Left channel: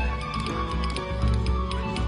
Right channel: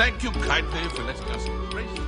Thank you kindly for letting us embrace you.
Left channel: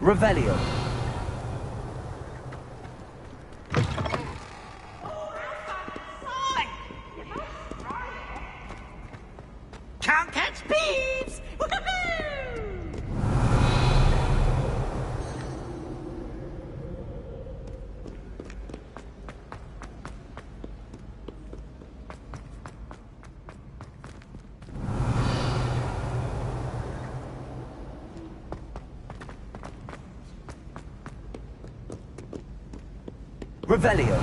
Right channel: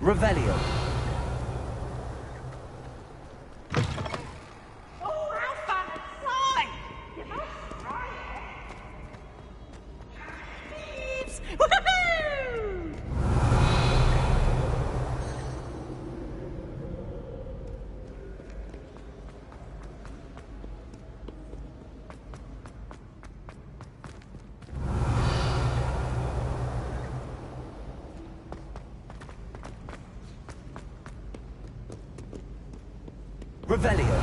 Revelio. Oh, how fun inside! You must try it. Can't catch thieves! Woohoo! Revelio.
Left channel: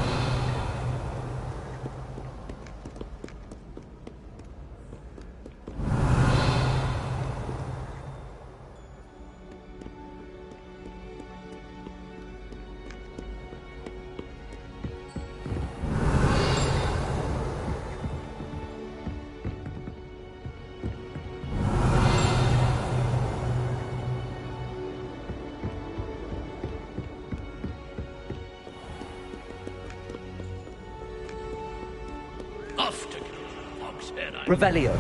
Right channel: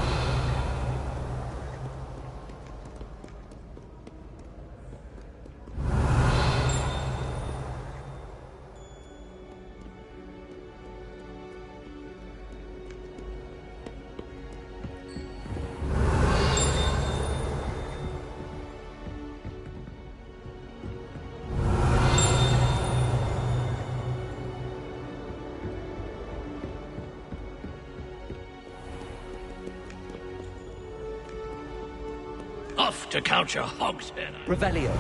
Off to count your hogs head. Revelio.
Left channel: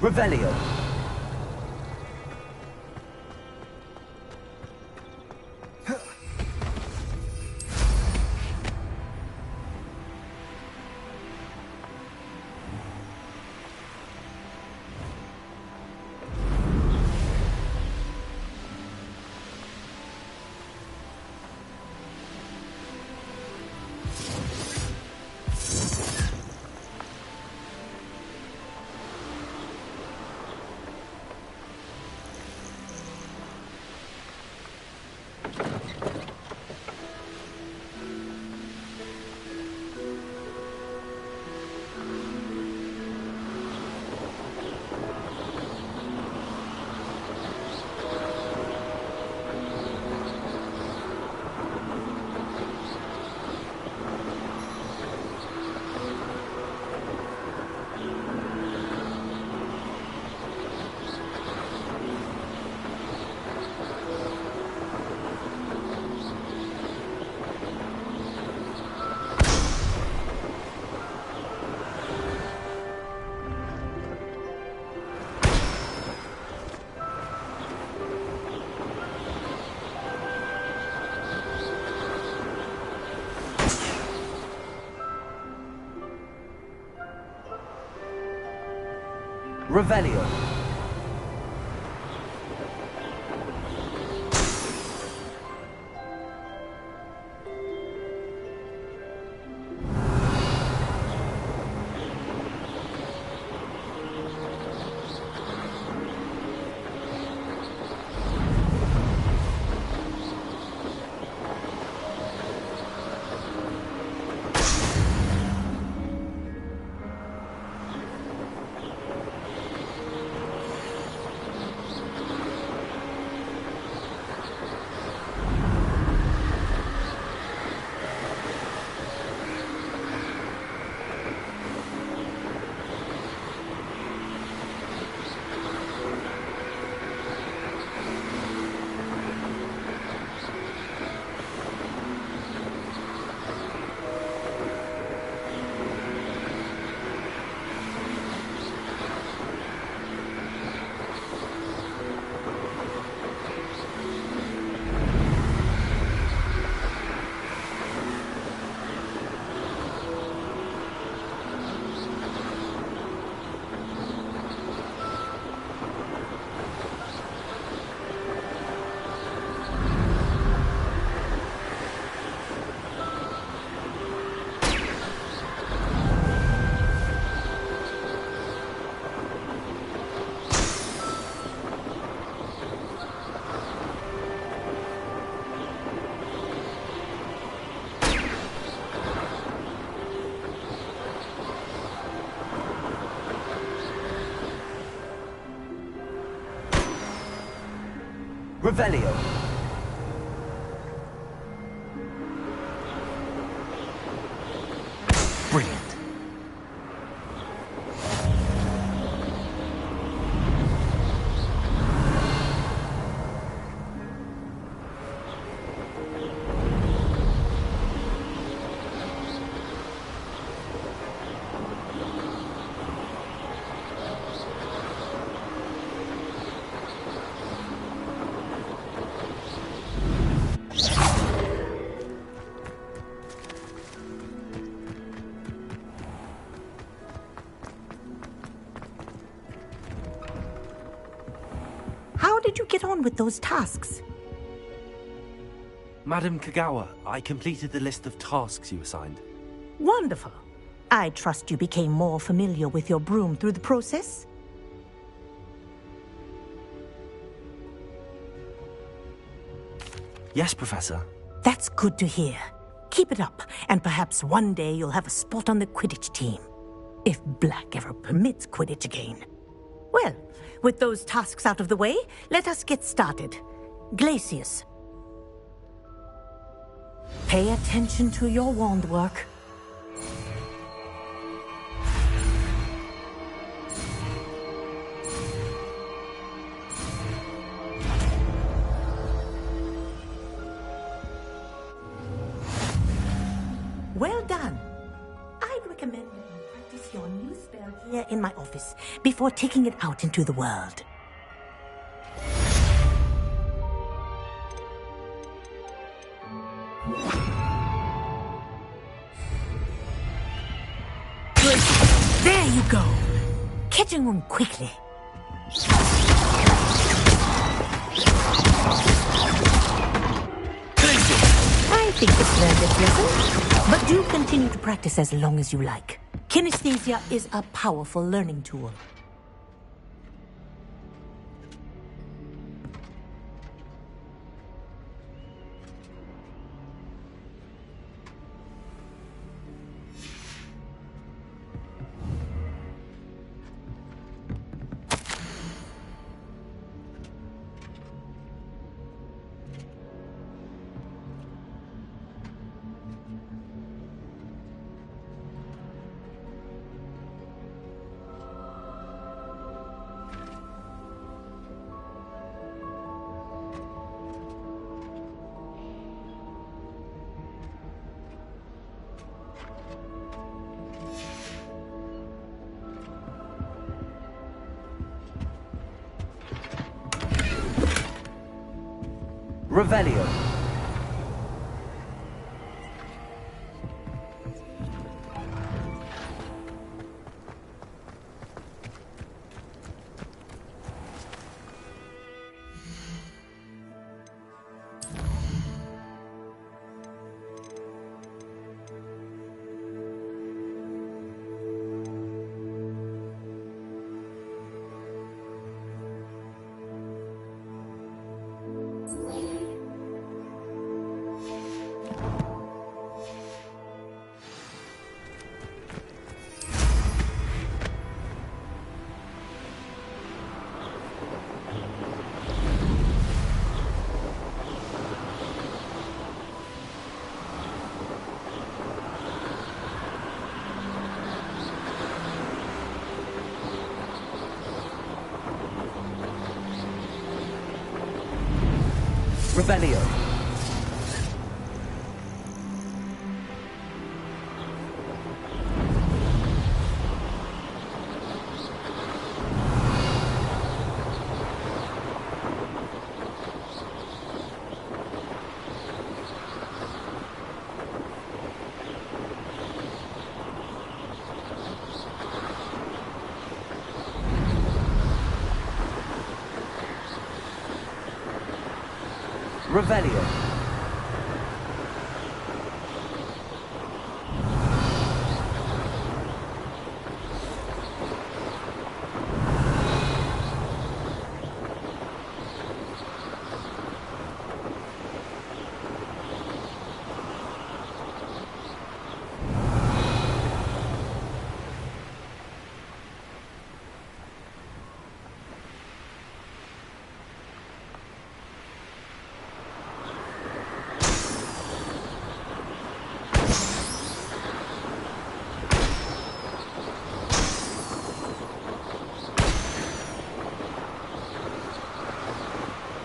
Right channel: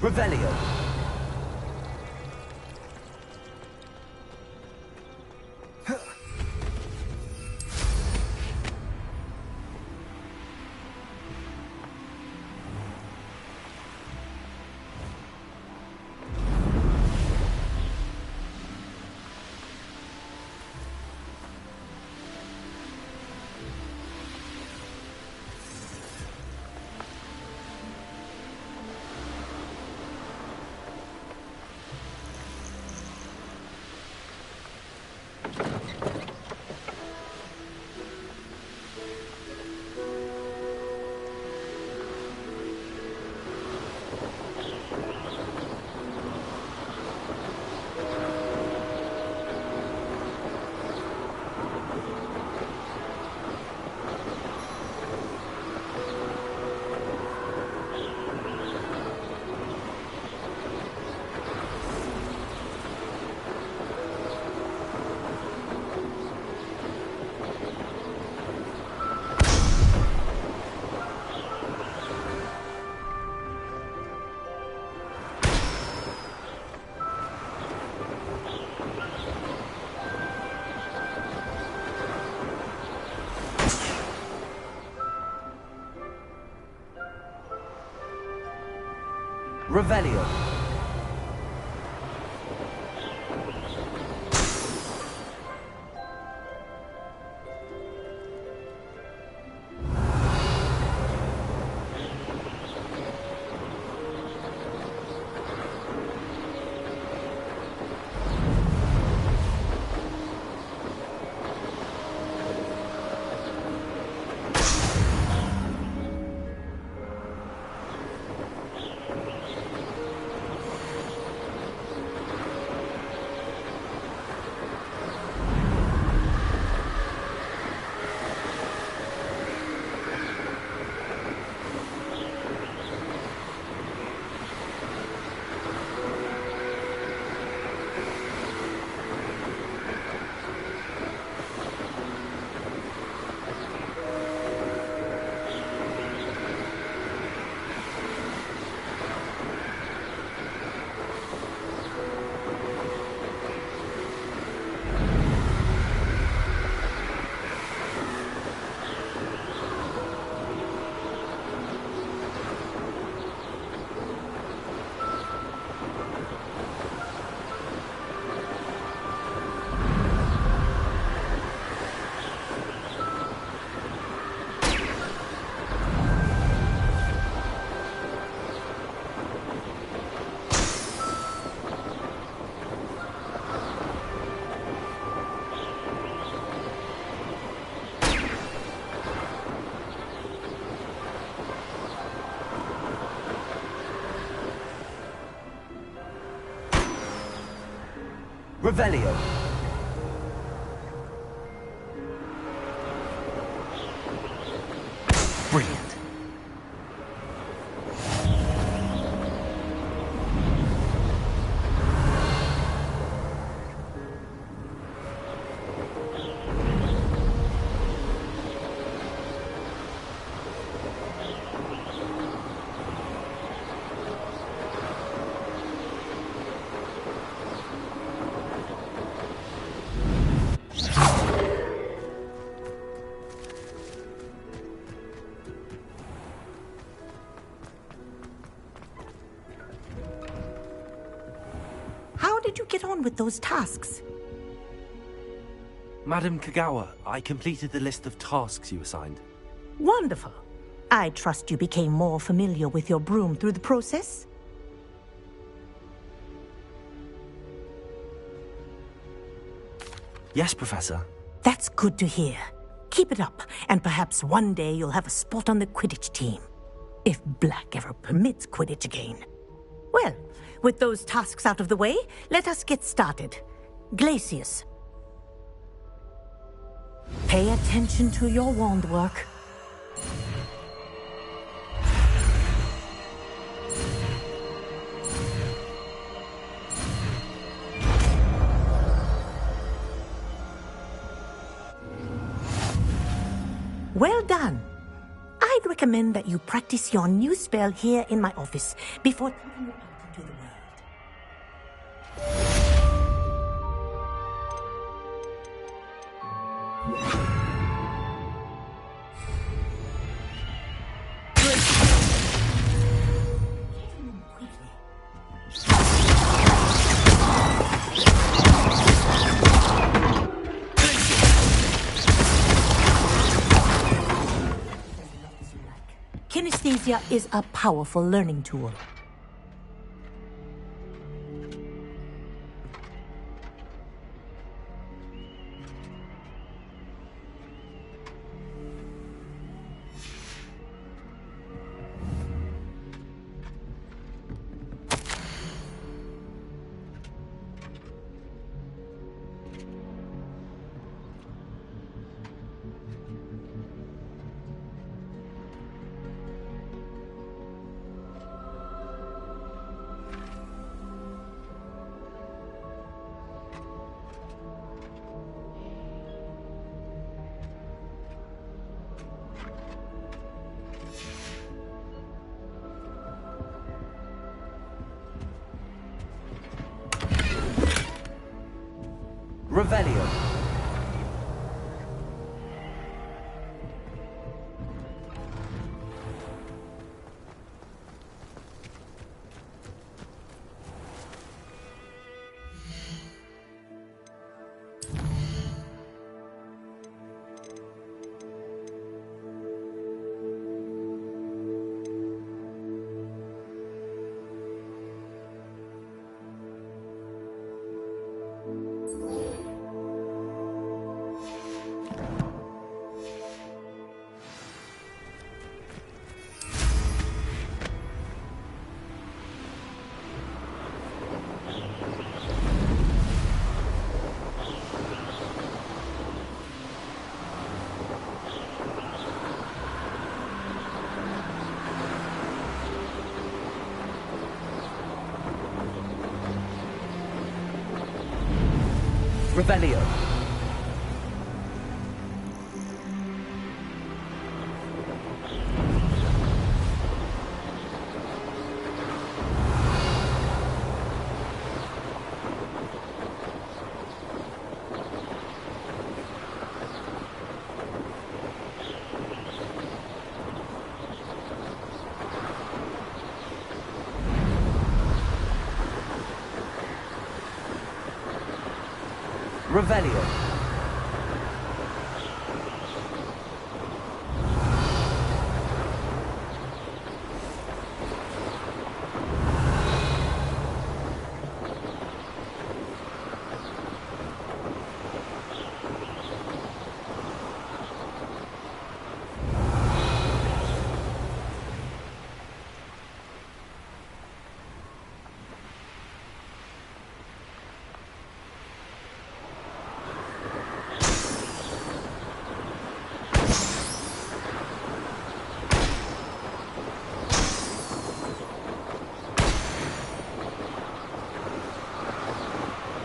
Revelio. Revelio. Revelio. Brilliant. How did you get on with those tasks? Madam Kagawa, I completed the list of tasks you assigned. Wonderful. I trust you became more familiar with your broom through the process? Yes, Professor. That's good to hear. Keep it up, and perhaps one day you'll have a spot on the Quidditch team. If Black ever permits Quidditch again. Well, with those tasks out of the way, let us get started. Glacius. Pay attention to your wand work. Well done. I'd recommend that you practice your new spell here in my office before taking it out into the world. Good. There you go. Catching them quickly. I think it's very but do continue to practice as long as you like. Kinesthesia is a powerful learning tool. Revelio. Revelio. Revelio.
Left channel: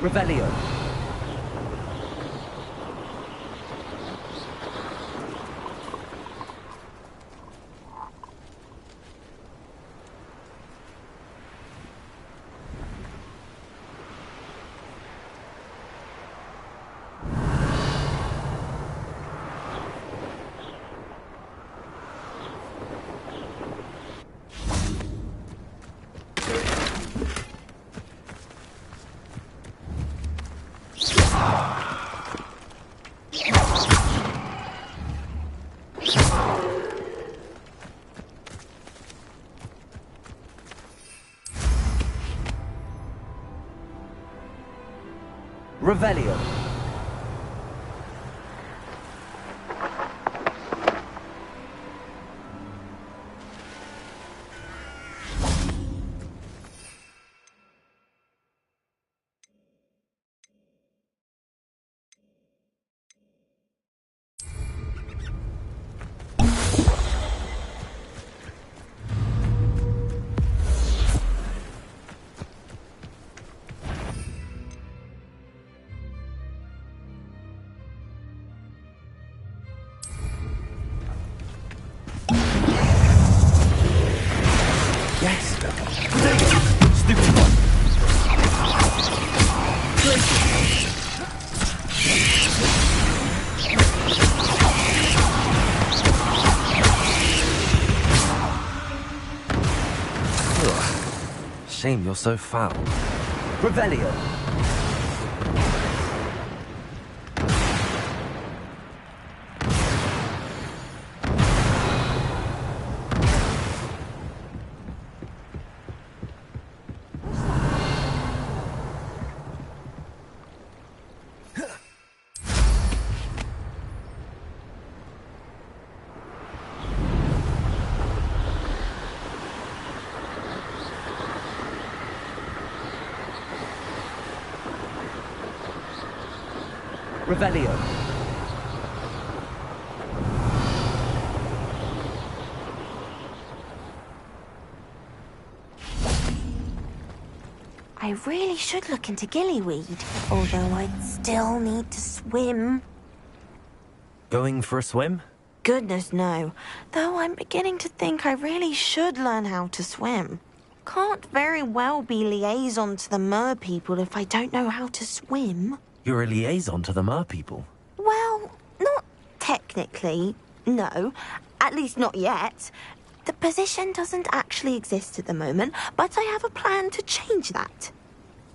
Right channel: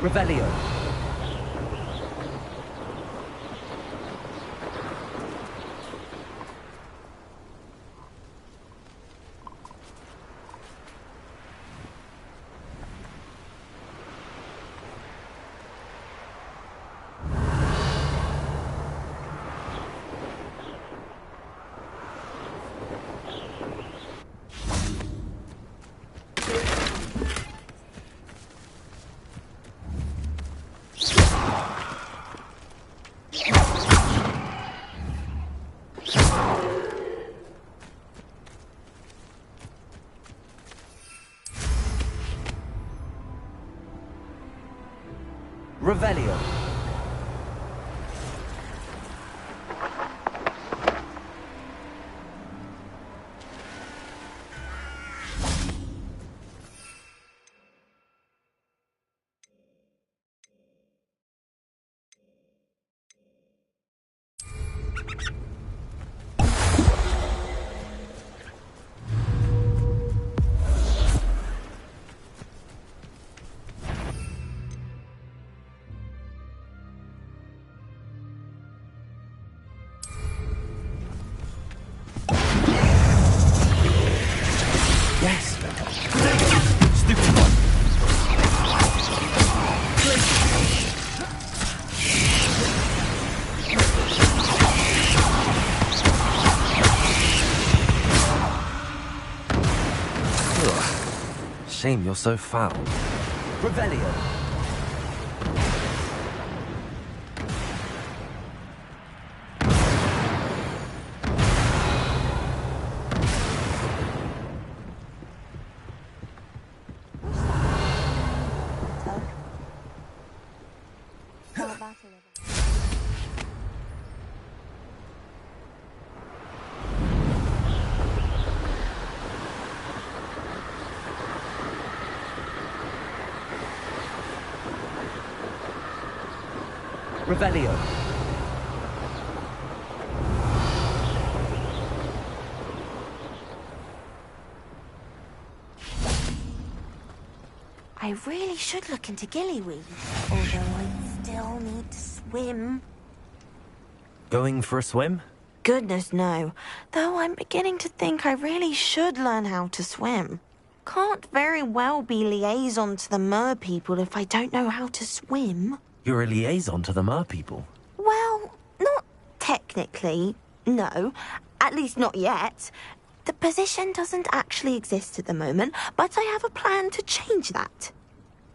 Revelio. Revelio. Yes! Stupid one! Ugh. Shame you're so foul. Revelio. Revelio. I really should look into gillyweed, although I'd still need to swim. Going for a swim? Goodness, no. Though I'm beginning to think I really should learn how to swim. Can't very well be liaison to the mer people if I don't know how to swim. You're a liaison to the mer people. Well, not technically, no. At least not yet. The position doesn't actually exist at the moment, but I have a plan to change that.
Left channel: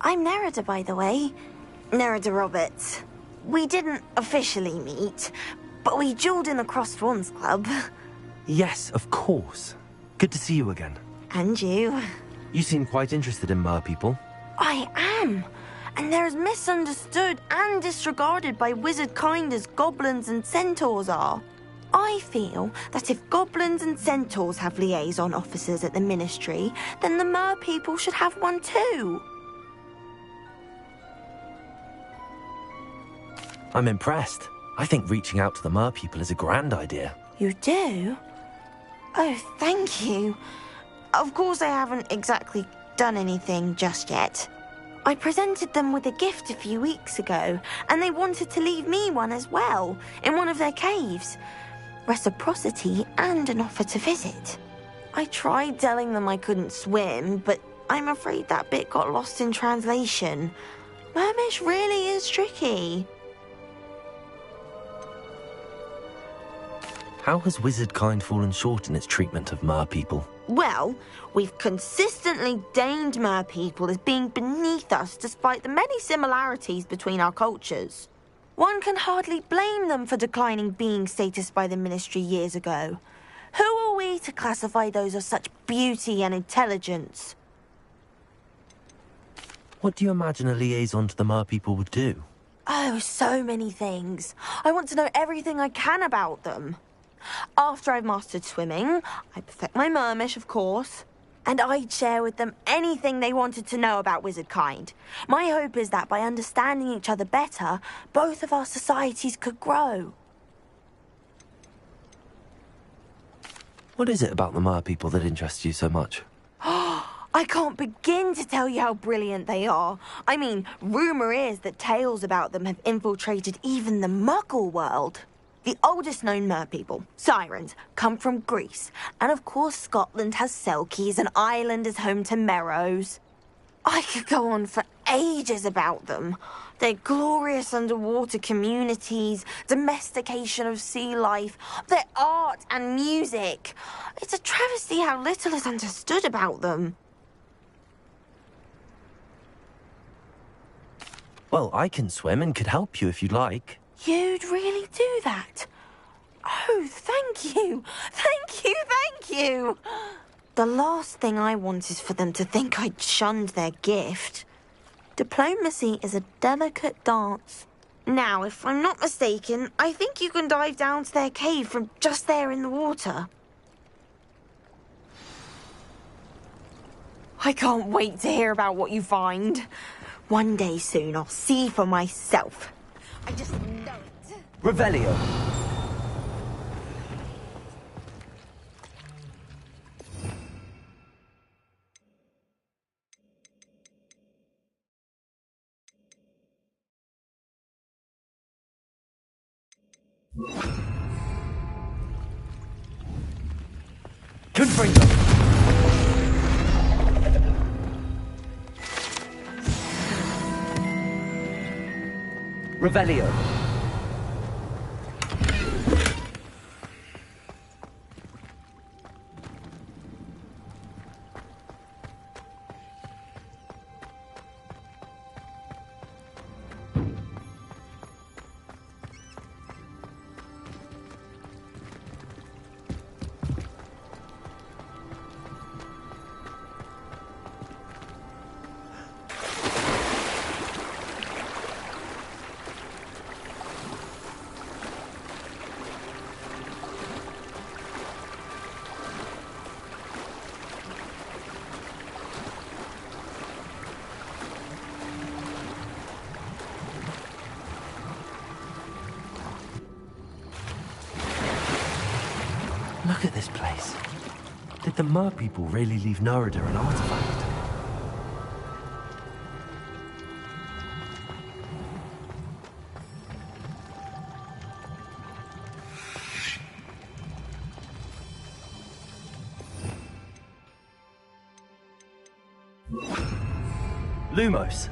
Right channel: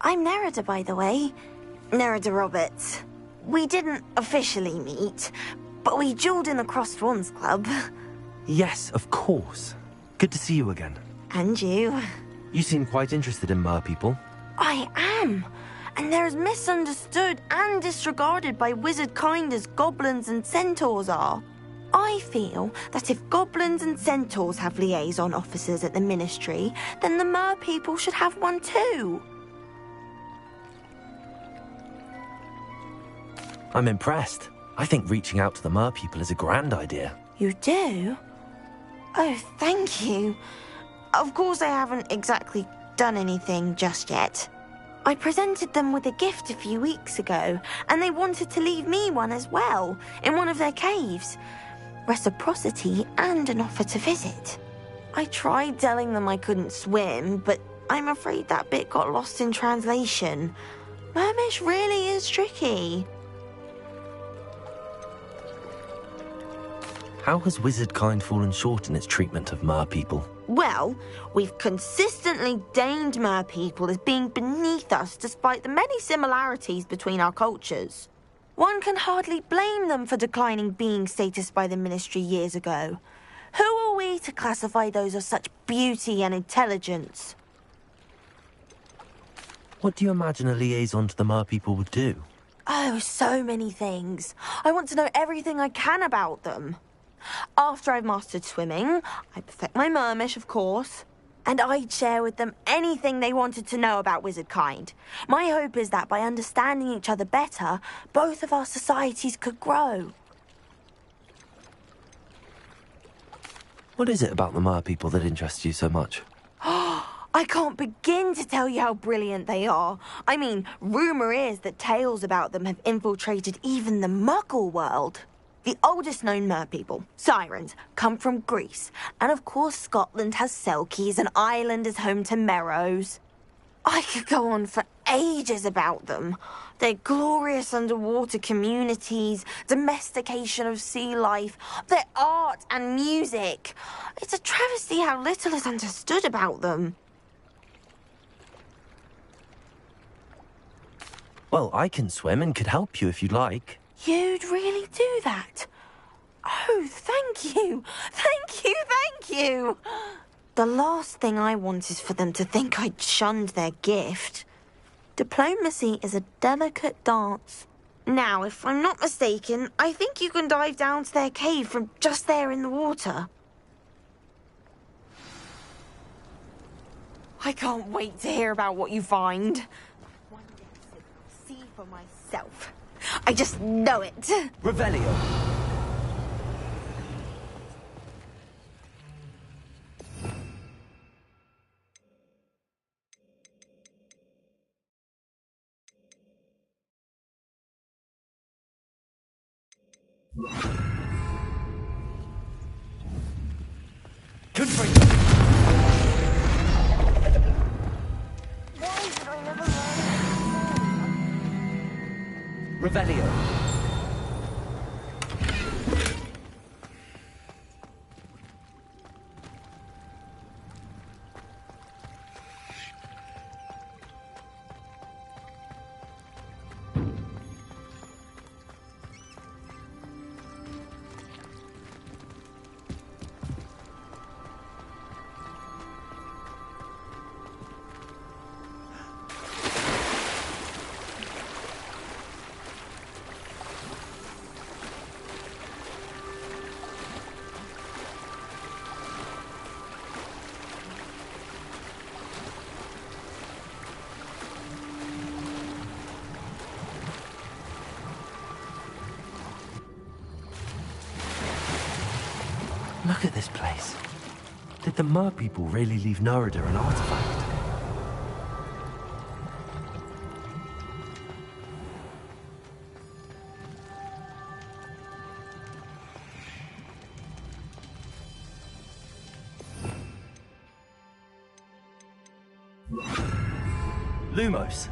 I'm Nerida, by the way. Nerida Roberts. We didn't officially meet, but we duelled in the Crossed Wands Club. Yes, of course. Good to see you again. And you. You seem quite interested in mer people. I am. And they're as misunderstood and disregarded by wizard kind as goblins and centaurs are. I feel that if goblins and centaurs have liaison officers at the Ministry, then the mer people should have one too. I'm impressed. I think reaching out to the mer people is a grand idea. You do? Oh, thank you. Of course I haven't exactly done anything just yet. I presented them with a gift a few weeks ago, and they wanted to leave me one as well, in one of their caves. Reciprocity and an offer to visit. I tried telling them I couldn't swim, but I'm afraid that bit got lost in translation. Mermish really is tricky. How has wizard kind fallen short in its treatment of mer people? Well, we've consistently deemed mer people as being beneath us despite the many similarities between our cultures. One can hardly blame them for declining being status by the Ministry years ago. Who are we to classify those of such beauty and intelligence? What do you imagine a liaison to the mer people would do? Oh, so many things. I want to know everything I can about them. After I've mastered swimming, I perfect my mermish, of course, and I'd share with them anything they wanted to know about wizard kind. My hope is that by understanding each other better, both of our societies could grow. What is it about the mer people that interests you so much? I I can't begin to tell you how brilliant they are. I mean, rumour is that tales about them have infiltrated even the Muggle world. The oldest known merpeople, sirens, come from Greece. And of course Scotland has Selkies and Ireland is home to Merrows. I could go on for ages about them. Their glorious underwater communities, domestication of sea life, their art and music. It's a travesty how little is understood about them. Well, I can swim and could help you if you'd like. You'd really do that? Oh, thank you. Thank you, thank you. The last thing I want is for them to think I'd shunned their gift. Diplomacy is a delicate dance. Now, if I'm not mistaken, I think you can dive down to their cave from just there in the water. I can't wait to hear about what you find. One day soon I'll see for myself. I just know it. Revelio. Confringo. Revelio. Look at this place. Did the merpeople really leave Nerida an artifact? Lumos.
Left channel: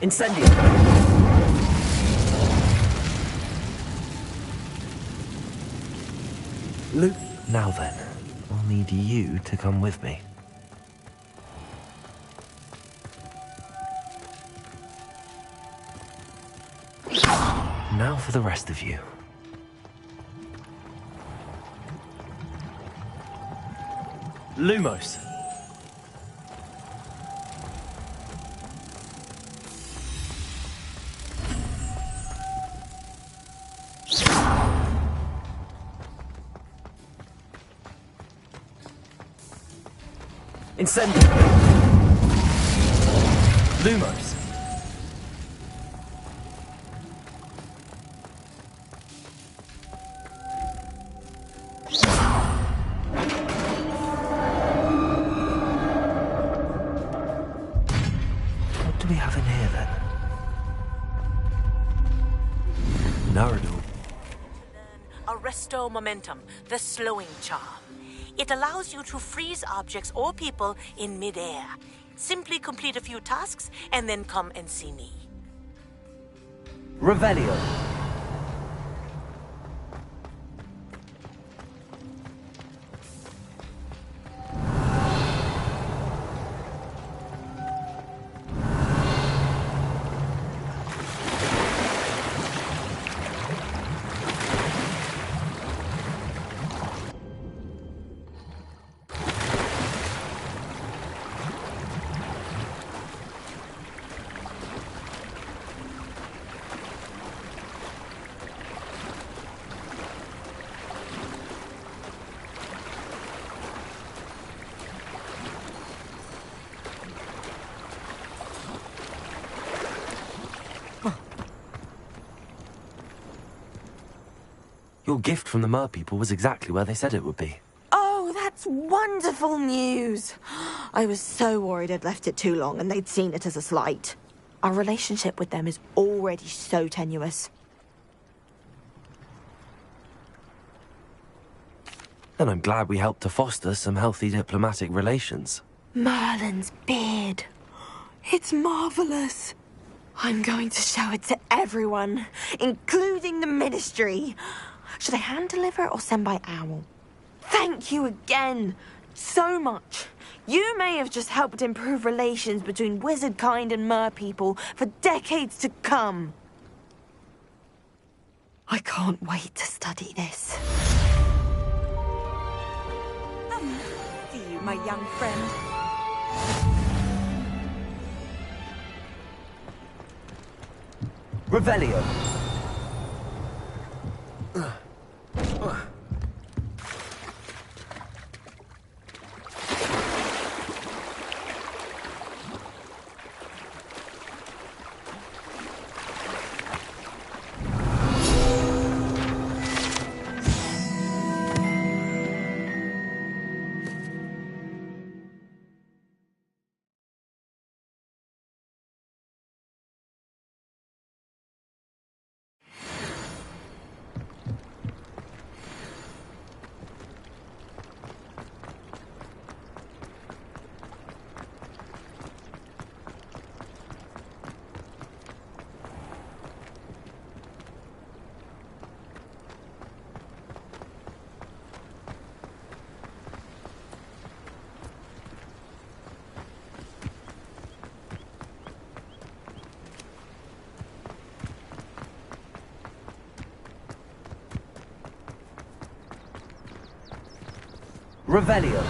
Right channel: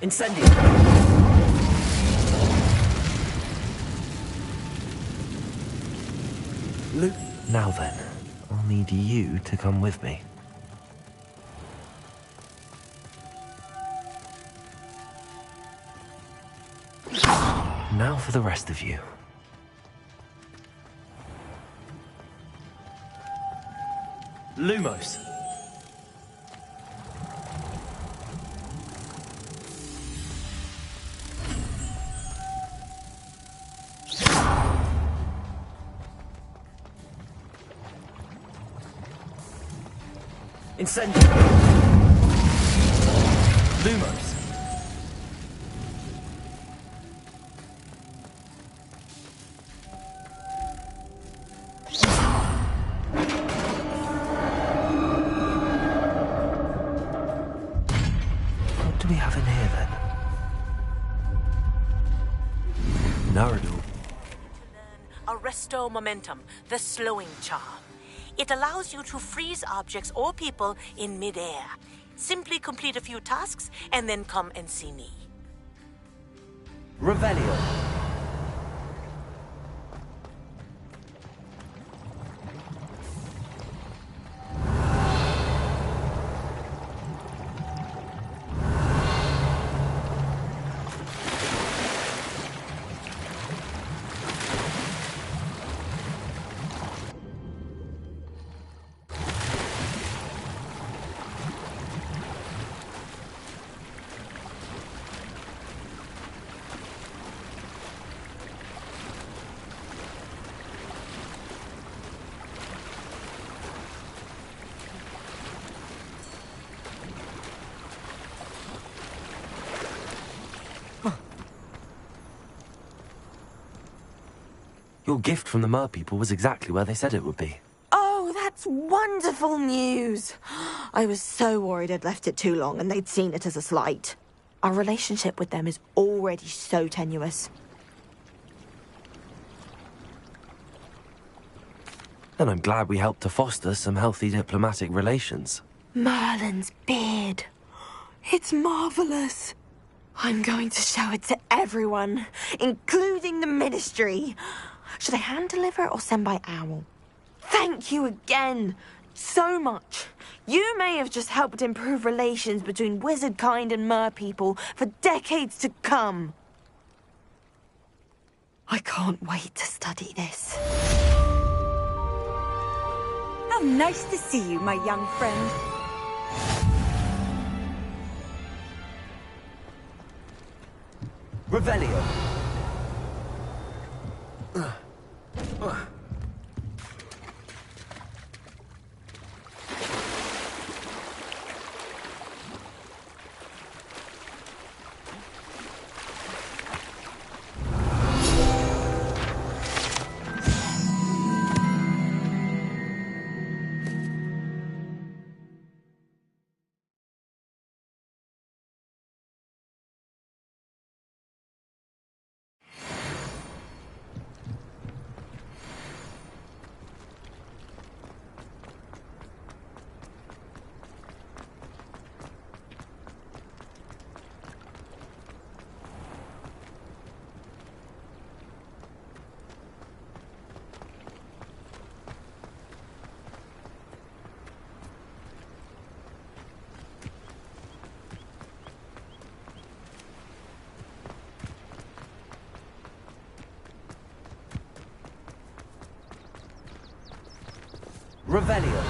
Incendio. Now then, I'll need you to come with me. Now for the rest of you. Lumos. Incendio. Lumos. What do we have in here then? Naradul. Arresto Momentum, the slowing charm. It allows you to freeze objects or people in midair. Simply complete a few tasks and then come and see me. Revelio. Your gift from the merpeople was exactly where they said it would be. Oh, that's wonderful news. I was so worried I'd left it too long and they'd seen it as a slight. Our relationship with them is already so tenuous. And I'm glad we helped to foster some healthy diplomatic relations. Merlin's beard. It's marvelous. I'm going to show it to everyone, including the Ministry. Should I hand deliver it or send by owl? Thank you again, so much. You may have just helped improve relations between wizard kind and mer people for decades to come. I can't wait to study this. How nice to see you, my young friend. Revelio. Revelio.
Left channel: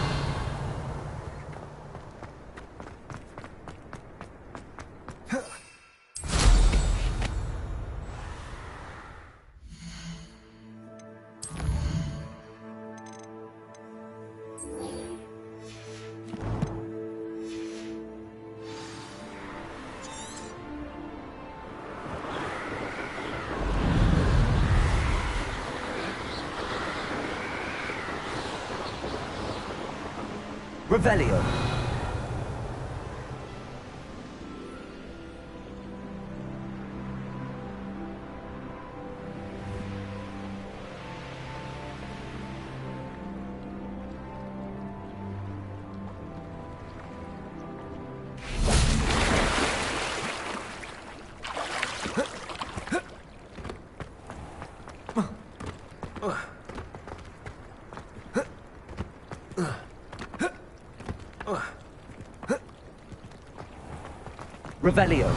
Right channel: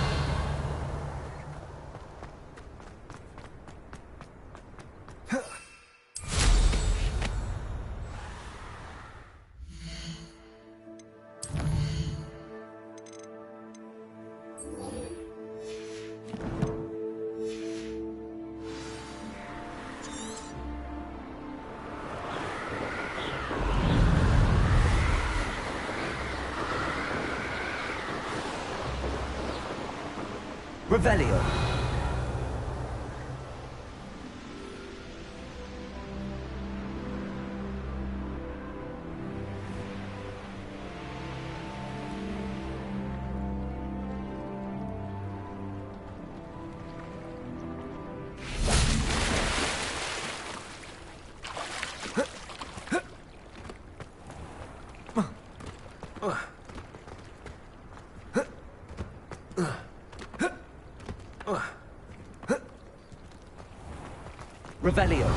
Revelio. Revelio.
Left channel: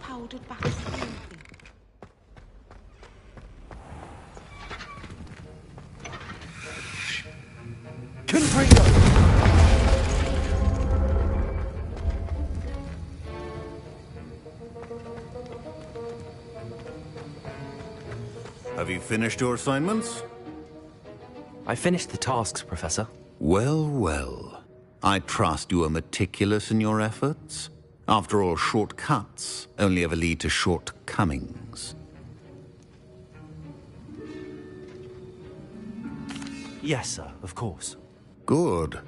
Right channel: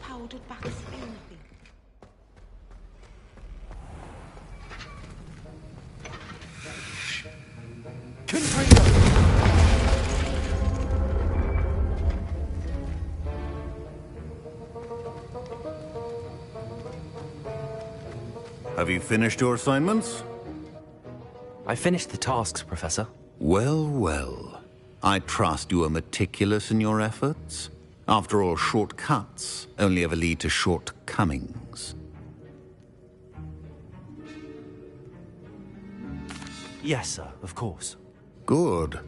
Powdered back smoothly. Have you finished your assignments? I finished the tasks, Professor. Well, well. I trust you are meticulous in your efforts. After all, shortcuts only ever lead to shortcomings. Yes, sir, of course. Good.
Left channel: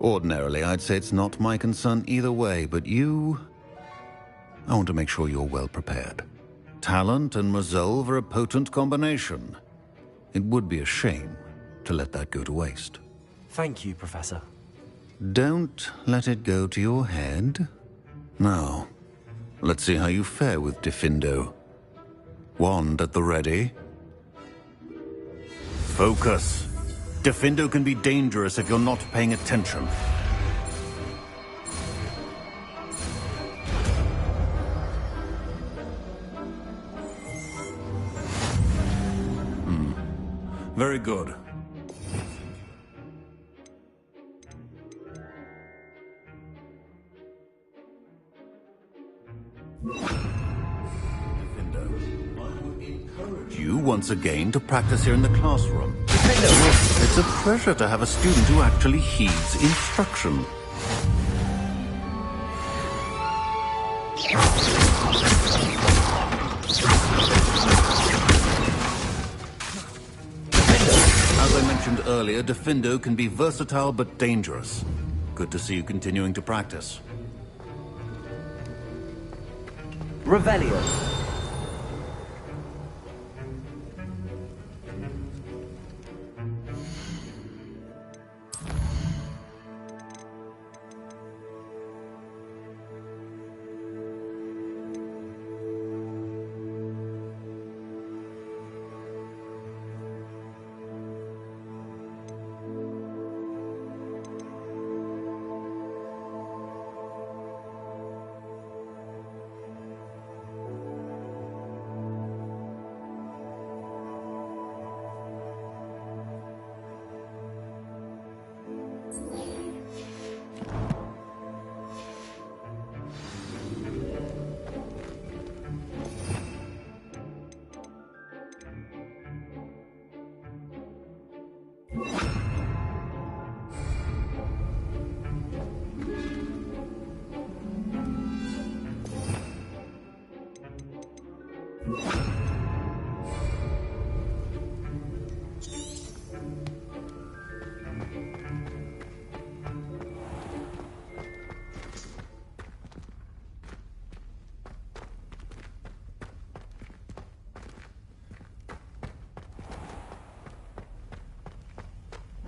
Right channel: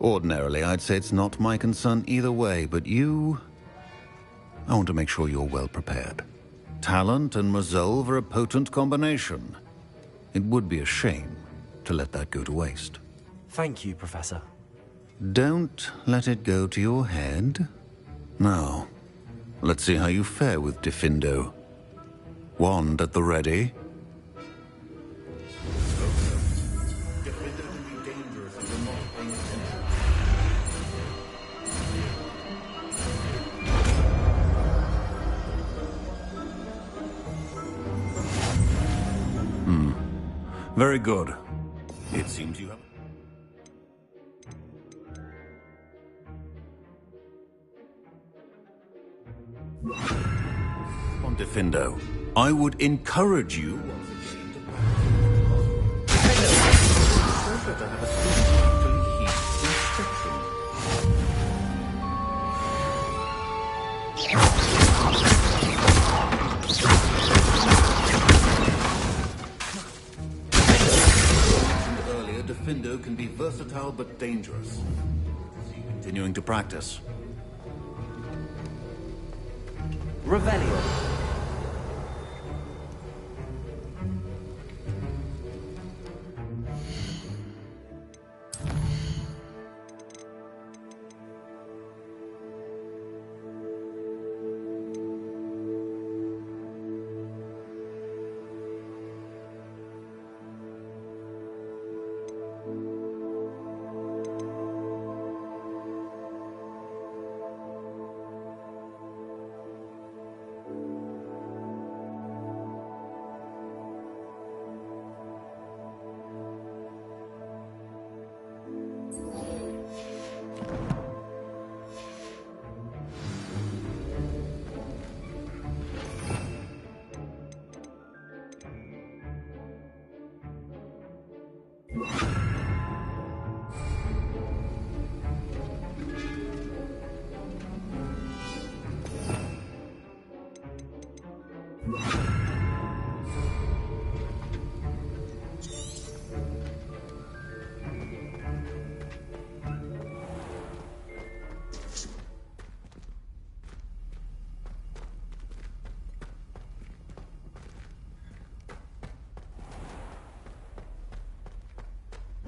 Ordinarily, I'd say it's not my concern either way, but you... I want to make sure you're well prepared. Talent and resolve are a potent combination. It would be a shame to let that go to waste. Thank you, Professor. Don't let it go to your head. Now, let's see how you fare with Diffindo. Wand at the ready. Focus. Diffindo can be dangerous if you're not paying attention. Very good. It seems you have... Diffindo. I would encourage you once again to practice here in the classroom. It's a pleasure to have a student who actually heeds instruction. As I mentioned earlier, Diffindo can be versatile but dangerous. Good to see you continuing to practice. Revelio.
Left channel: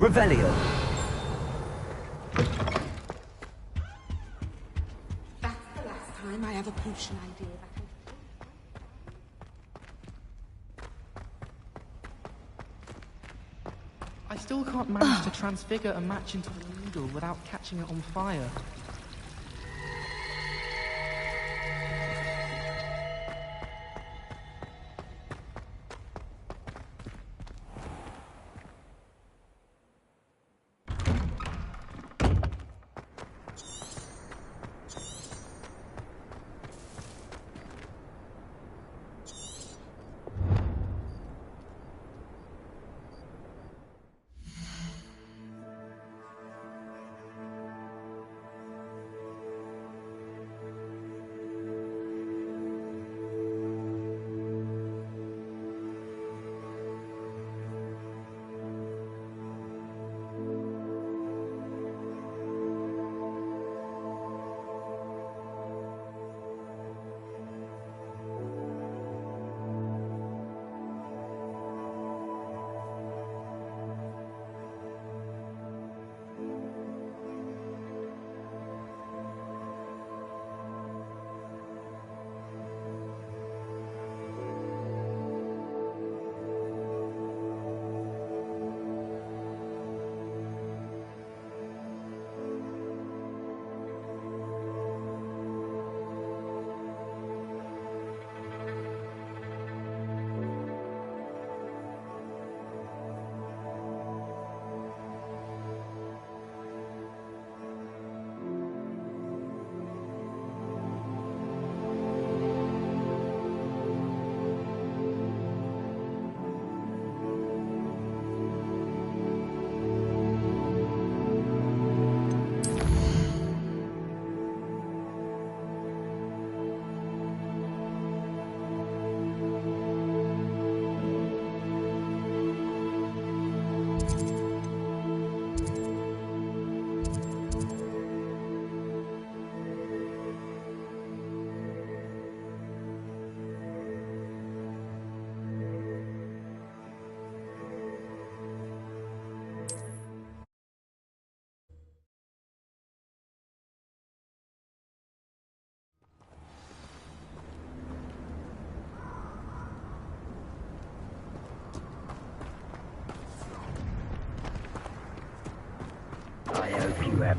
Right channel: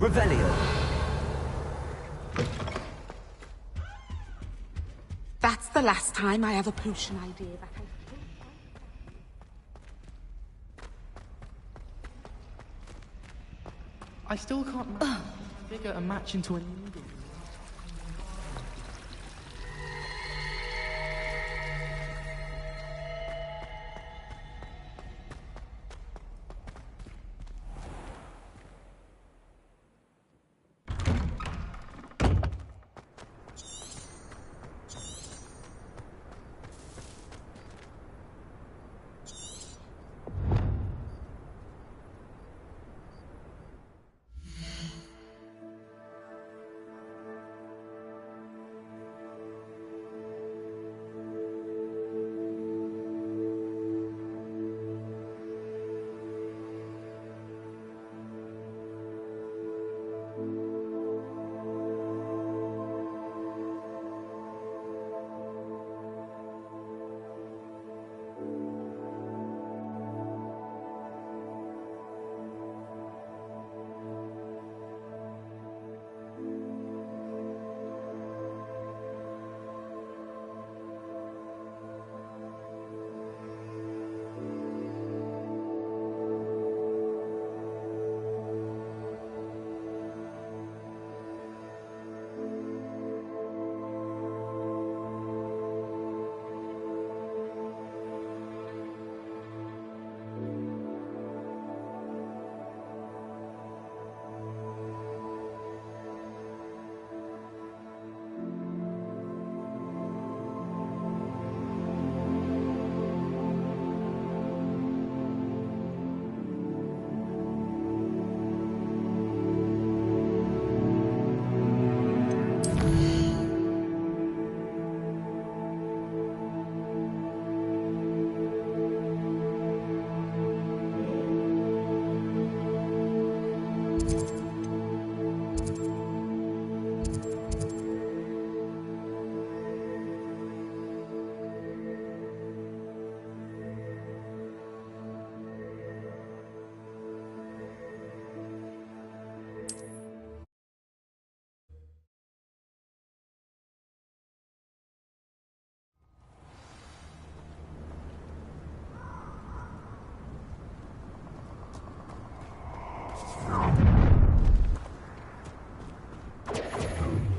Revelio. That's the last time I have a potion idea that I still can't manage to transfigure a match into a needle without catching it on fire.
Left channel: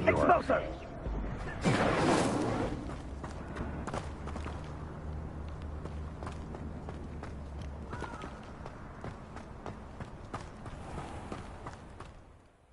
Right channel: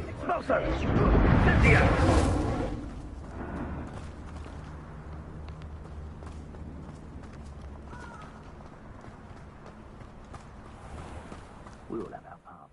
Expulso! We all have our part.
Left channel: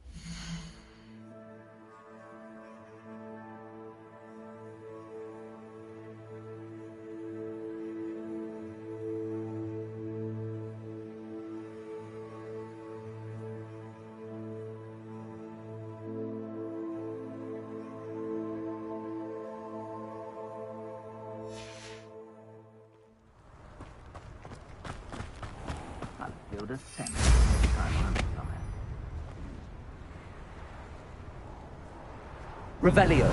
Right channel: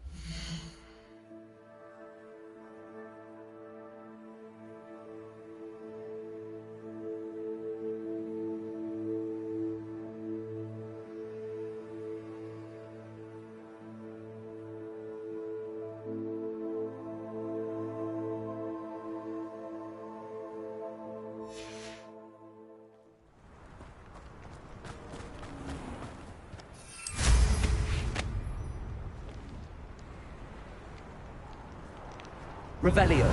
Revelio.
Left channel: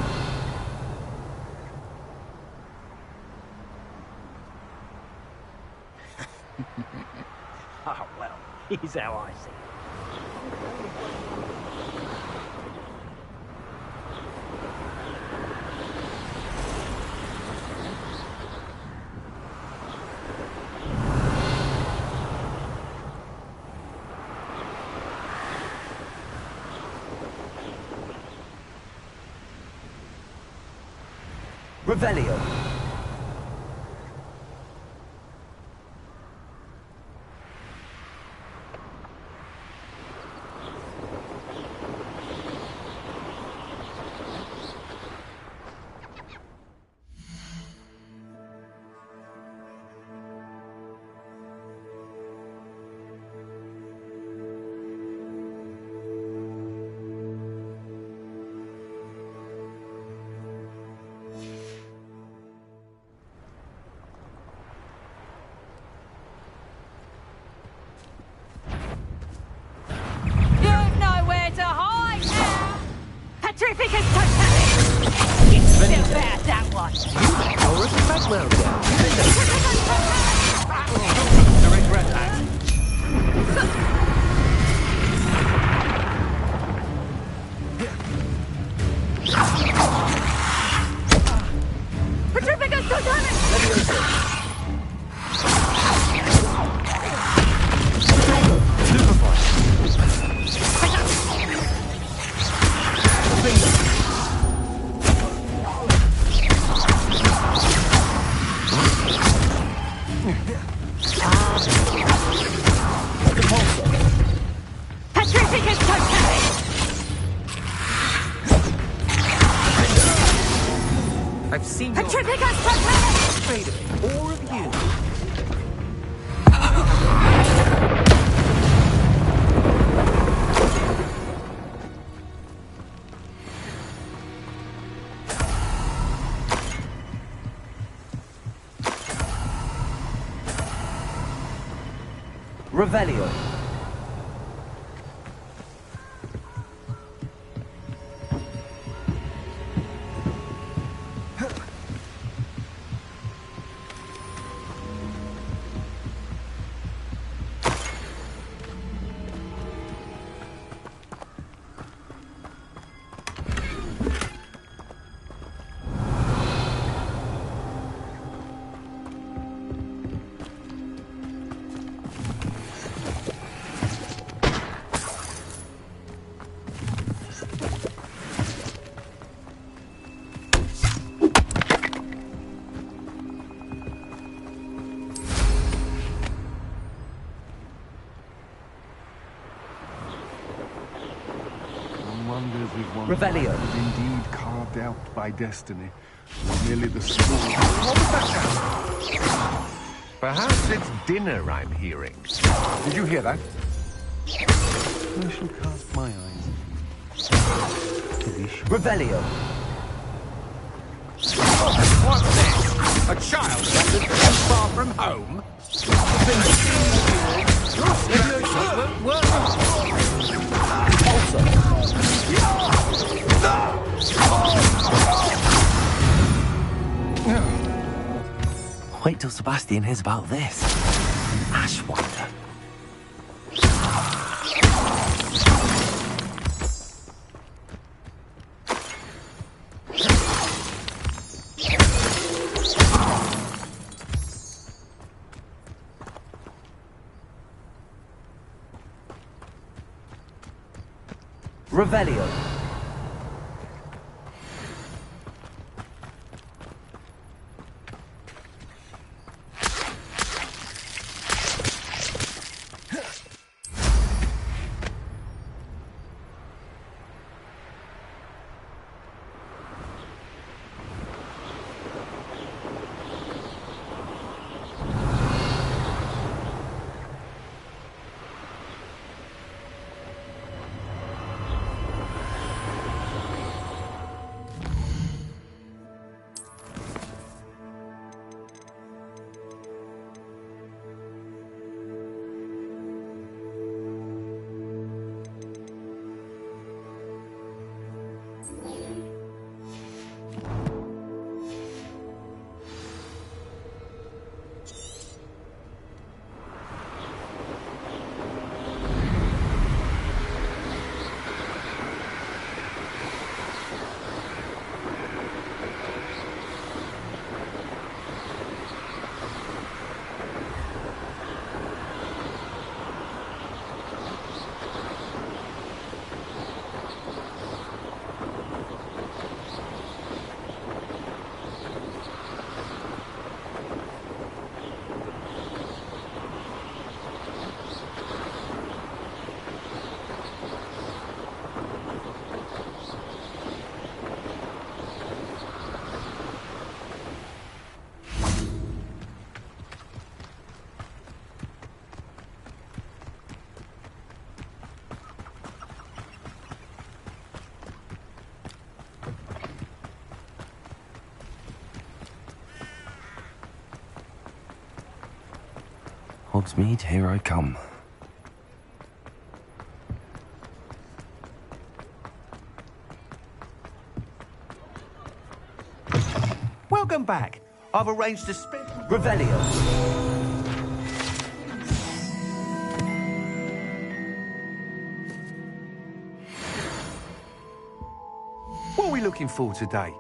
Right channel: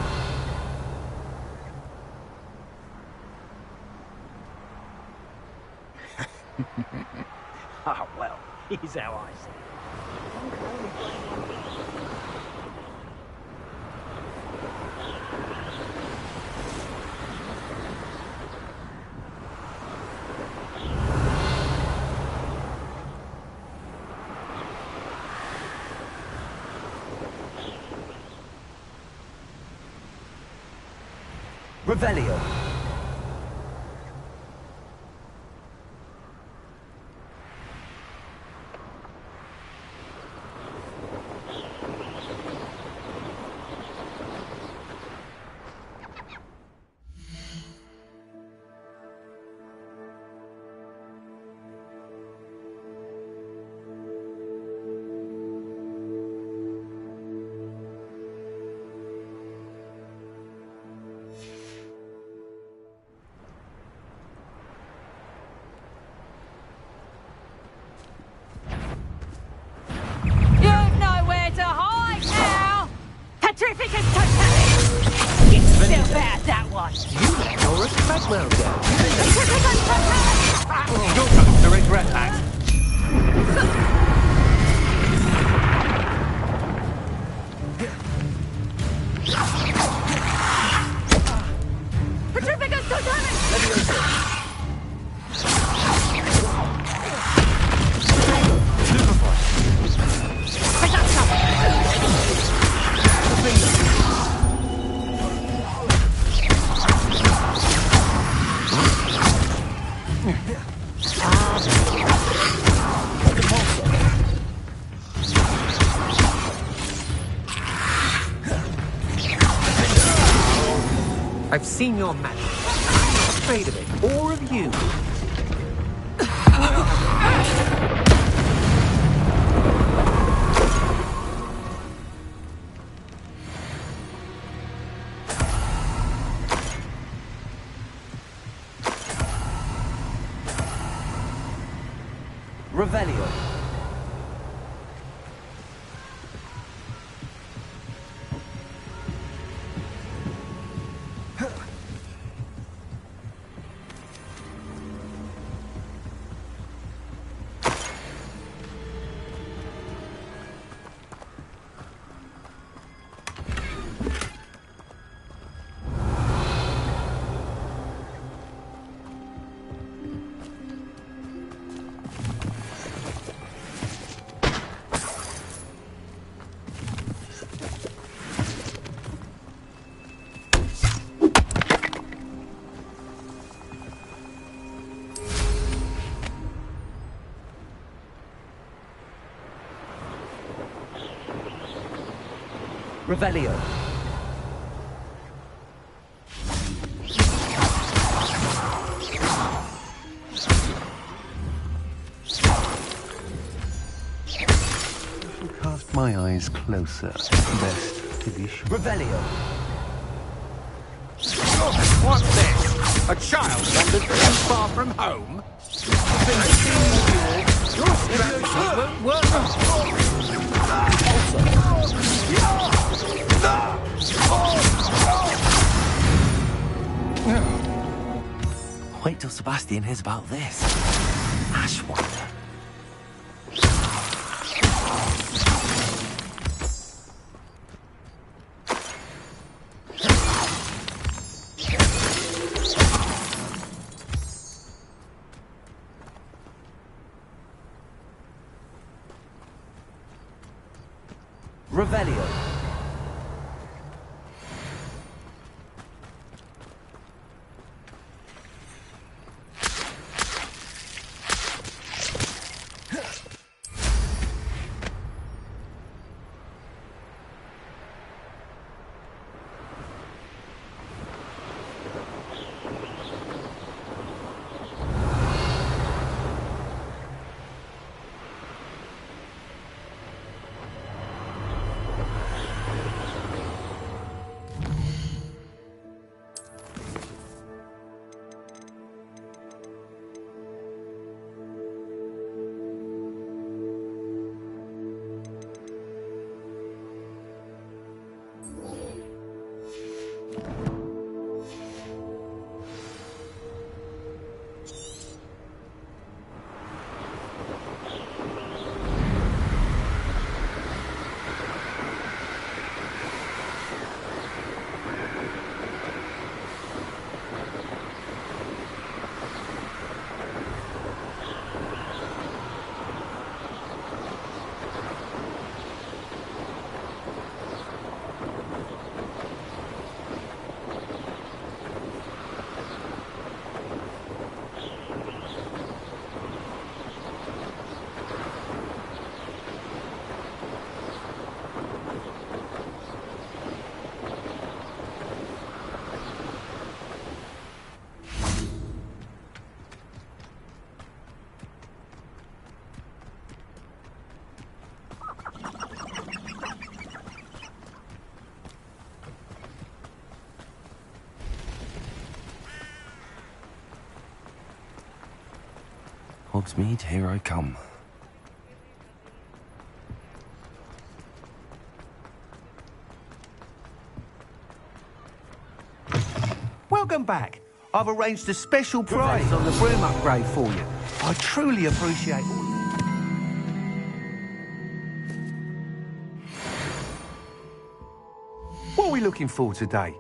Ah, well, here's how I see it. Revelio. You've nowhere to hide now! Petrificus Totalis! Still bad, that one! Doris Bagwell down. Petrificus Totalis! You'll come to regret that. Petrificus Totalis! Petrificus Totalis! I've seen your match. Petrificus Totalis! Afraid of it. Or of you. Revelio. Revelio. Indeed carved out by destiny. Nearly the soul. Perhaps it's dinner I'm hearing. Did you hear that? I shall cast my eyes closer. To be sure. Revelio. What's this? A child wandered too far from home? Your strategy won't work. Wait till Sebastian hears about this. Ashwander. Revelio. Hogsmeade, here I come. Welcome back. I've arranged a special prize on the room upgrade for you. I truly appreciate it. What are we looking for today?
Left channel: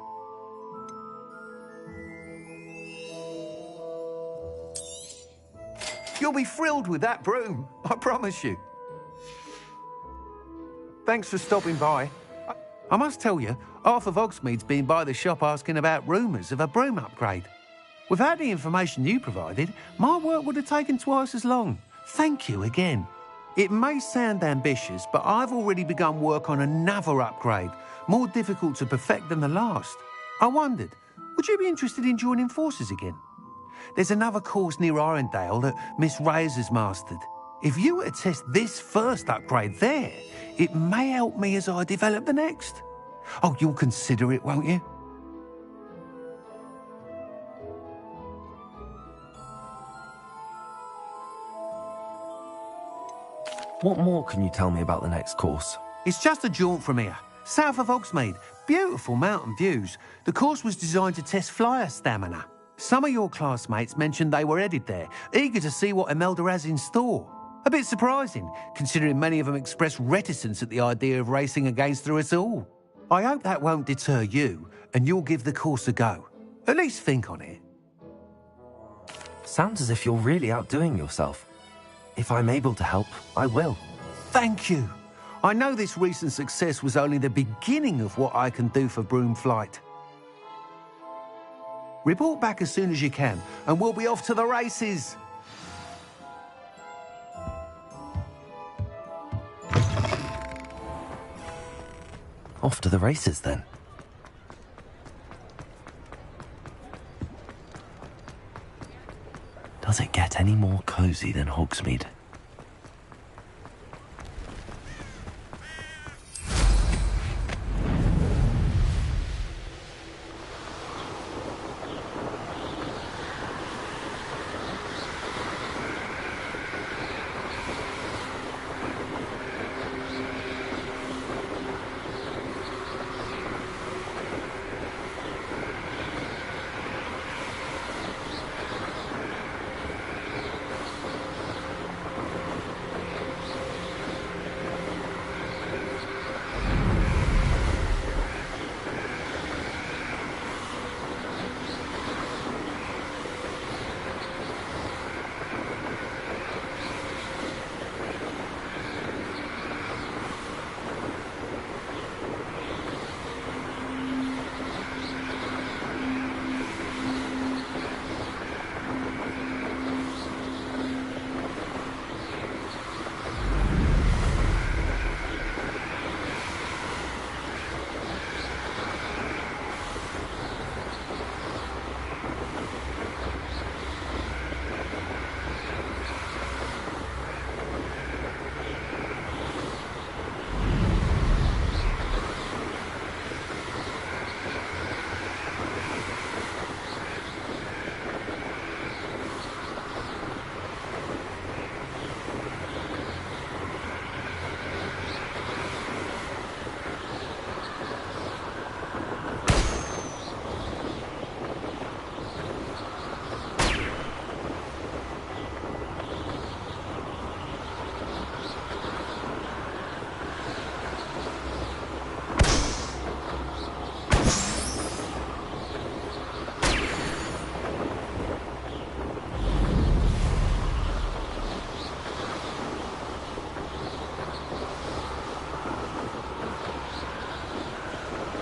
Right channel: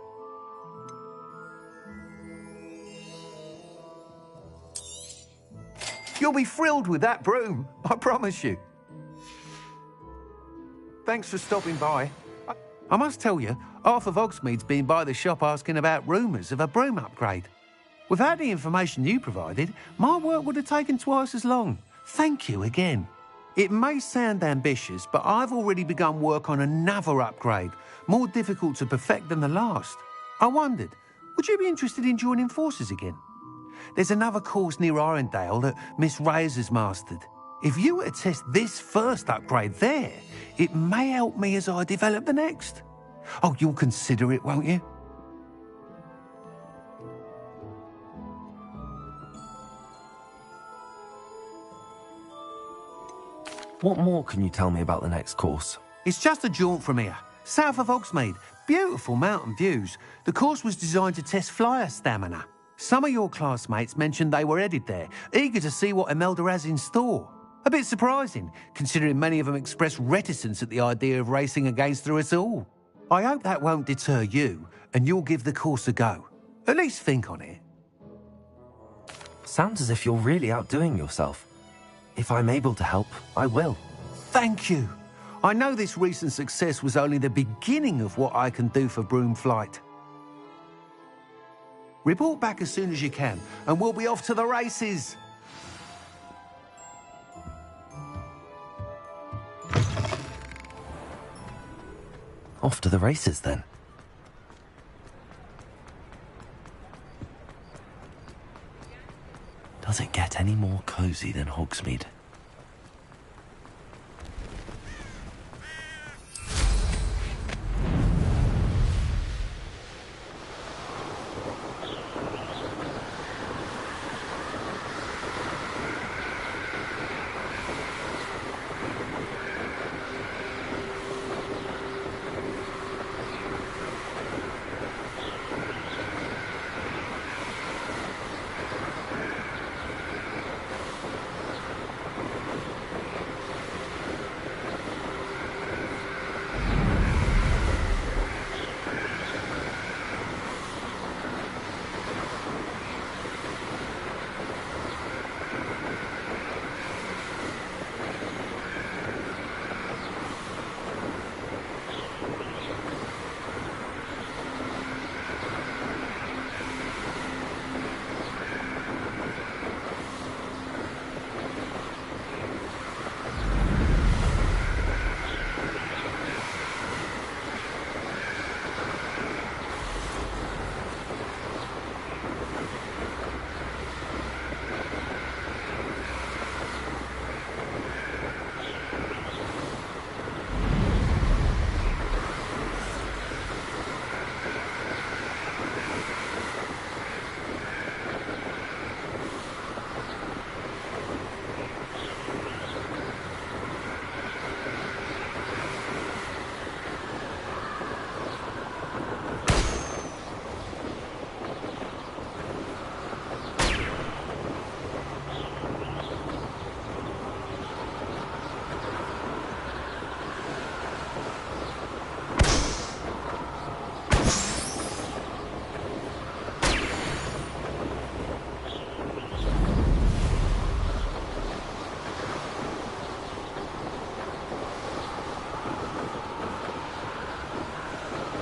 You'll be thrilled with that broom, I promise you. Thanks for stopping by. I must tell you, half of Hogsmeade's been by the shop asking about rumours of a broom upgrade. Without the information you provided, my work would have taken twice as long. Thank you again. It may sound ambitious, but I've already begun work on another upgrade, more difficult to perfect than the last. I wondered, would you be interested in joining forces again? There's another course near Arendelle that Miss Reyes has mastered. If you were to test this first upgrade there, it may help me as I develop the next. Oh, you'll consider it, won't you? What more can you tell me about the next course? It's just a jaunt from here, south of Hogsmeade. Beautiful mountain views. The course was designed to test flyer stamina. Some of your classmates mentioned they were headed there, eager to see what Imelda has in store. A bit surprising, considering many of them expressed reticence at the idea of racing against her at all. I hope that won't deter you, and you'll give the course a go. At least think on it. Sounds as if you're really outdoing yourself. If I'm able to help, I will. Thank you. I know this recent success was only the beginning of what I can do for broom flight. Report back as soon as you can, and we'll be off to the races. Off to the races, then. Does it get any more cozy than Hogsmeade?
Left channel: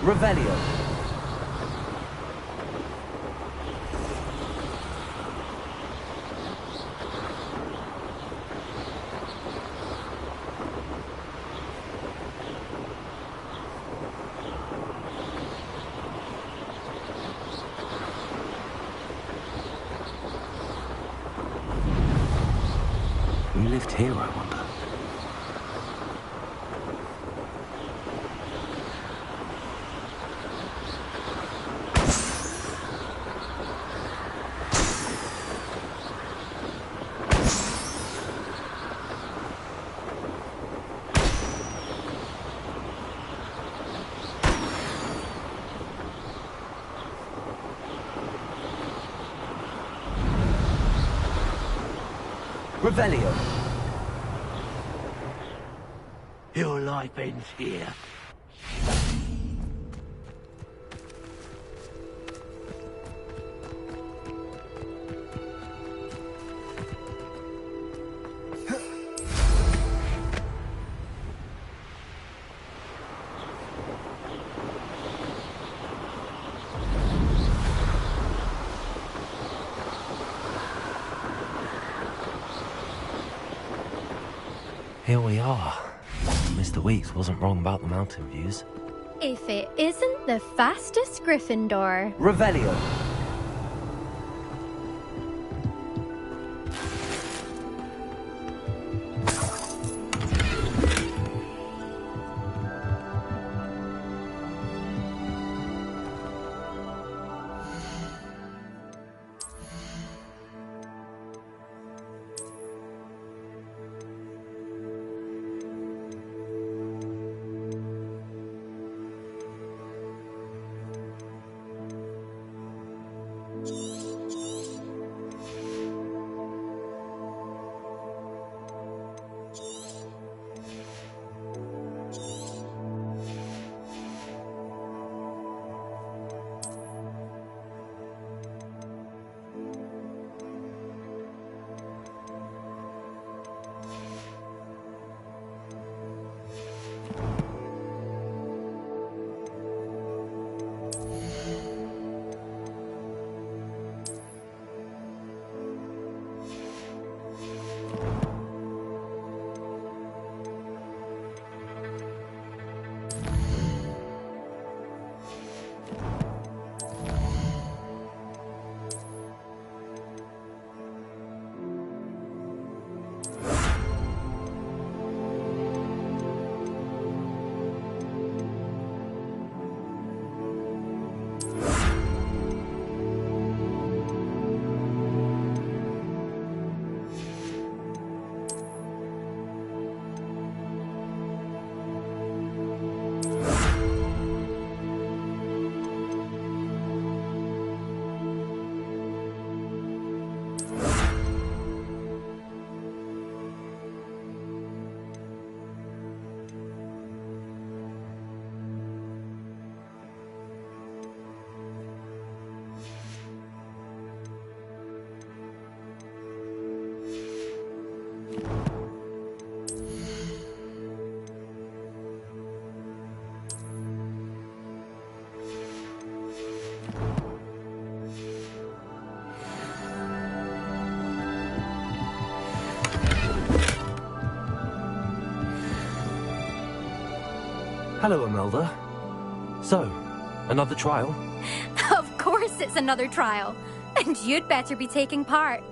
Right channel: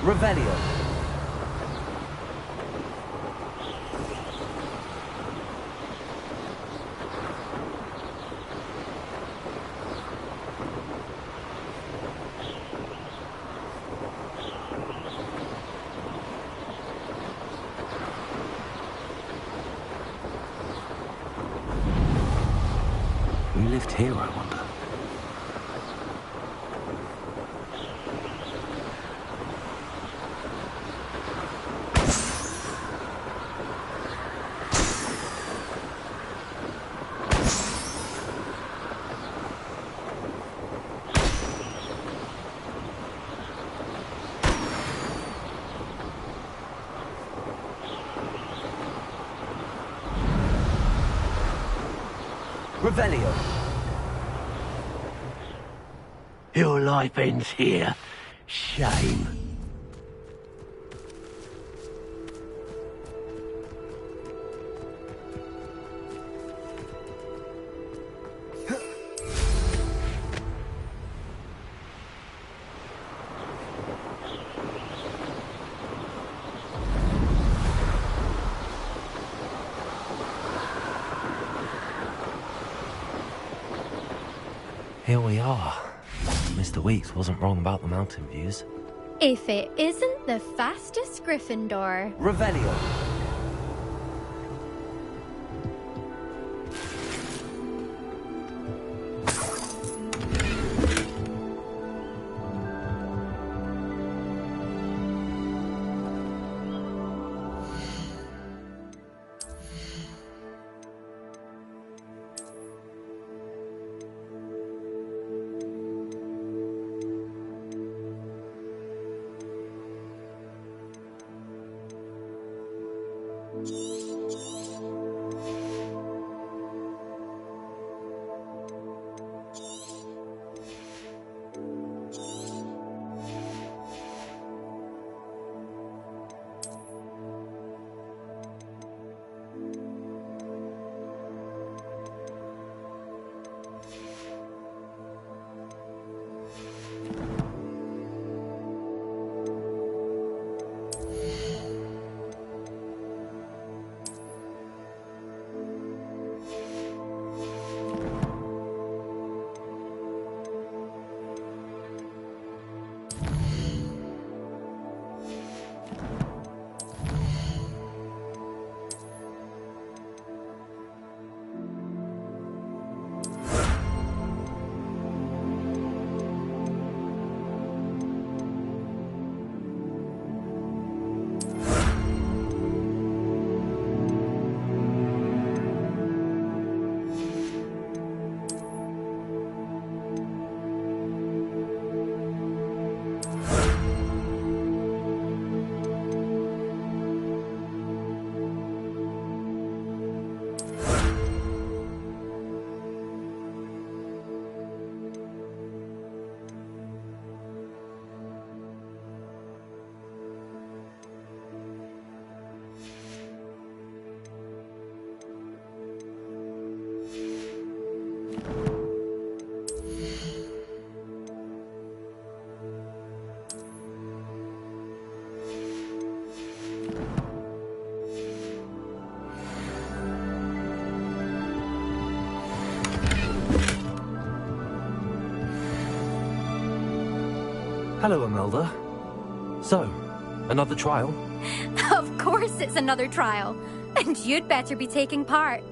Revelio. Who lived here, I wonder? Revelio. Your life ends here. Shame. Here we are. Mr. Weeks wasn't wrong about the mountain views. If it isn't the fastest Gryffindor. Revelio. Hello, Imelda. So, another trial? Of course it's another trial. And you'd better be taking part.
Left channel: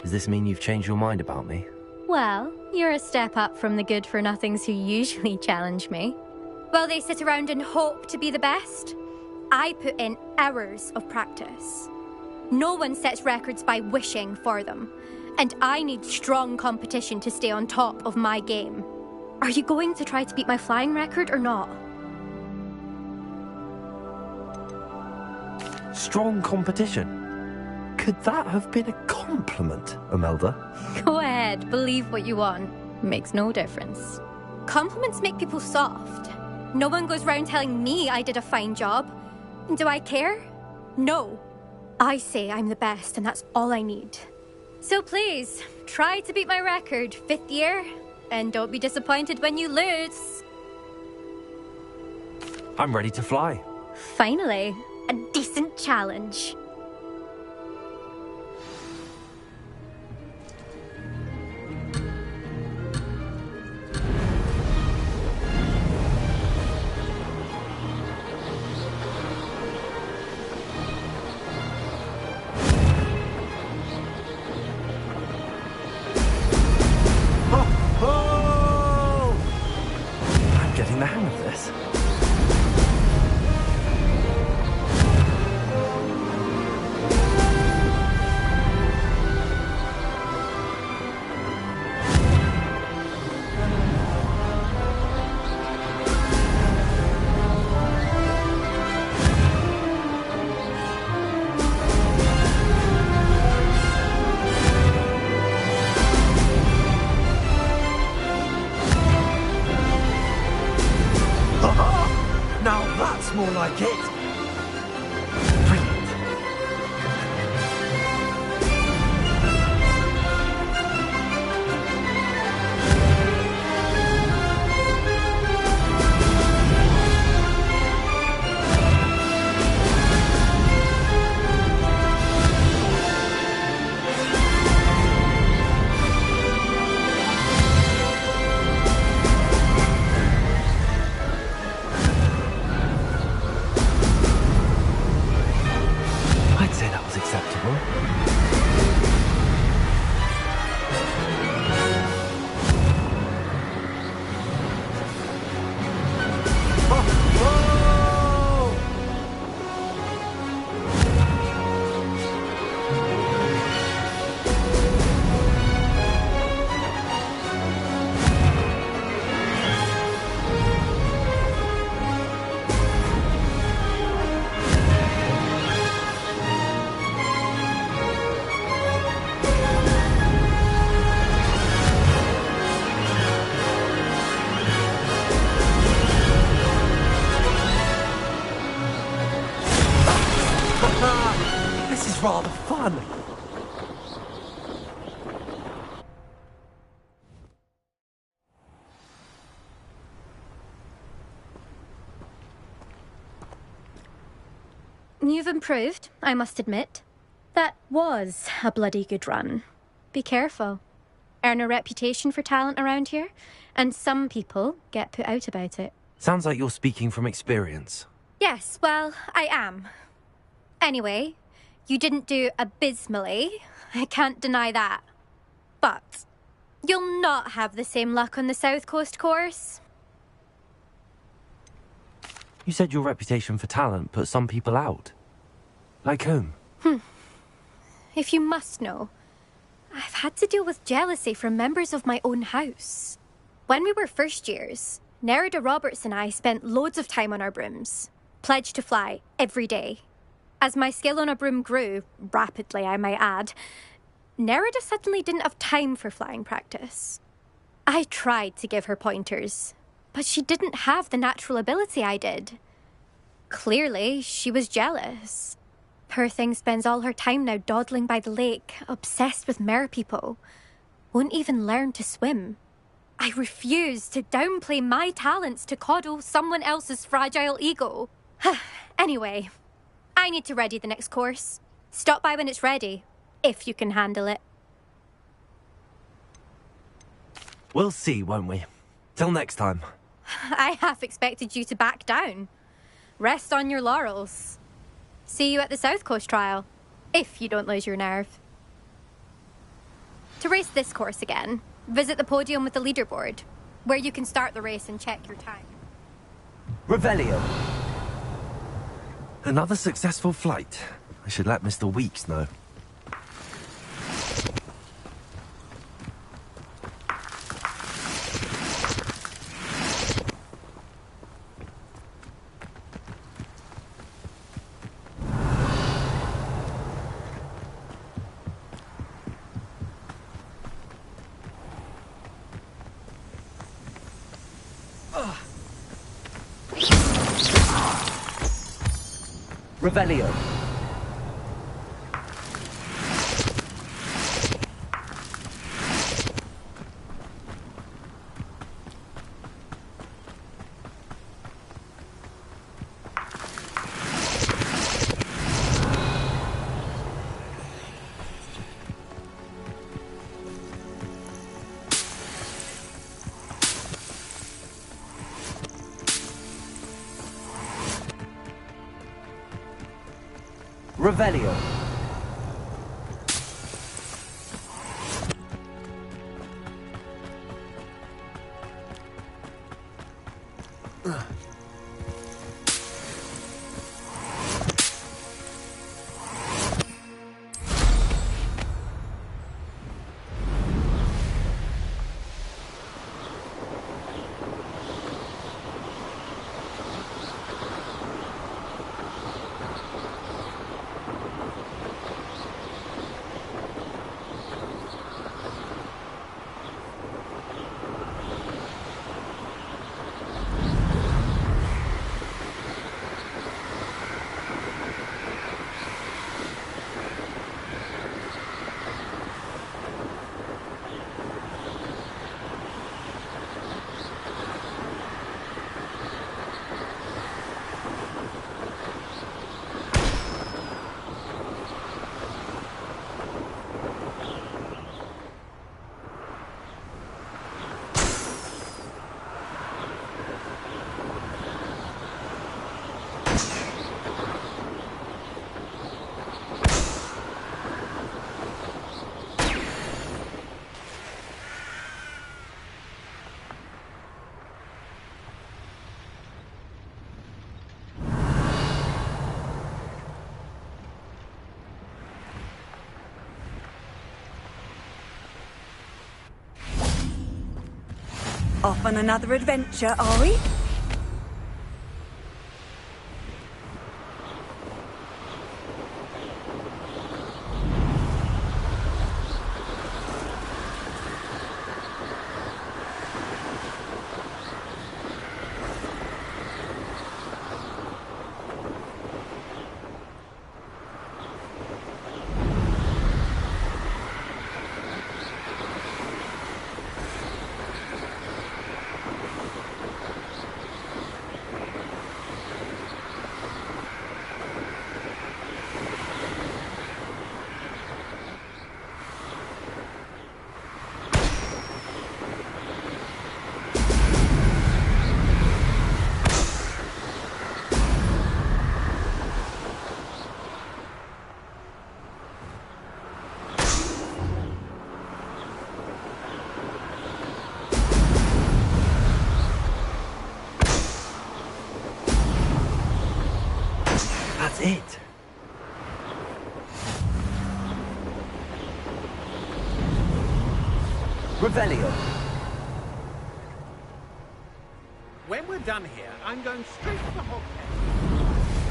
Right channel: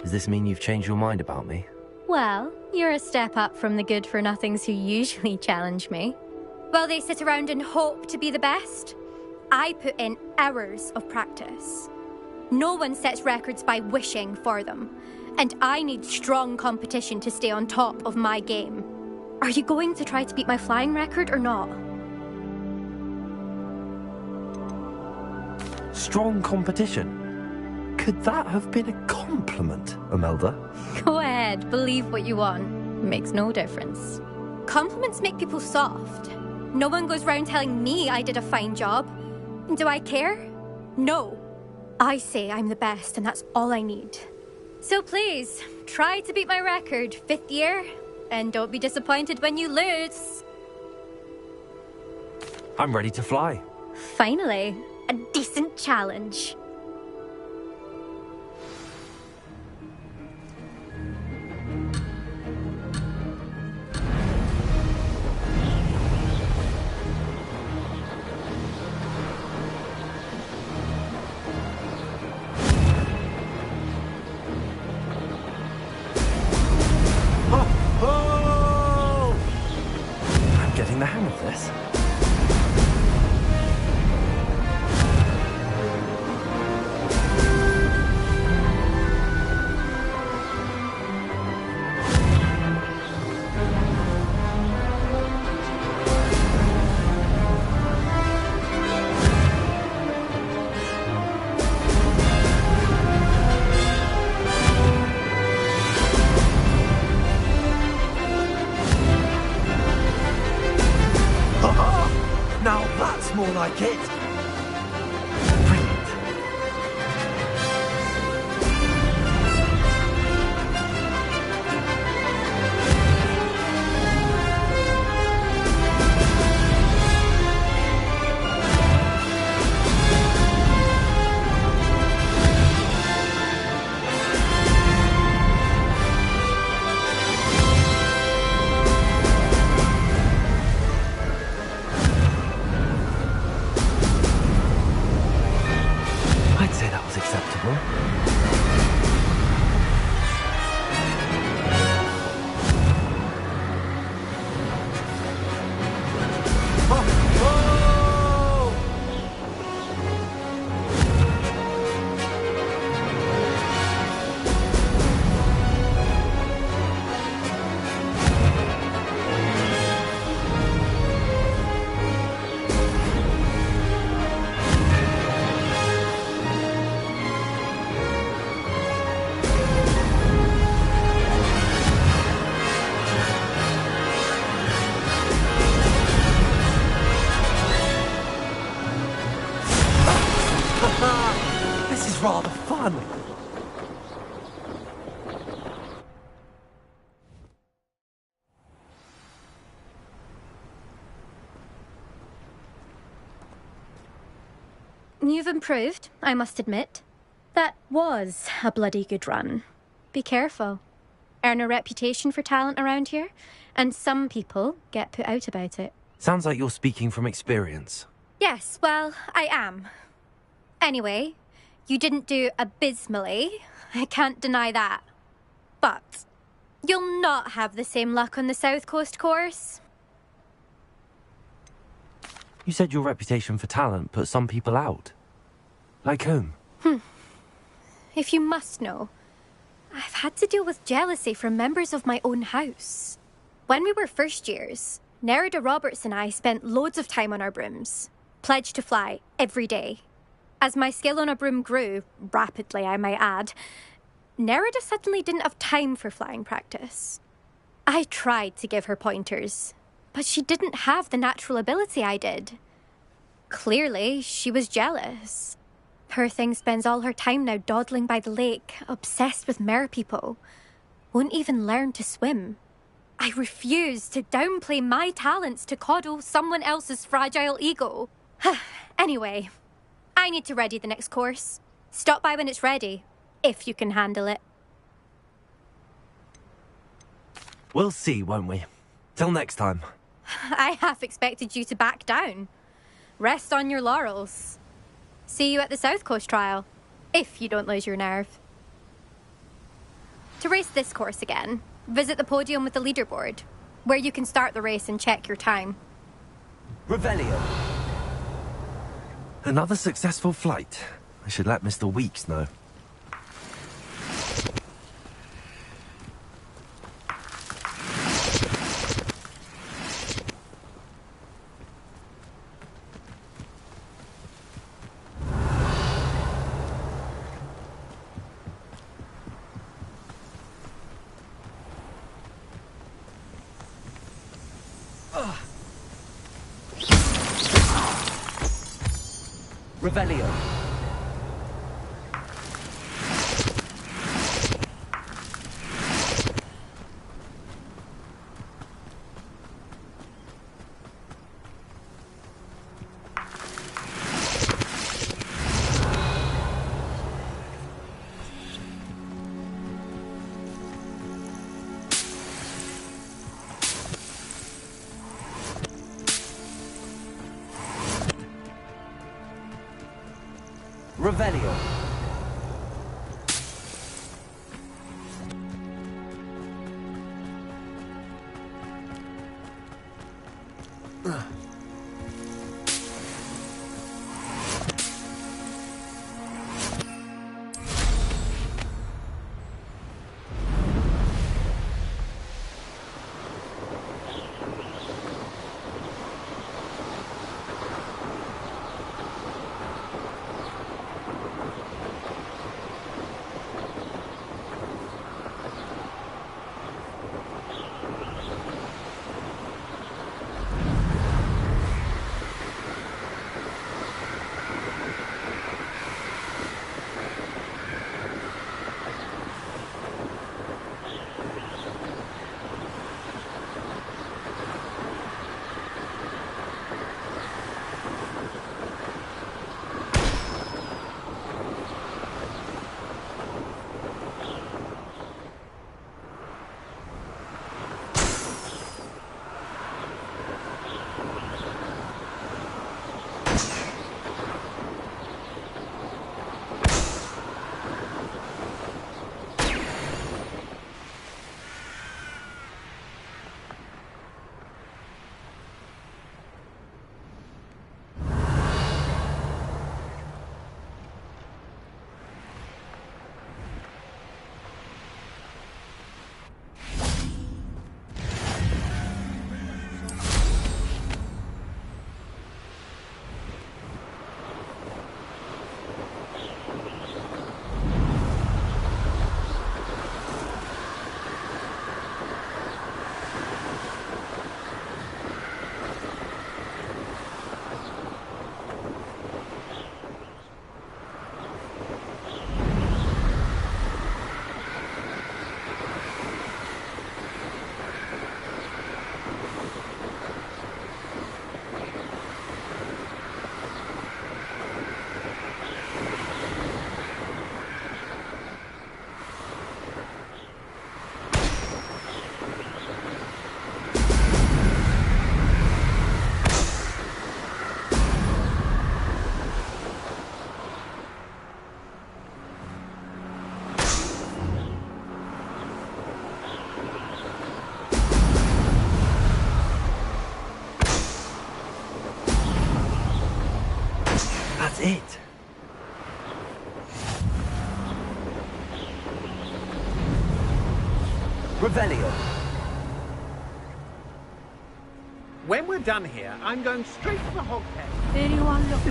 Does this mean you've changed your mind about me? Well, you're a step up from the good-for-nothings who usually challenge me. While they sit around and hope to be the best, I put in hours of practice. No one sets records by wishing for them, and I need strong competition to stay on top of my game. Are you going to try to beat my flying record or not? Strong competition? Could that have been a compliment, Imelda? Go ahead, believe what you want. Makes no difference. Compliments make people soft. No one goes round telling me I did a fine job. Do I care? No. I say I'm the best, and that's all I need. So please, try to beat my record, 5th year, and don't be disappointed when you lose. I'm ready to fly. Finally, a decent challenge. The hang of this. more like it. I'd say that was acceptable. This is rather fun. You've improved, I must admit. That was a bloody good run. Be careful. Earn a reputation for talent around here, and some people get put out about it. Sounds like you're speaking from experience. Yes, well, I am. Anyway, you didn't do abysmally. I can't deny that. But you'll not have the same luck on the South Coast course. You said your reputation for talent put some people out. Like whom? If you must know, I've had to deal with jealousy from members of my own house. When we were first years, Nerida Roberts and I spent loads of time on our brooms, pledged to fly every day. As my skill on a broom grew, rapidly I might add, Nerida suddenly didn't have time for flying practice. I tried to give her pointers, but she didn't have the natural ability I did. Clearly, she was jealous. Poor thing spends all her time now dawdling by the lake, obsessed with merpeople. Won't even learn to swim. I refuse to downplay my talents to coddle someone else's fragile ego. Anyway, I need to ready the next course. Stop by when it's ready, if you can handle it. We'll see, won't we? Till next time. I half expected you to back down. Rest on your laurels. See you at the South Coast trial, if you don't lose your nerve. To race this course again, visit the podium with the leaderboard, where you can start the race and check your time. Revelio. Another successful flight. I should let Mr. Weeks know. Revelio. Revelio. Off on another adventure, are we? That's it. Revelio. When we're done here, I'm going straight to the Hogshead. Very wonderful.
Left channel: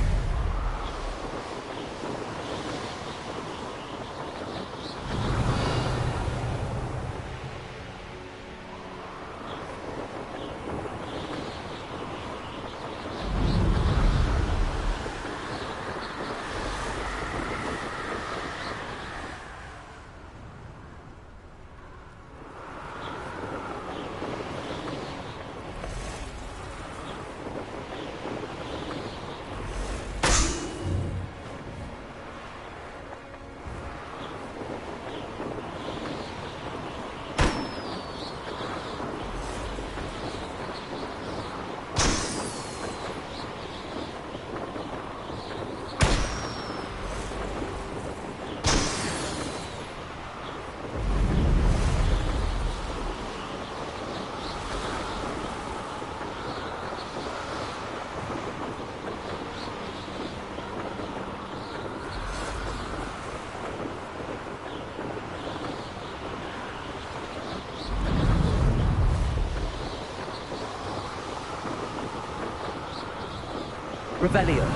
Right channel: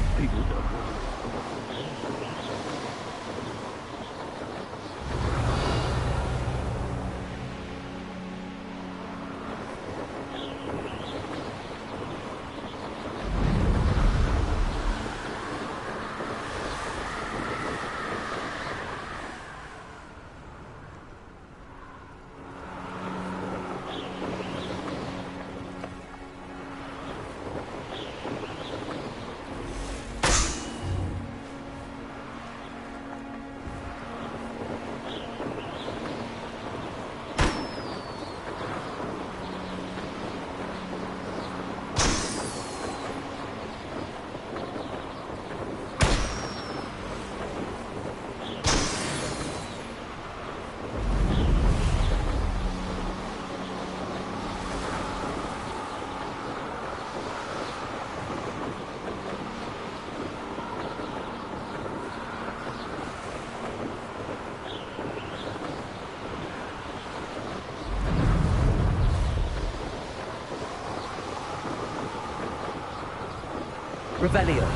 Revelio.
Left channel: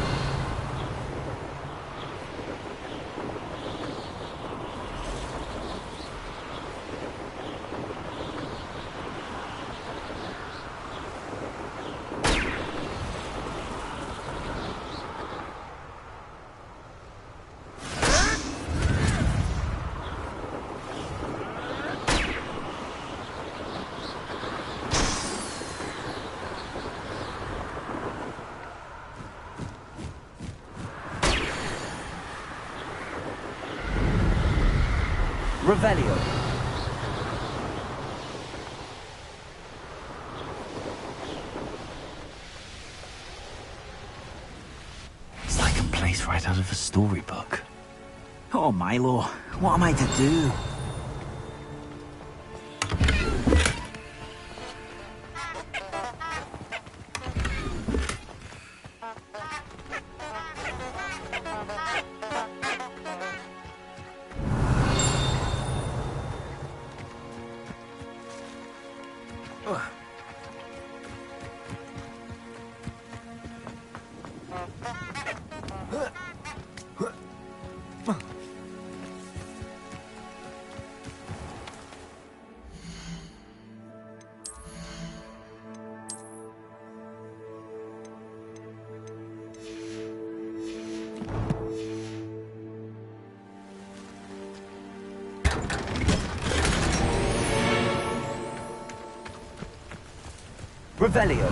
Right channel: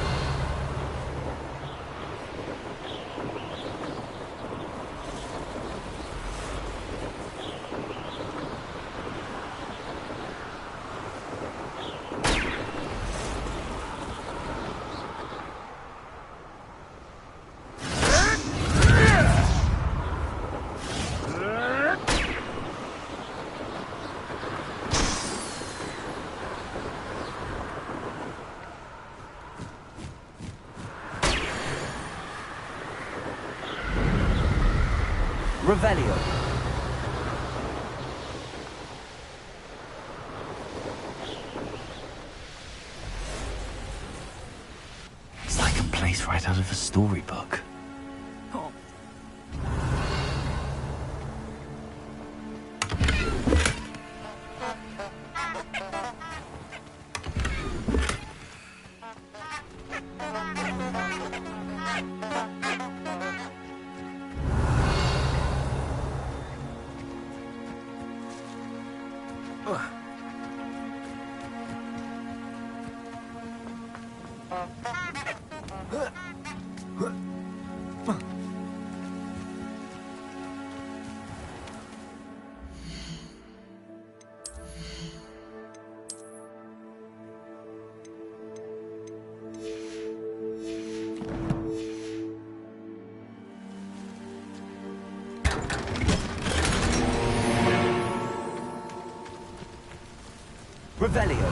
Revelio. It's like a place right out of a storybook. Oh, Milo, what am I to do? Revelio.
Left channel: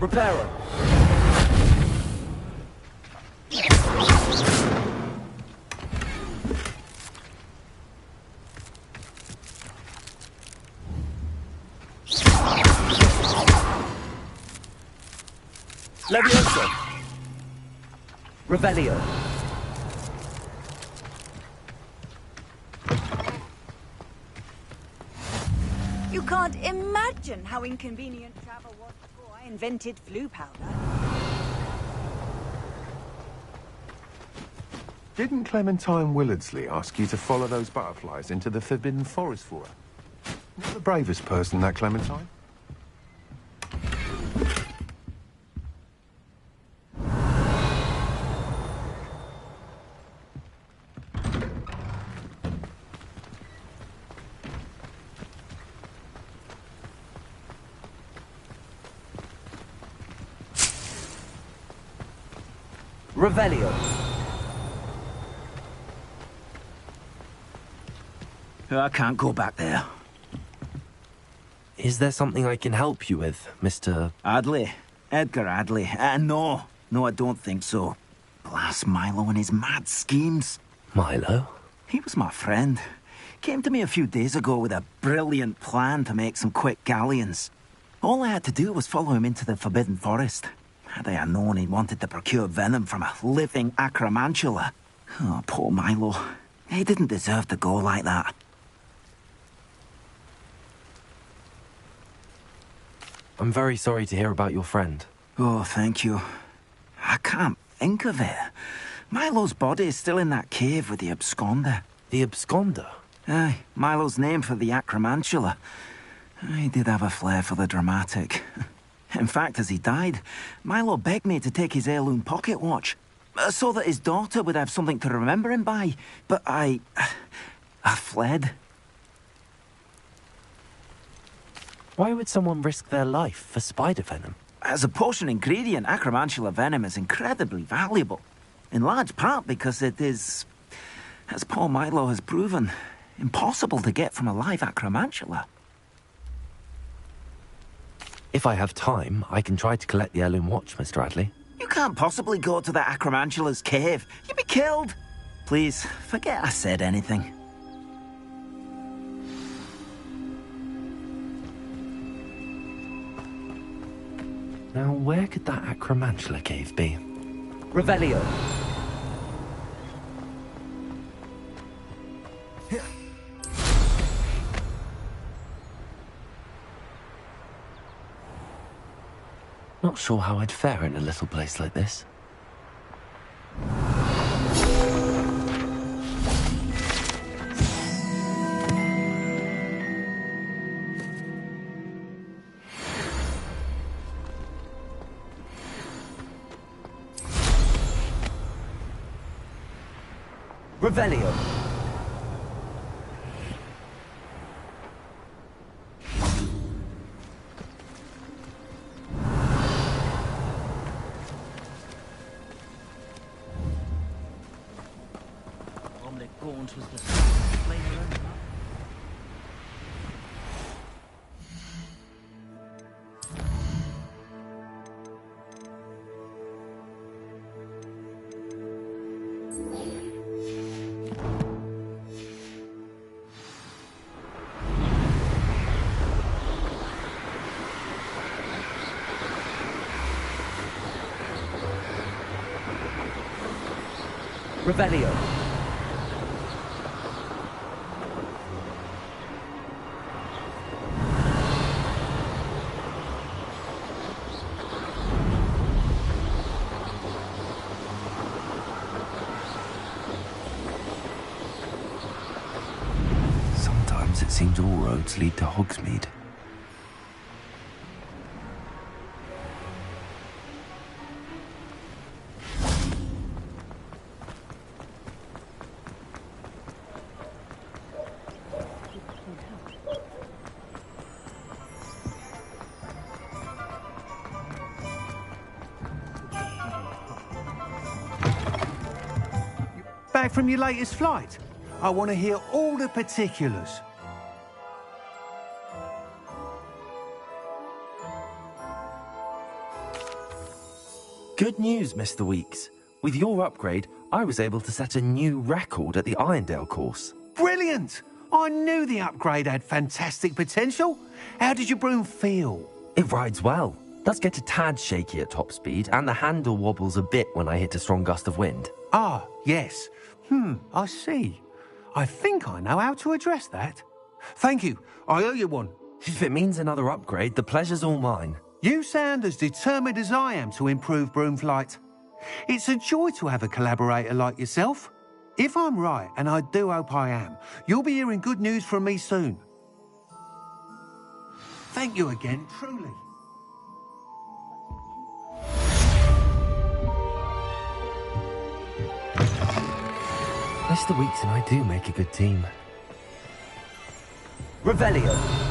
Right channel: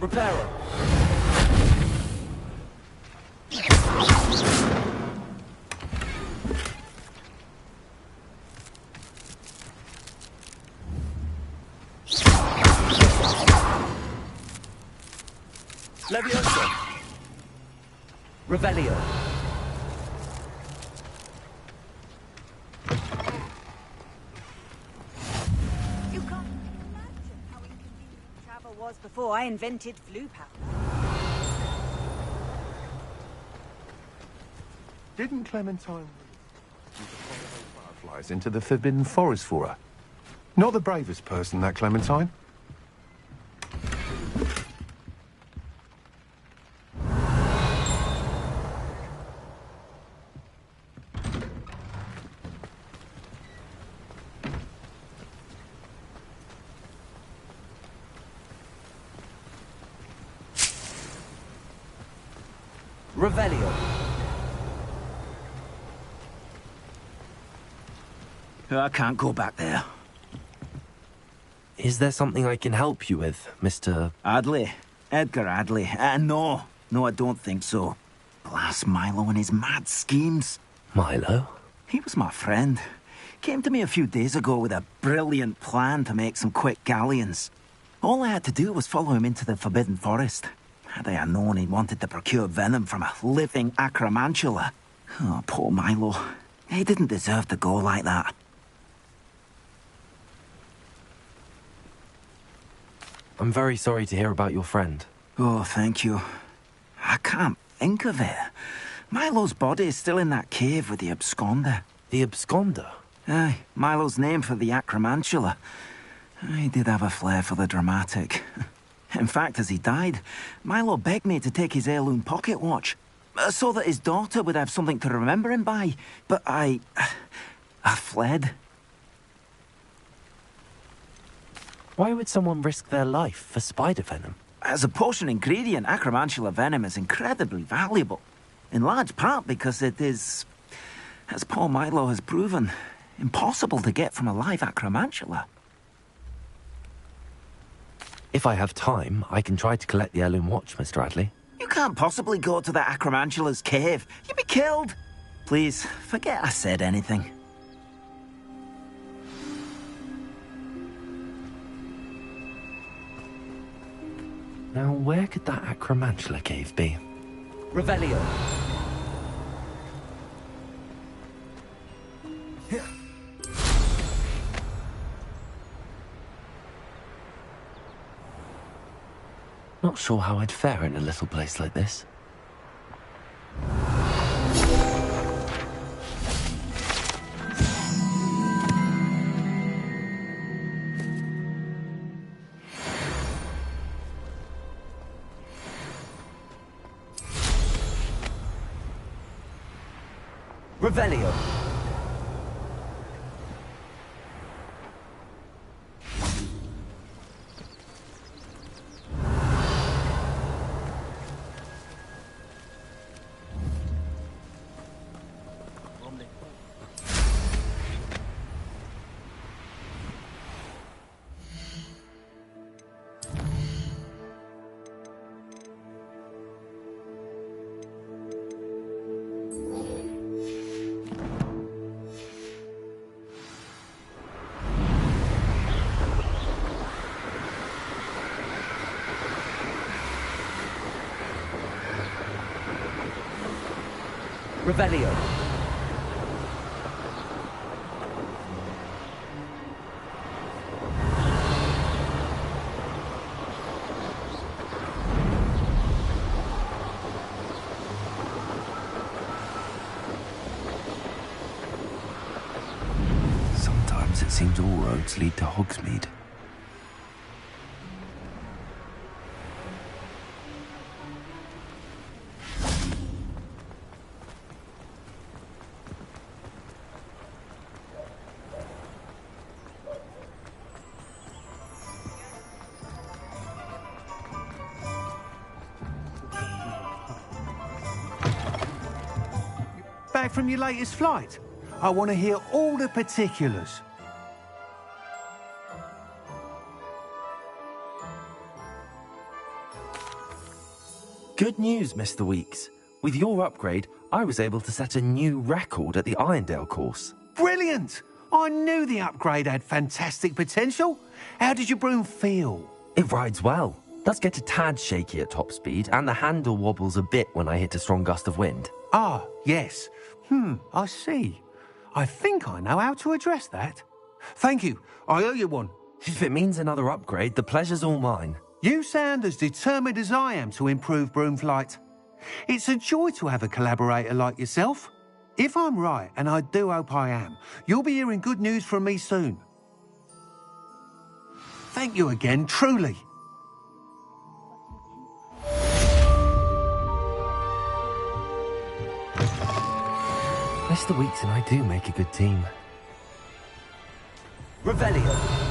Reparo. Levioso. Revelio. imagine how inconvenient travel was before I invented flu powder. Didn't Clementine Willardsley ask you to follow those butterflies into the Forbidden Forest for her? Not the bravest person, that Clementine. Revelio. I can't go back there. Is there something I can help you with, Mr. Adley? Edgar Adley? No, I don't think so. Blast Milo and his mad schemes. Milo? He was my friend. Came to me a few days ago with a brilliant plan to make some quick galleons. All I had to do was follow him into the Forbidden Forest. Had I known he wanted to procure venom from a living acromantula. Oh, poor Milo. He didn't deserve to go like that. I'm very sorry to hear about your friend. Oh, thank you. I can't think of it. Milo's body is still in that cave with the absconder. The absconder? Aye, Milo's name for the acromantula. He did have a flair for the dramatic. In fact, as he died, Milo begged me to take his heirloom pocket watch, so that his daughter would have something to remember him by. But I fled. Why would someone risk their life for spider venom? As a potion ingredient, acromantula venom is incredibly valuable. In large part because it is, as poor Milo has proven, impossible to get from a live acromantula. If I have time, I can try to collect the heirloom watch, Mr. Adley. You can't possibly go to the acromantula's cave. You'd be killed. Please, forget I said anything. Now, where could that acromantula cave be? Revelio. Not sure how I'd fare in a little place like this. Revelio. Revelio. Sometimes it seems all roads lead to Hogsmeade. Back from your latest flight? I want to hear all the particulars. Good news, Mr. Weeks. With your upgrade, I was able to set a new record at the Irondale course. Brilliant! I knew the upgrade had fantastic potential. How did your broom feel? It rides well. Does get a tad shaky at top speed, and the handle wobbles a bit when I hit a strong gust of wind. Ah, yes. I see. I think I know how to address that. Thank you. I owe you one. If it means another upgrade, the pleasure's all mine. You sound as determined as I am to improve broom flight. It's a joy to have a collaborator like yourself. If I'm right, and I do hope I am, you'll be hearing good news from me soon. Thank you again, truly. Mr. Weeks and I do make a good team. Revelio.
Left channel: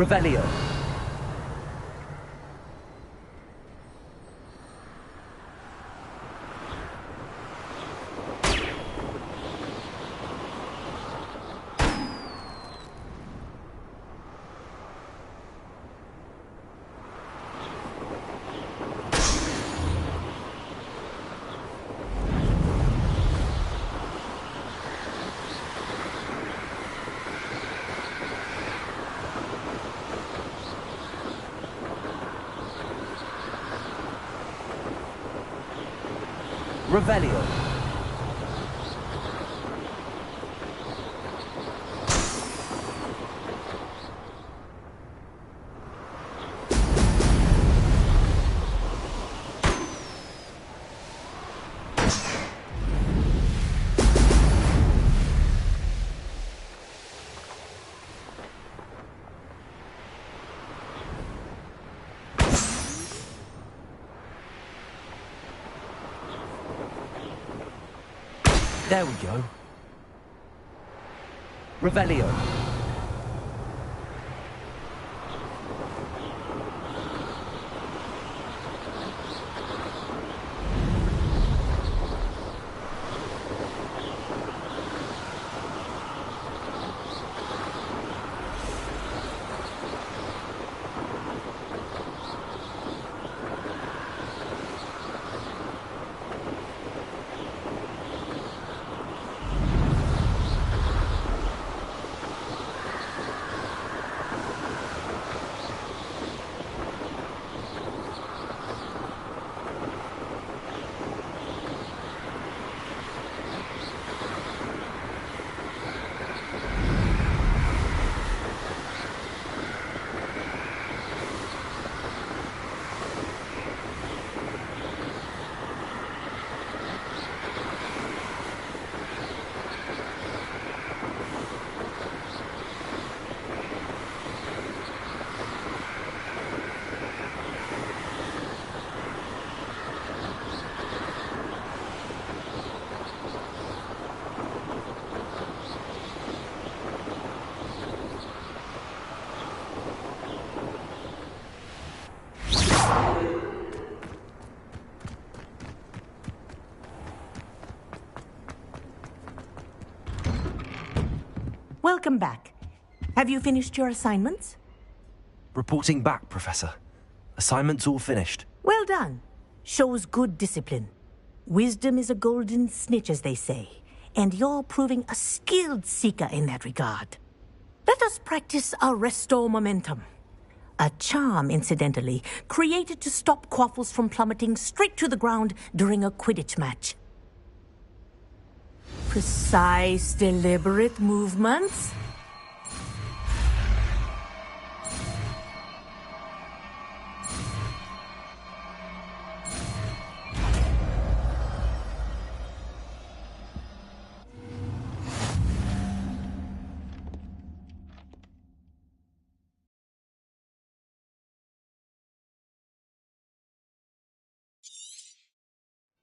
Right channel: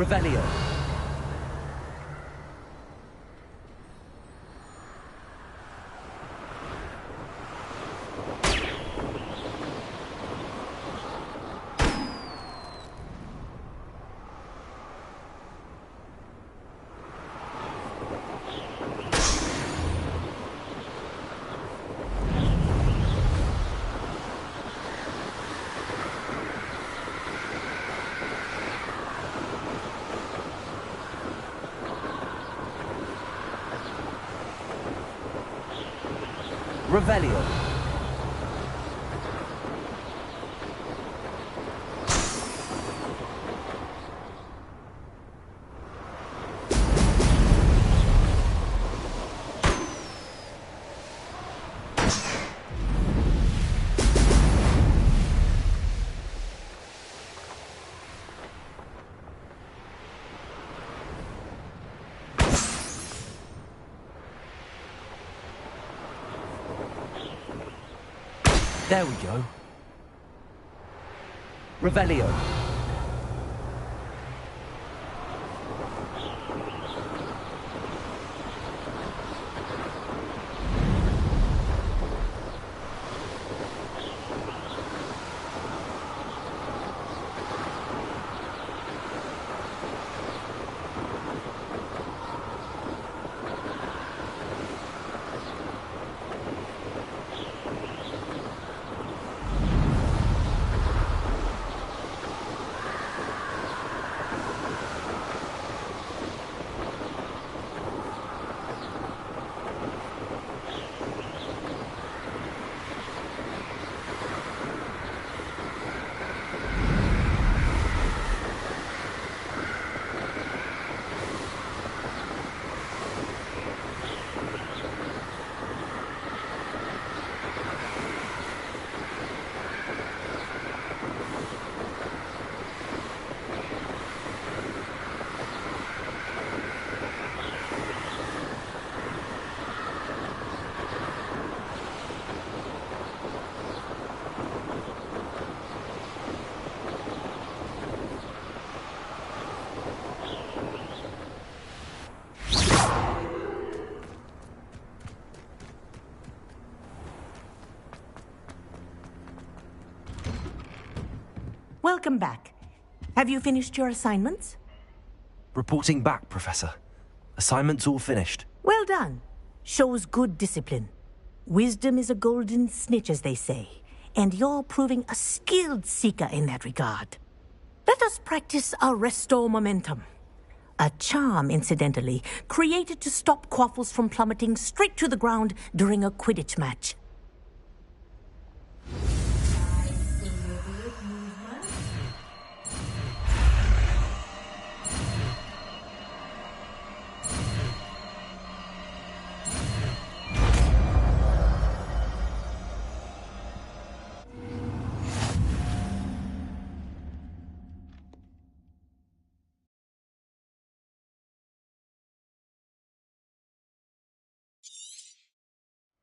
Revelio. Revelio. There we go. Revelio. welcome back. Have you finished your assignments? Reporting back, Professor. Assignments all finished. Well done. Shows good discipline. Wisdom is a golden snitch, as they say, and you're proving a skilled seeker in that regard. Let us practice our restore momentum. A charm, incidentally, created to stop quaffles from plummeting straight to the ground during a Quidditch match. Precise, deliberate movements.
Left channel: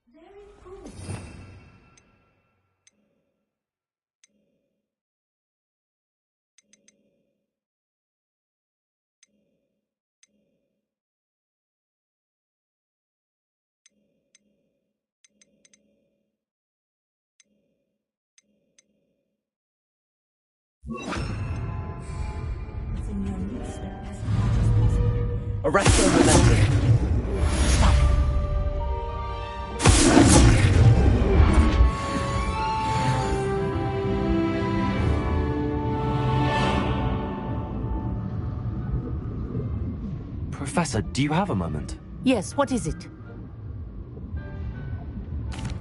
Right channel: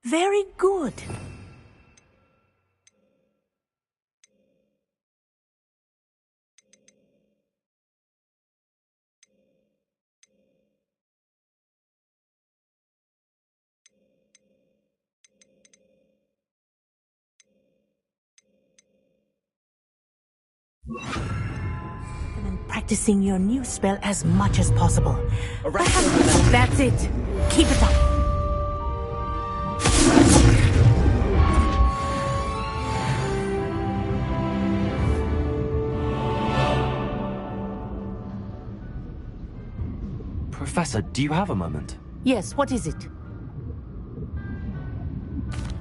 Very good. Practicing your new spell as much as possible. That's it. Keep it up. Professor, do you have a moment? Yes, what is it?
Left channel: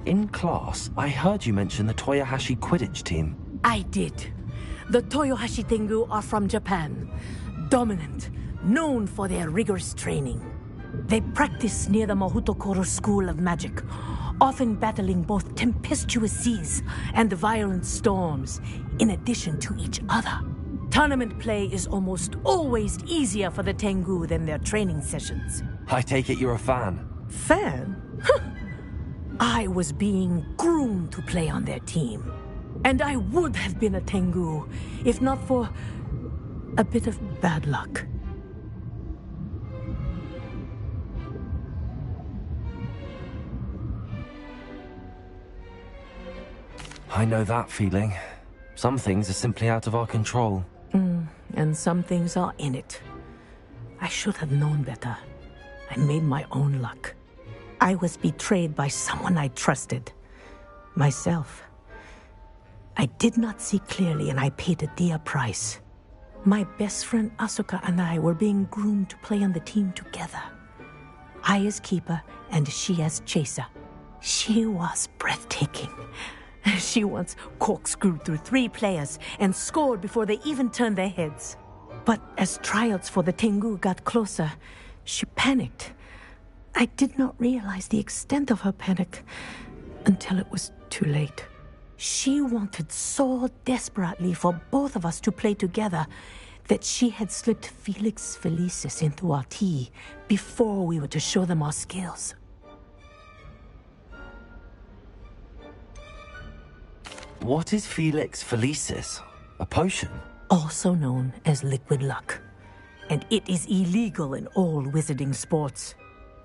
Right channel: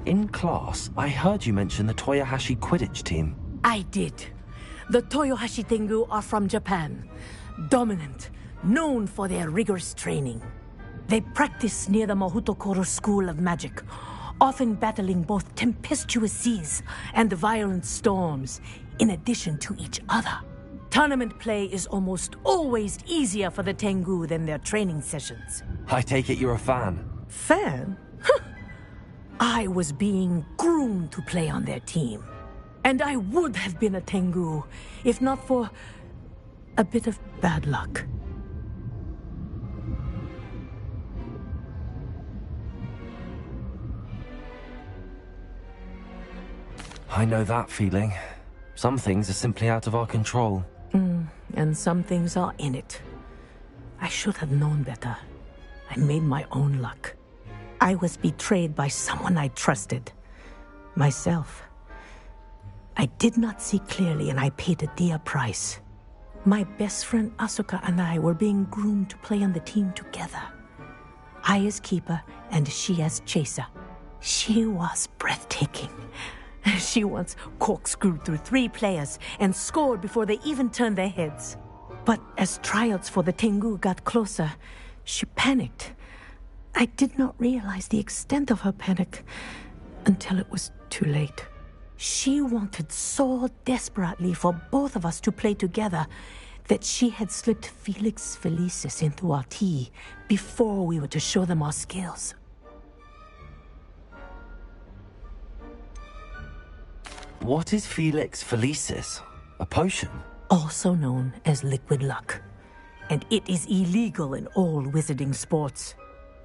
In class, I heard you mention the Toyohashi Quidditch team. I did. The Toyohashi Tengu are from Japan. Dominant, known for their rigorous training. They practice near the Mahutokoro School of Magic, often battling both tempestuous seas and violent storms, in addition to each other. Tournament play is almost always easier for the Tengu than their training sessions. I take it you're a fan. Fan? I was being groomed to play on their team. And I would have been a Tengu, if not for a bit of bad luck. I know that feeling. Some things are simply out of our control. And some things are in it. I should have known better. I made my own luck. I was betrayed by someone I trusted. Myself. I did not see clearly, and I paid a dear price. My best friend Asuka and I were being groomed to play on the team together. I as keeper, and she as chaser. She was breathtaking. She once corkscrewed through 3 players and scored before they even turned their heads. But as tryouts for the Tengu got closer, she panicked. I did not realize the extent of her panic until it was too late. She wanted so desperately for both of us to play together that she had slipped Felix Felicis into our tea before we were to show them our skills. What is Felix Felicis? A potion? Also known as liquid luck. And it is illegal in all wizarding sports.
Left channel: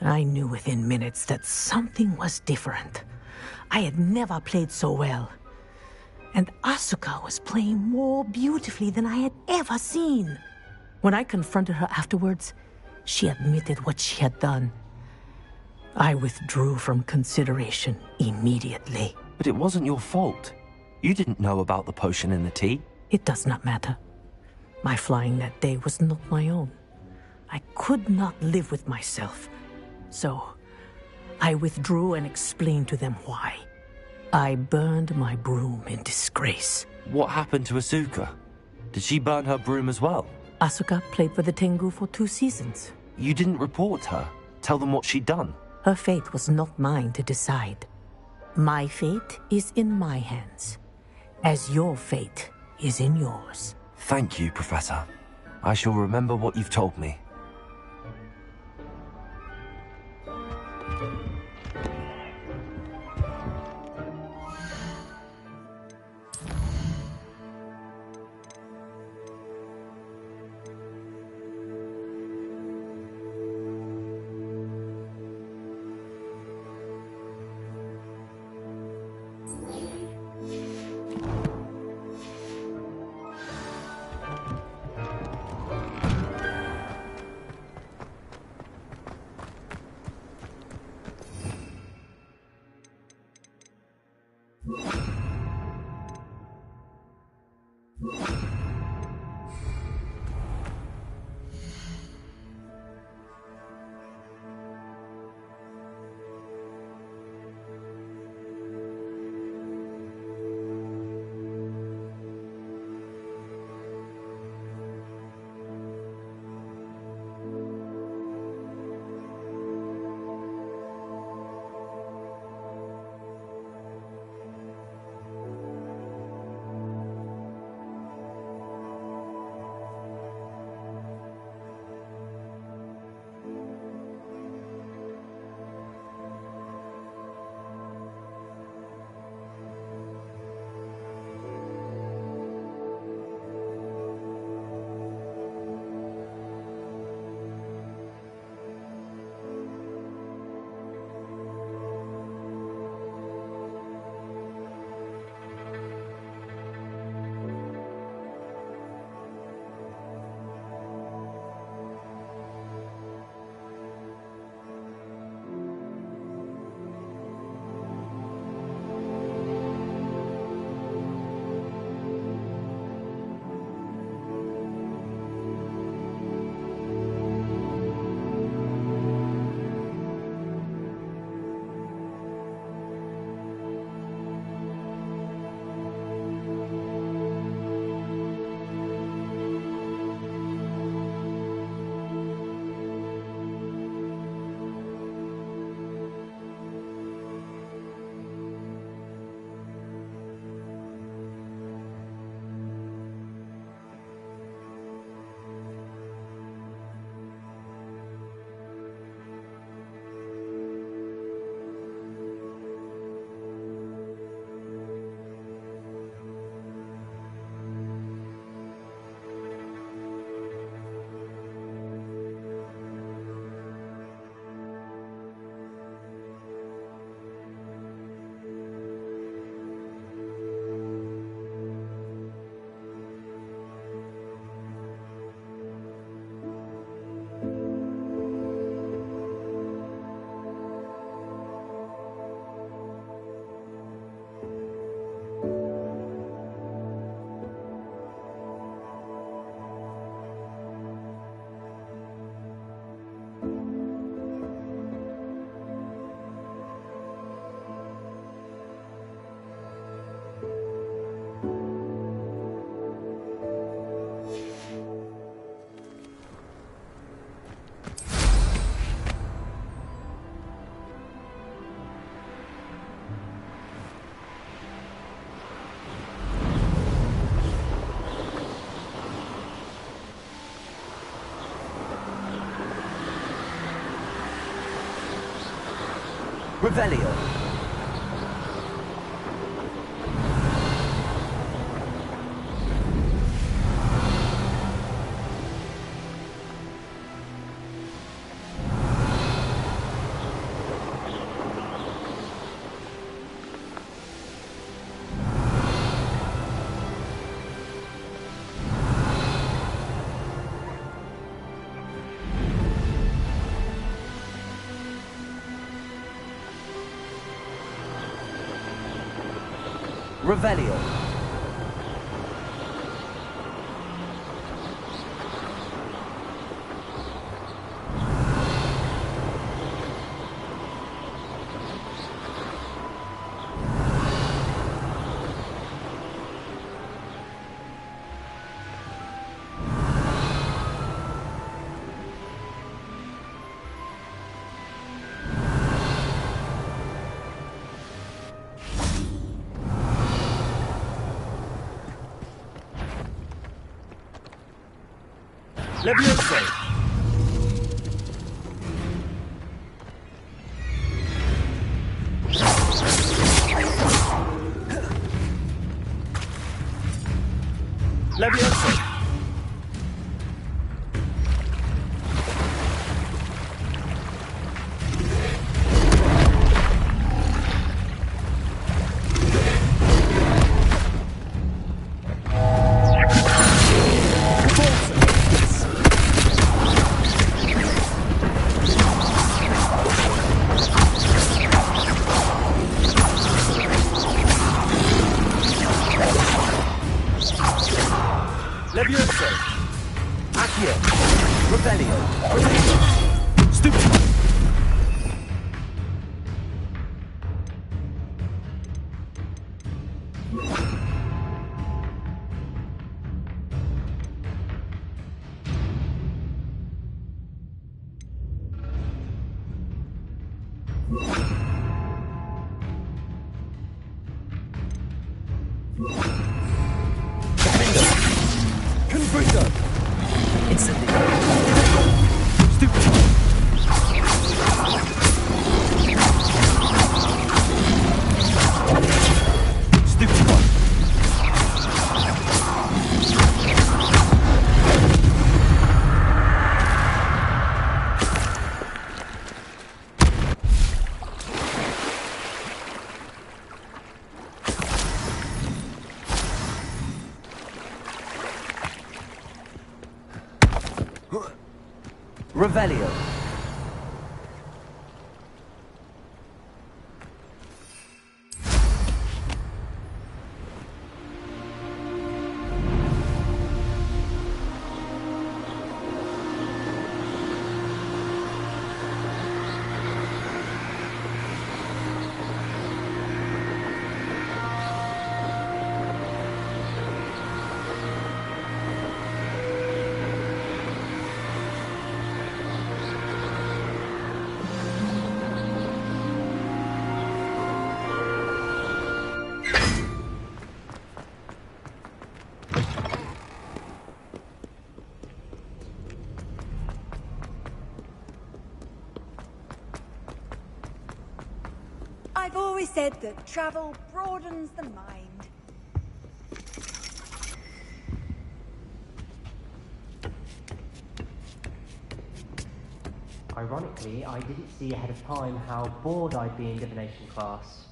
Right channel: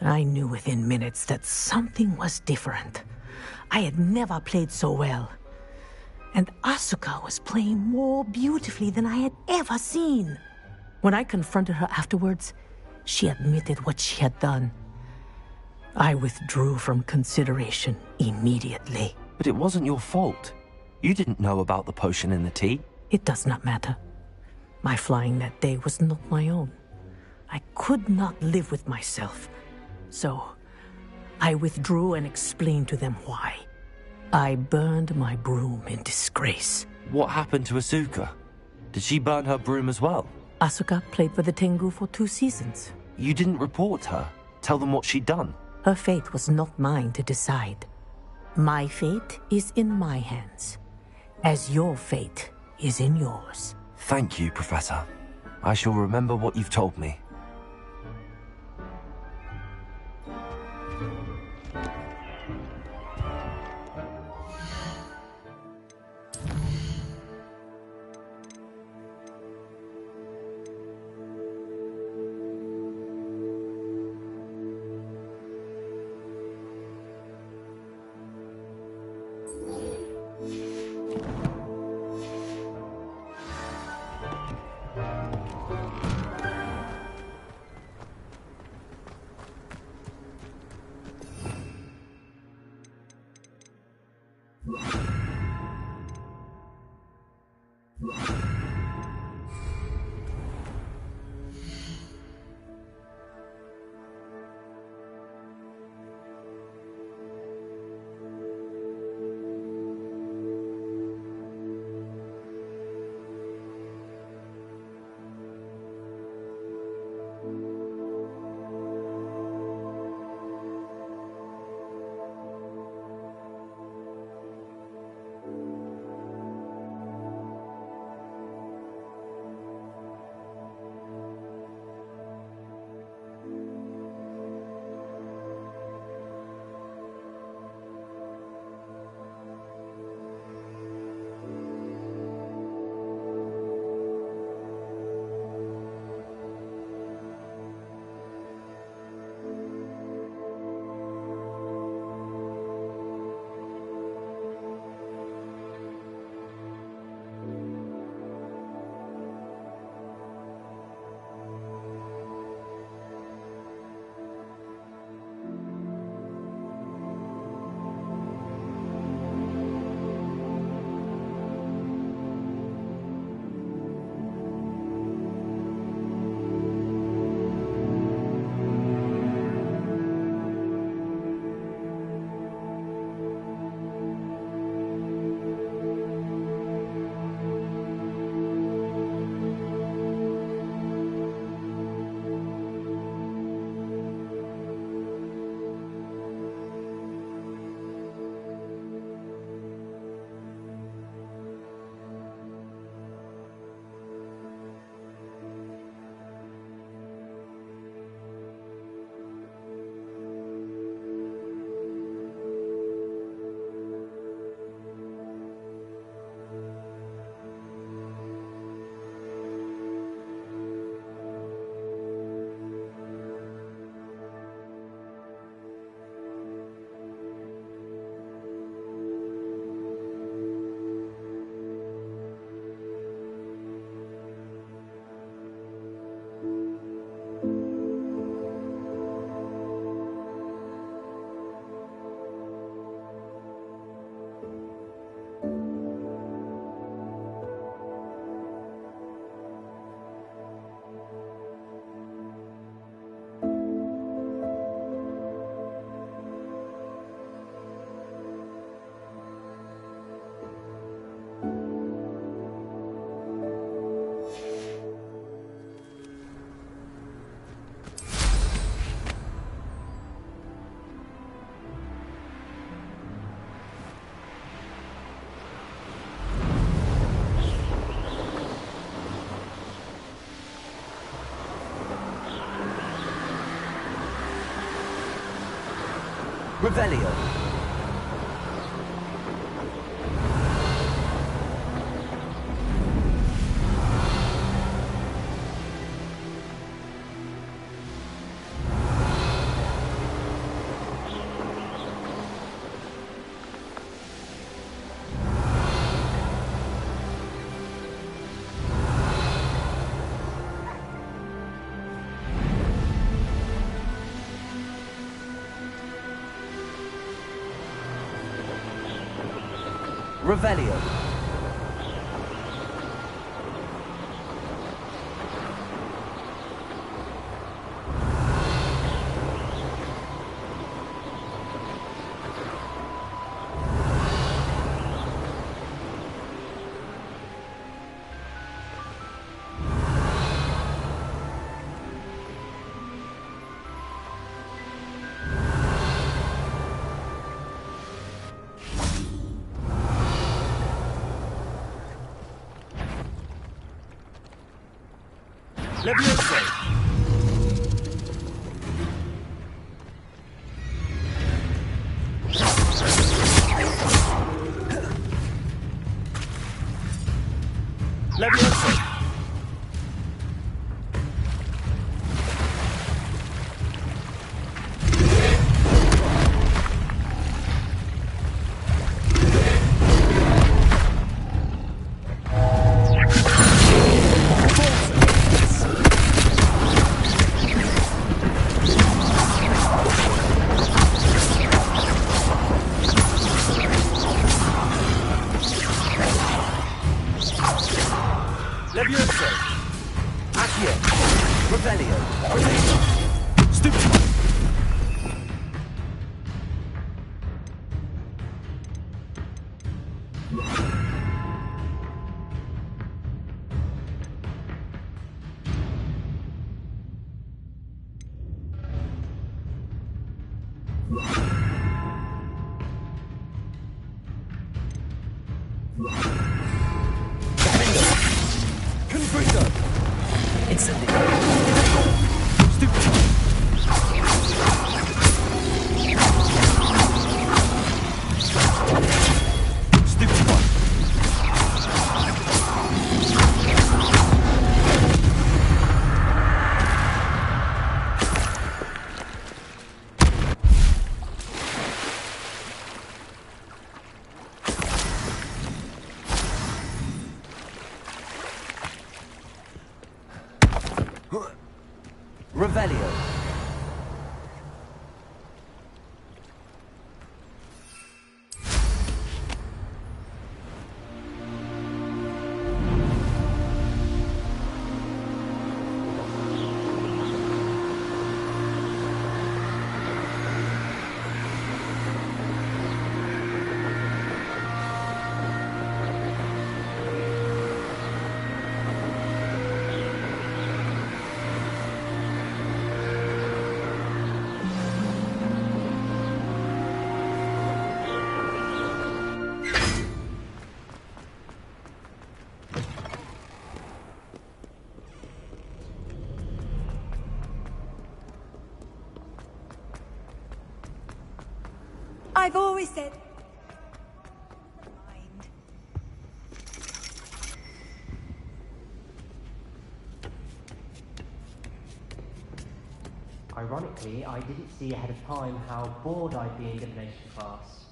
I knew within minutes that something was different. I had never played so well. And Asuka was playing more beautifully than I had ever seen. When I confronted her afterwards, she admitted what she had done. I withdrew from consideration immediately. But it wasn't your fault. You didn't know about the potion in the tea. It does not matter. My flying that day was not my own. I could not live with myself. So, I withdrew and explained to them why. I burned my broom in disgrace. What happened to Asuka? Did she burn her broom as well? Asuka played for the Tengu for 2 seasons. You didn't report her? Tell them what she'd done? Her fate was not mine to decide. My fate is in my hands, as your fate is in yours. Thank you, Professor. I shall remember what you've told me. Revelio. Revelio. Levioso. Levioso. Levioso. Accio. Revelio. Stupid. Confringo! Instantly. Stupid. Stupid one. Revelio. I've always said that travel broadens the mind. Ironically, I didn't see ahead of time how bored I'd be in divination class.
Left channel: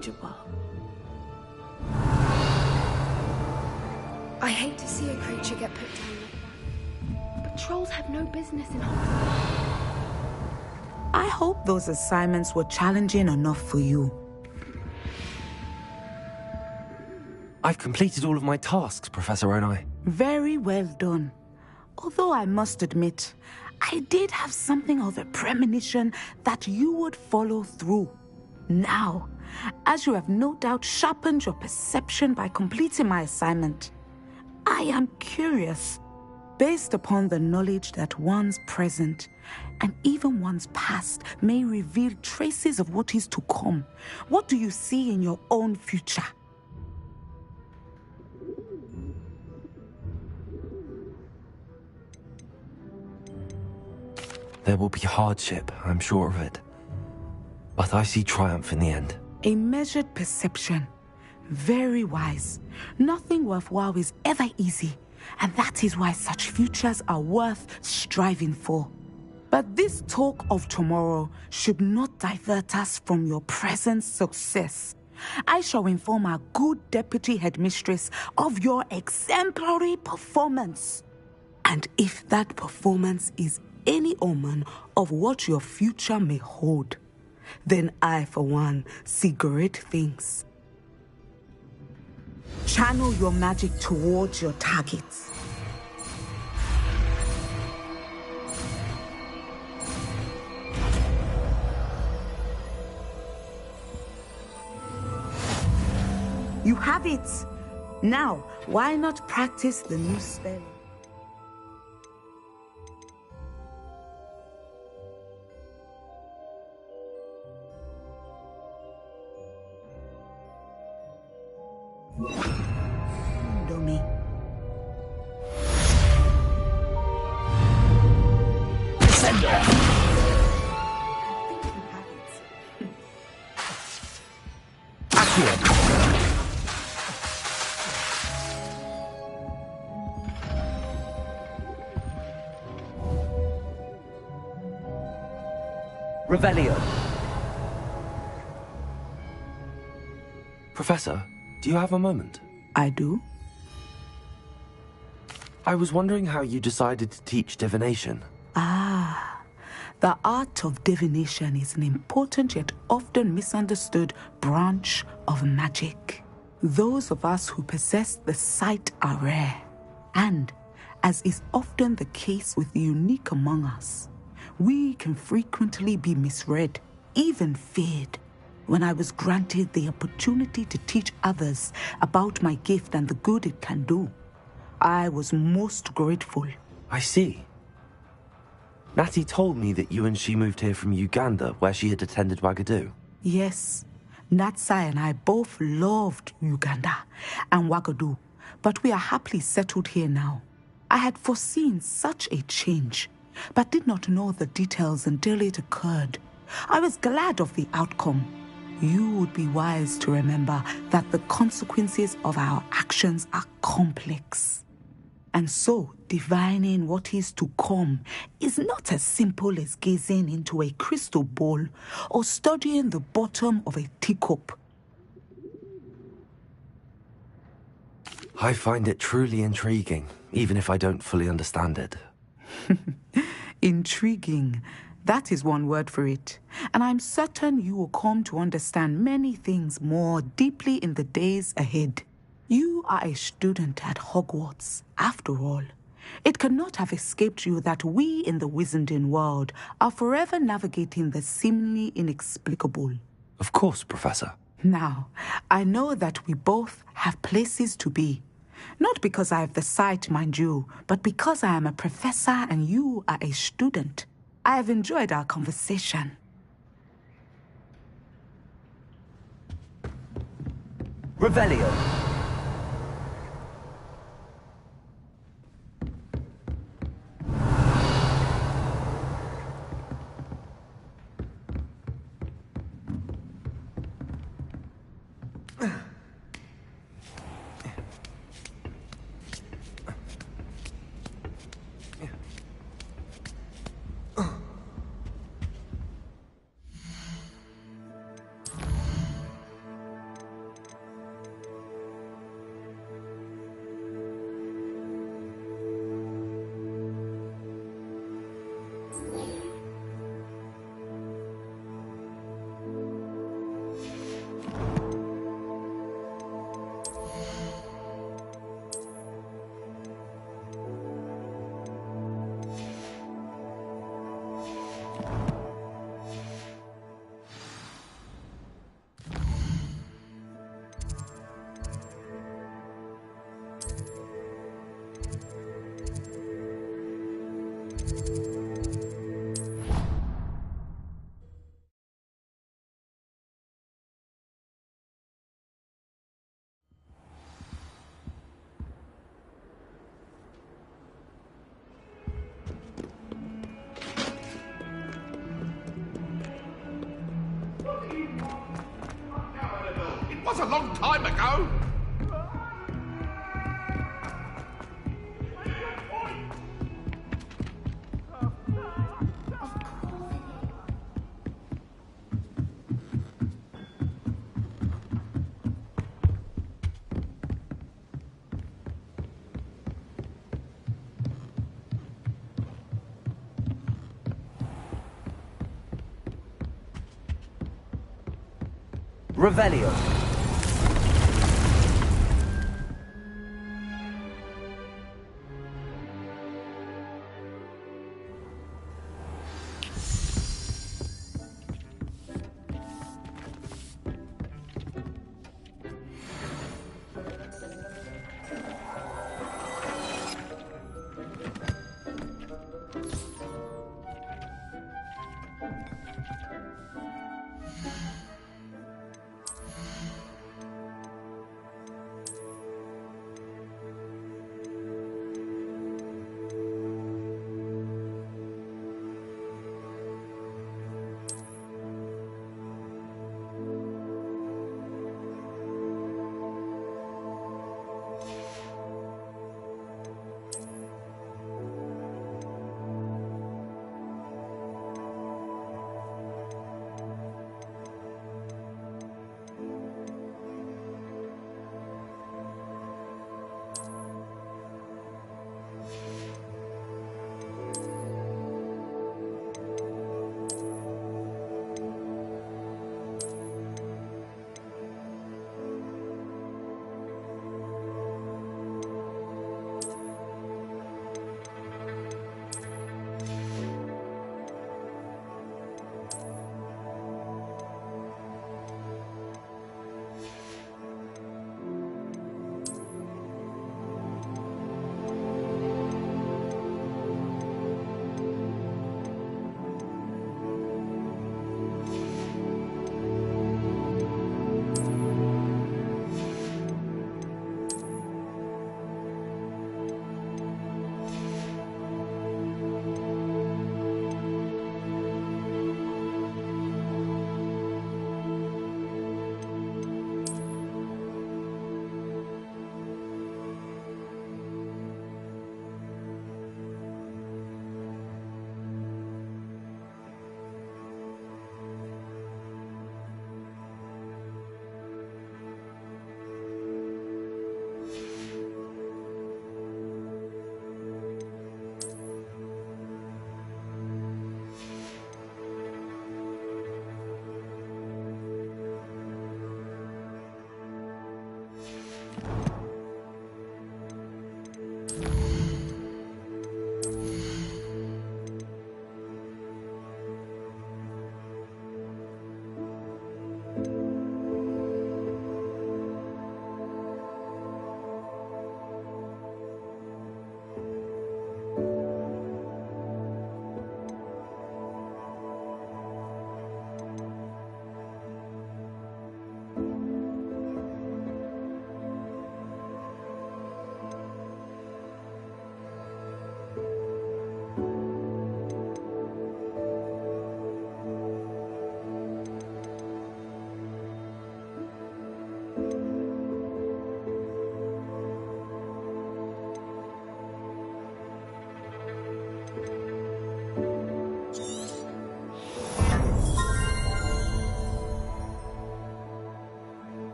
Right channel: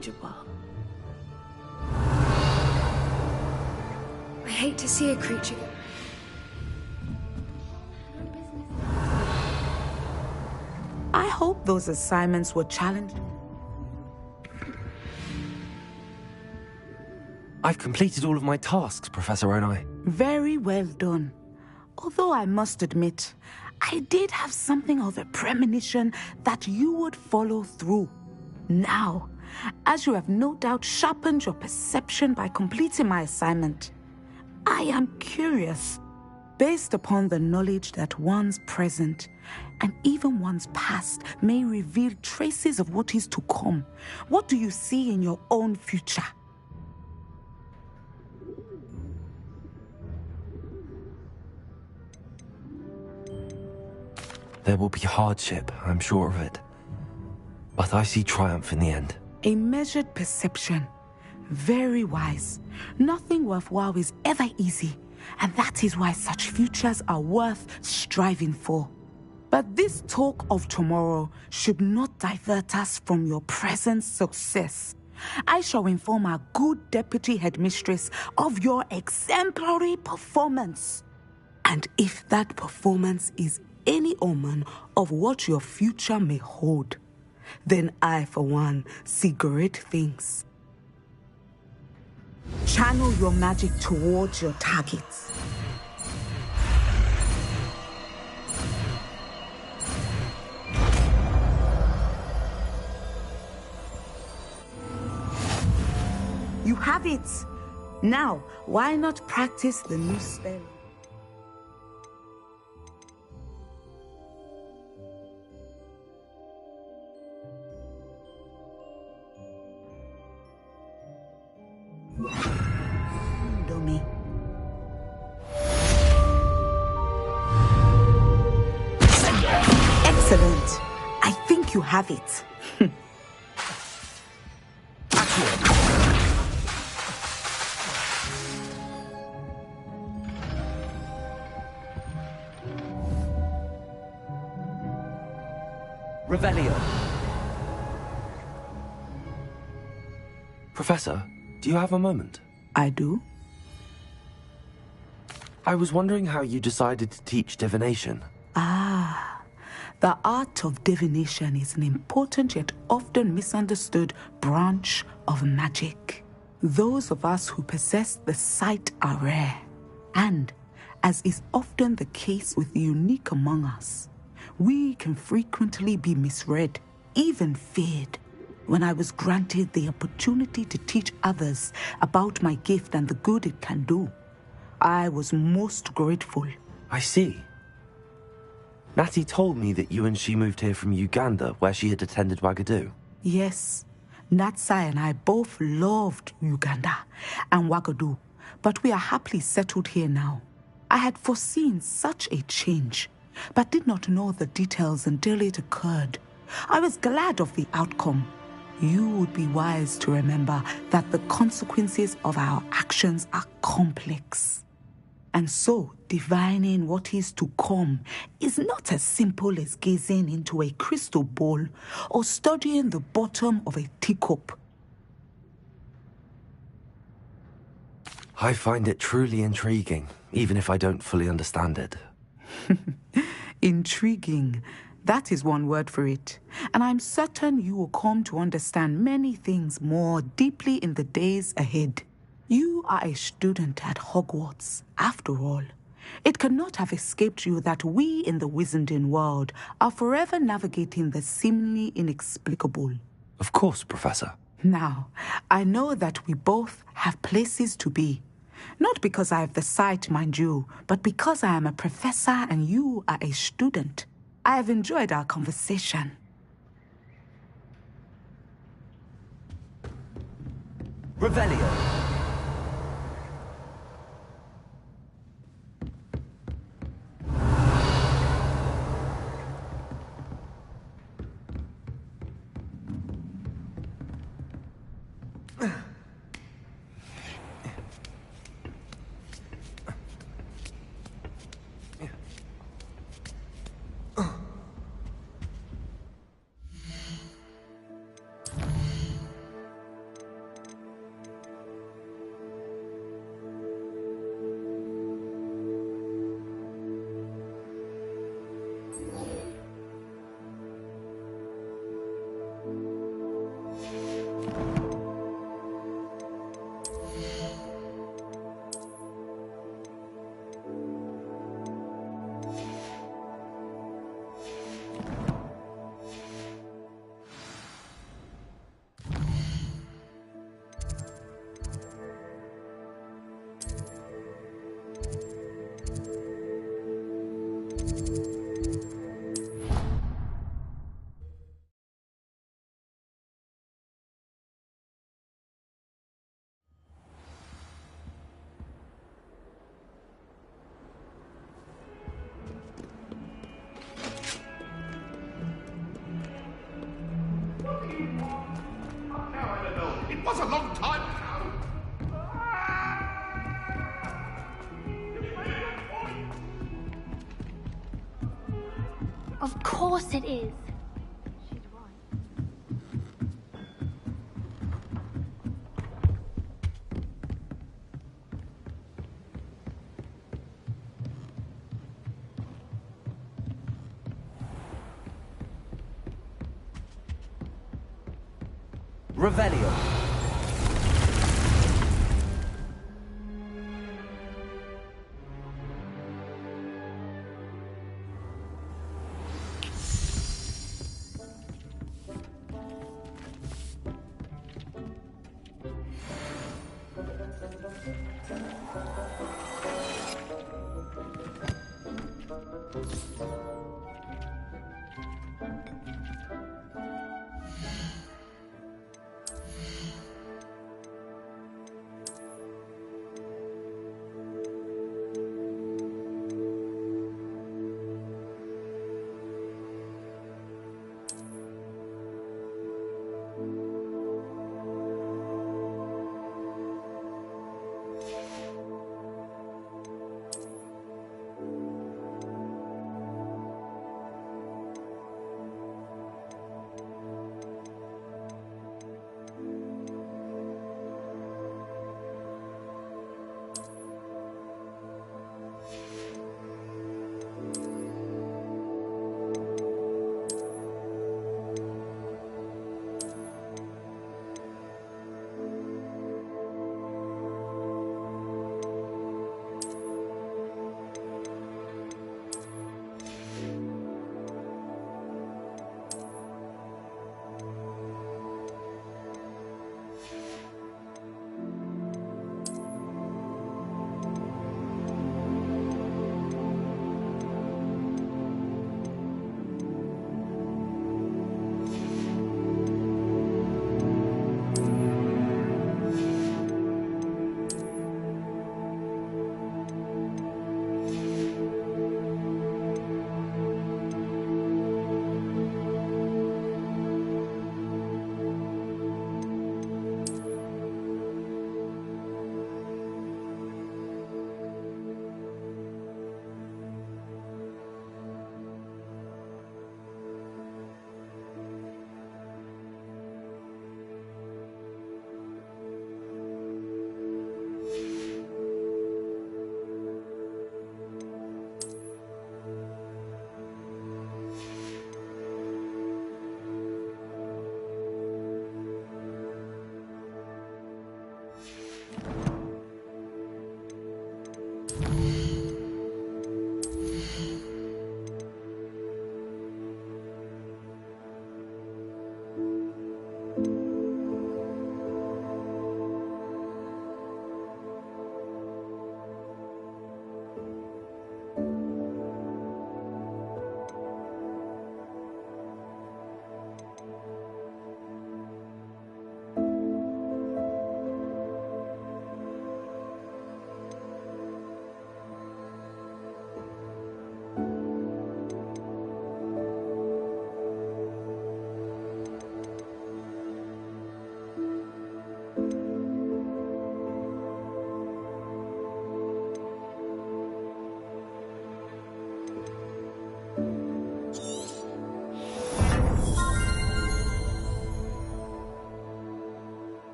manageable. I hate to see a creature get put down. But trolls have no business in Hogwarts. I hope those assignments were challenging enough for you. I've completed all of my tasks, Professor Onai. Very well done. Although I must admit, I did have something of a premonition that you would follow through. Now, as you have no doubt sharpened your perception by completing my assignment, I am curious, based upon the knowledge that one's present and even one's past may reveal traces of what is to come. What do you see in your own future? There will be hardship, I'm sure of it. But I see triumph in the end. A measured perception. Very wise. Nothing worthwhile is ever easy, and that is why such futures are worth striving for. But this talk of tomorrow should not divert us from your present success. I shall inform our good deputy headmistress of your exemplary performance. And if that performance is any omen of what your future may hold, then I, for one, see great things. Channel your magic towards your targets. You have it. Now, why not practice the new spell? Dummy. Excellent. I think you have it. Revelio. Professor, do you have a moment? I do. I was wondering how you decided to teach divination. The art of divination is an important yet often misunderstood branch of magic. Those of us who possess the sight are rare. And, as is often the case with the unique among us, we can frequently be misread, even feared. When I was granted the opportunity to teach others about my gift and the good it can do, I was most grateful. I see. Natty told me that you and she moved here from Uganda, where she had attended Wagadu. Yes, Natsai and I both loved Uganda and Wagadu, but we are happily settled here now. I had foreseen such a change, but did not know the details until it occurred. I was glad of the outcome. You would be wise to remember that the consequences of our actions are complex. And so, divining what is to come is not as simple as gazing into a crystal ball or studying the bottom of a teacup. I find it truly intriguing, even if I don't fully understand it. Intriguing. That is one word for it. And I'm certain you will come to understand many things more deeply in the days ahead. You are a student at Hogwarts, after all. It cannot have escaped you that we in the Wizarding world are forever navigating the seemingly inexplicable. Of course, Professor. Now, I know that we both have places to be. Not because I have the sight, mind you, but because I am a professor and you are a student. I have enjoyed our conversation. Revelio. It was a long time ago. Of course it is. Revelio.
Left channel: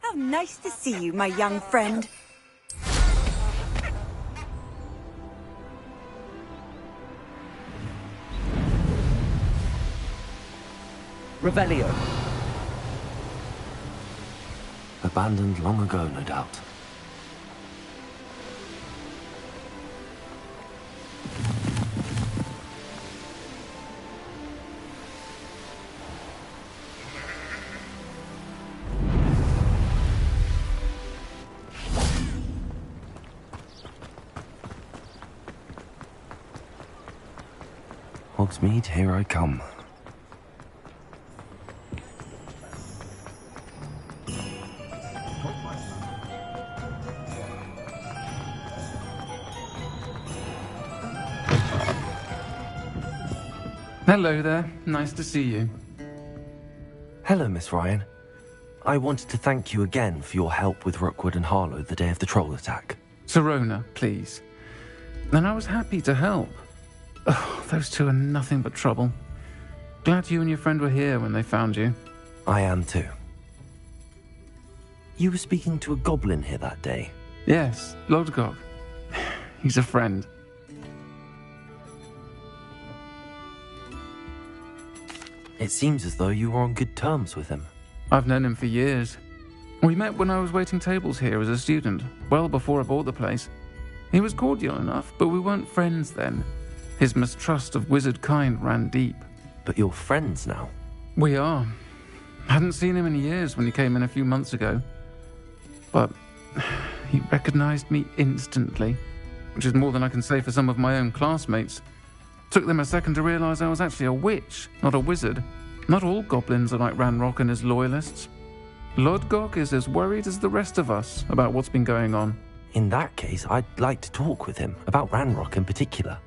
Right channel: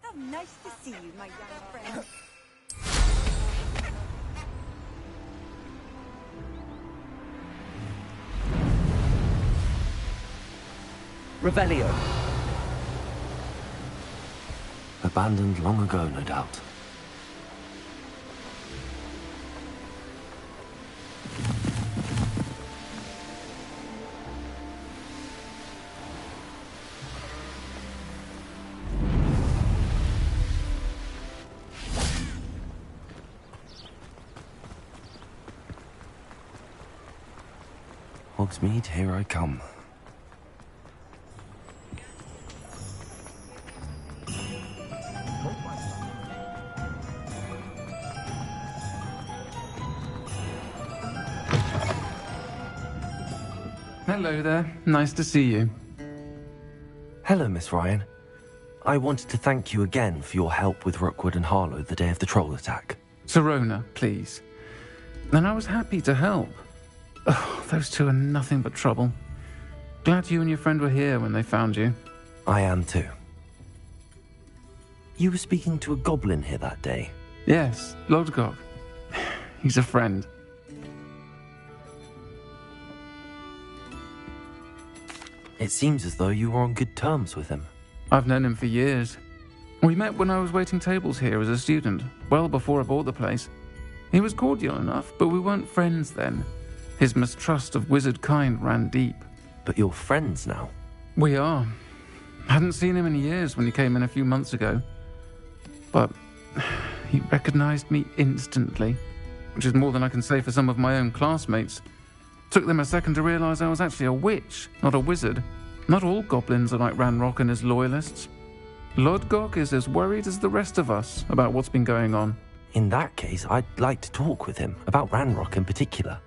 How nice to see you, my young friend. Revelio. Abandoned long ago, no doubt. Hogsmeade, here I come. Hello there. Nice to see you. Hello, Miss Ryan. I wanted to thank you again for your help with Rookwood and Harlow the day of the troll attack. Sirona, please. And I was happy to help. Oh, those two are nothing but trouble. Glad you and your friend were here when they found you. I am too. You were speaking to a goblin here that day. Yes, Lodgok. He's a friend. It seems as though you were on good terms with him. I've known him for years. We met when I was waiting tables here as a student, well before I bought the place. He was cordial enough, but we weren't friends then. His mistrust of wizard kind ran deep. But you're friends now? We are. Hadn't seen him in years when he came in a few months ago. But he recognized me instantly, which is more than I can say for some of my own classmates. Took them a second to realize I was actually a witch, not a wizard. Not all goblins are like Ranrock and his loyalists. Lodgok is as worried as the rest of us about what's been going on. In that case, I'd like to talk with him, about Ranrock in particular.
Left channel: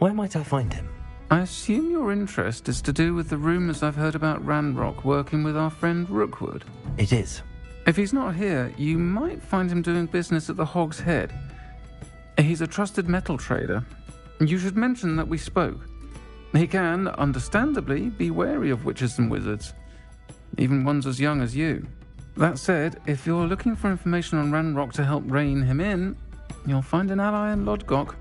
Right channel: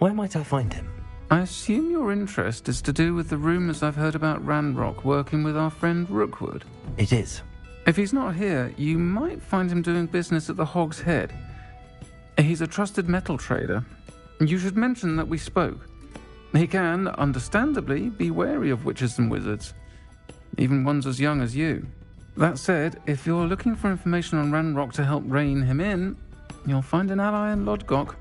Where might I find him? I assume your interest is to do with the rumors I've heard about Ranrock working with our friend Rookwood. It is. If he's not here, you might find him doing business at the Hog's Head. He's a trusted metal trader. You should mention that we spoke. He can, understandably, be wary of witches and wizards, even ones as young as you. That said, if you're looking for information on Ranrock to help rein him in, you'll find an ally in Lodgok.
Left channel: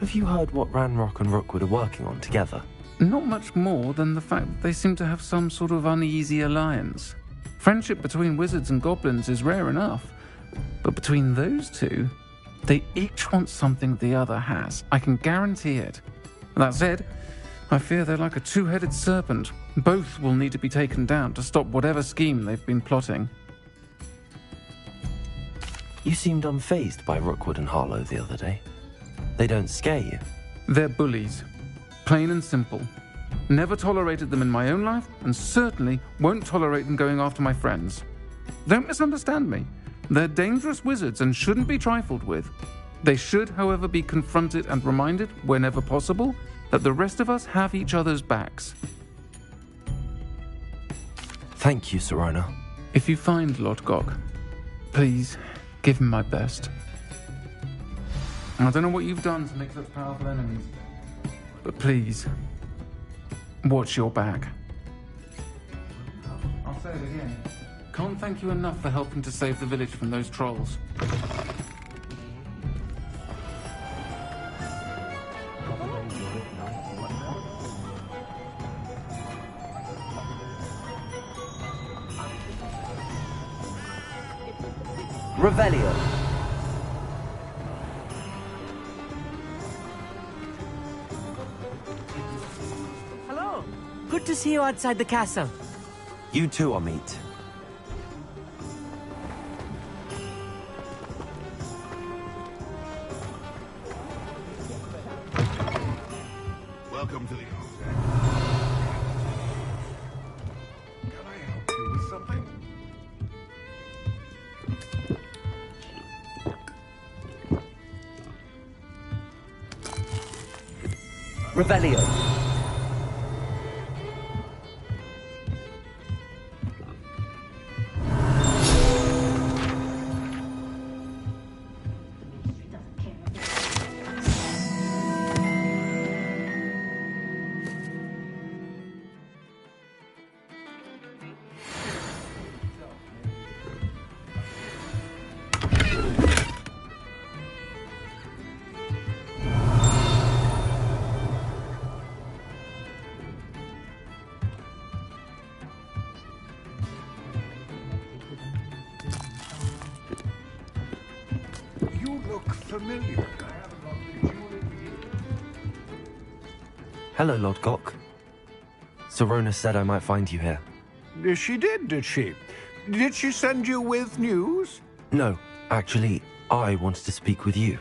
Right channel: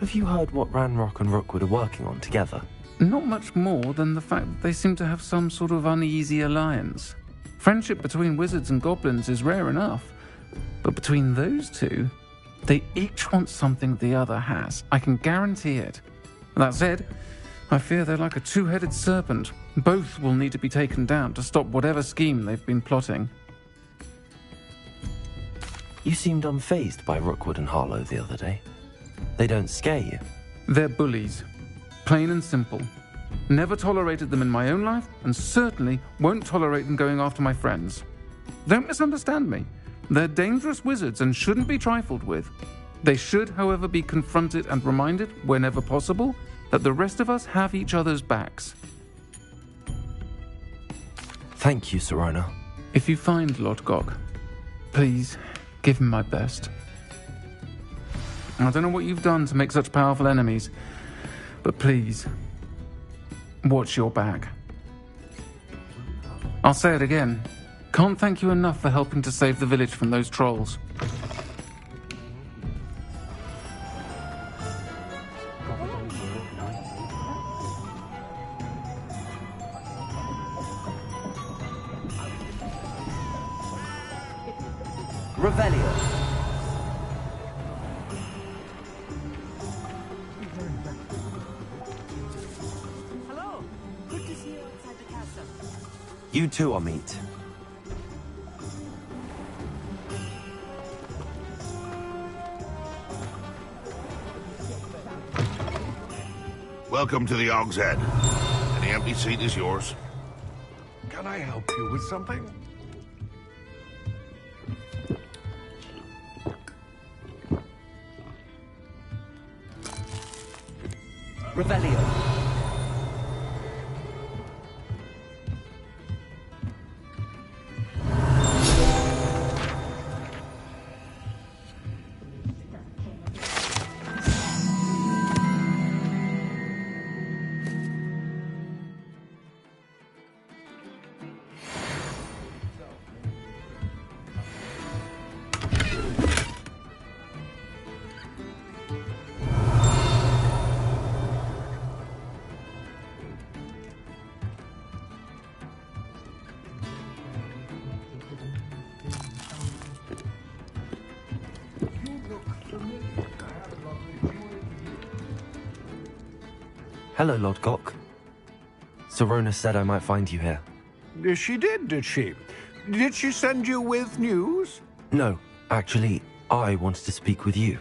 Have you heard what Ranrock and Rookwood are working on together? Not much more than the fact that they seem to have some sort of uneasy alliance. Friendship between wizards and goblins is rare enough, but between those two, they each want something the other has. I can guarantee it. That said, I fear they're like a two-headed serpent. Both will need to be taken down to stop whatever scheme they've been plotting. You seemed unfazed by Rookwood and Harlow the other day. They don't scare you. They're bullies. Plain and simple. Never tolerated them in my own life, and certainly won't tolerate them going after my friends. Don't misunderstand me. They're dangerous wizards and shouldn't be trifled with. They should, however, be confronted and reminded, whenever possible, that the rest of us have each other's backs. Thank you, Sirona. If you find Lodgok, please give him my best. I don't know what you've done to make such powerful enemies, but please, watch your back. I'll say it again. Can't thank you enough for helping to save the village from those trolls. Revelio. Hello. Good to see you outside the castle. You too, Amit. Welcome to the Hog's Head. The empty seat is yours. Can I help you with something? Revelio. Hello, Lodgok. Serona said I might find you here. She did she? Did she send you with news? No, actually, I wanted to speak with you.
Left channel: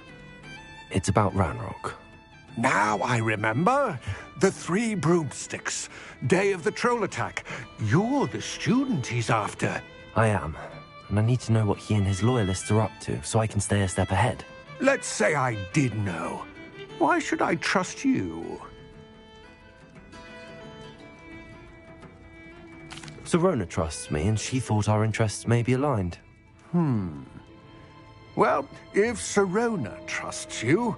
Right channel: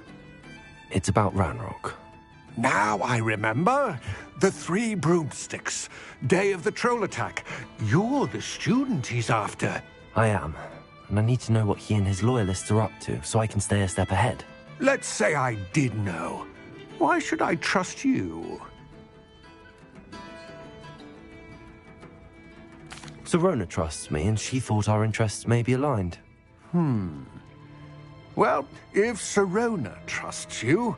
It's about Ranrock. Now I remember. The 3 broomsticks. Day of the troll attack. You're the student he's after. I am, and I need to know what he and his loyalists are up to so I can stay a step ahead. Let's say I did know. Why should I trust you? Serona trusts me, and she thought our interests may be aligned. Well, if Serona trusts you,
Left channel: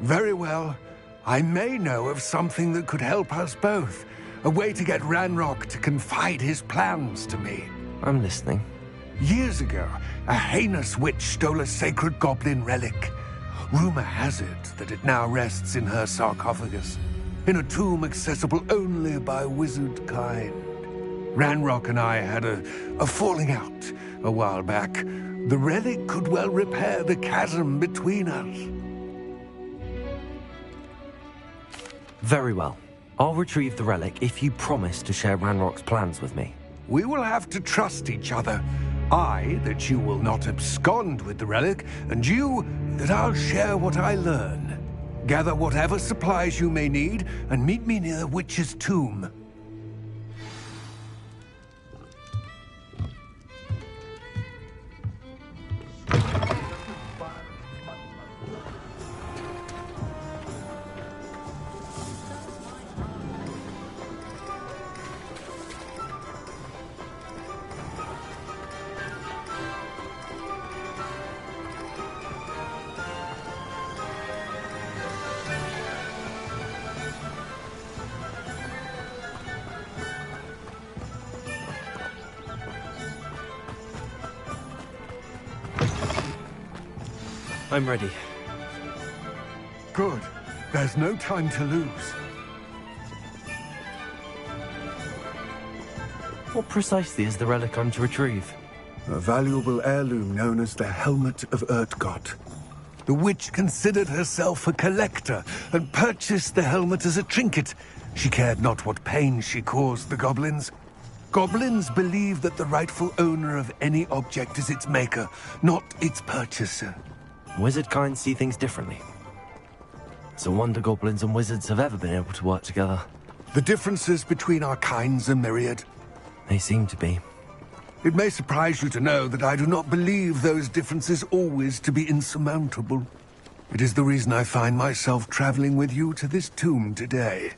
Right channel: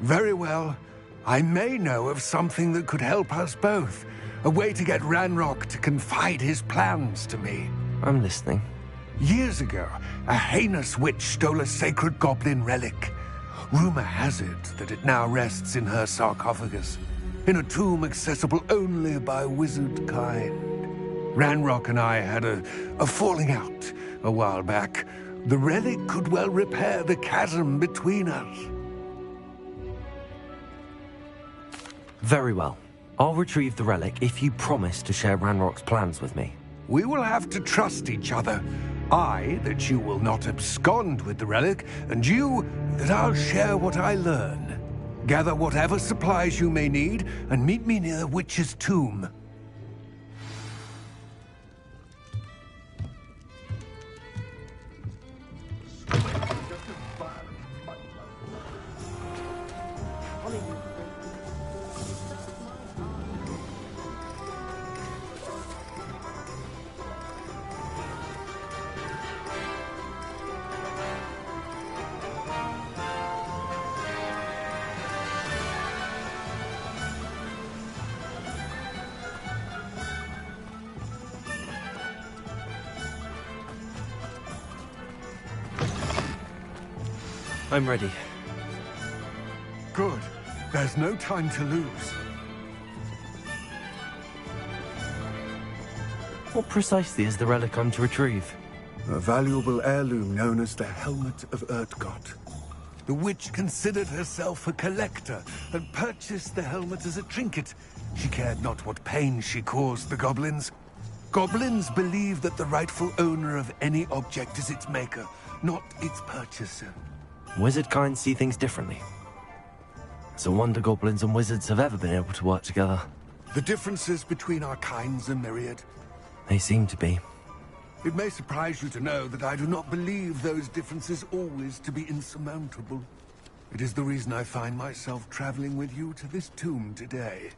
very well. I may know of something that could help us both. A way to get Ranrock to confide his plans to me. I'm listening. Years ago, a heinous witch stole a sacred goblin relic. Rumor has it that it now rests in her sarcophagus, in a tomb accessible only by wizard kind. Ranrock and I had a falling out a while back. The relic could well repair the chasm between us. Very well. I'll retrieve the relic if you promise to share Ranrock's plans with me. We will have to trust each other. I, that you will not abscond with the relic, and you, that I'll share what I learn. Gather whatever supplies you may need, and meet me near the witch's tomb. I'm ready. Good. There's no time to lose. What precisely is the relic I'm to retrieve? A valuable heirloom known as the Helmet of Urtgott. The witch considered herself a collector and purchased the helmet as a trinket. She cared not what pain she caused the goblins. Goblins believe that the rightful owner of any object is its maker, not its purchaser. Wizard kind see things differently. It's a wonder goblins and wizards have ever been able to work together. The differences between our kinds are myriad. They seem to be. It may surprise you to know that I do not believe those differences always to be insurmountable. It is the reason I find myself traveling with you to this tomb today.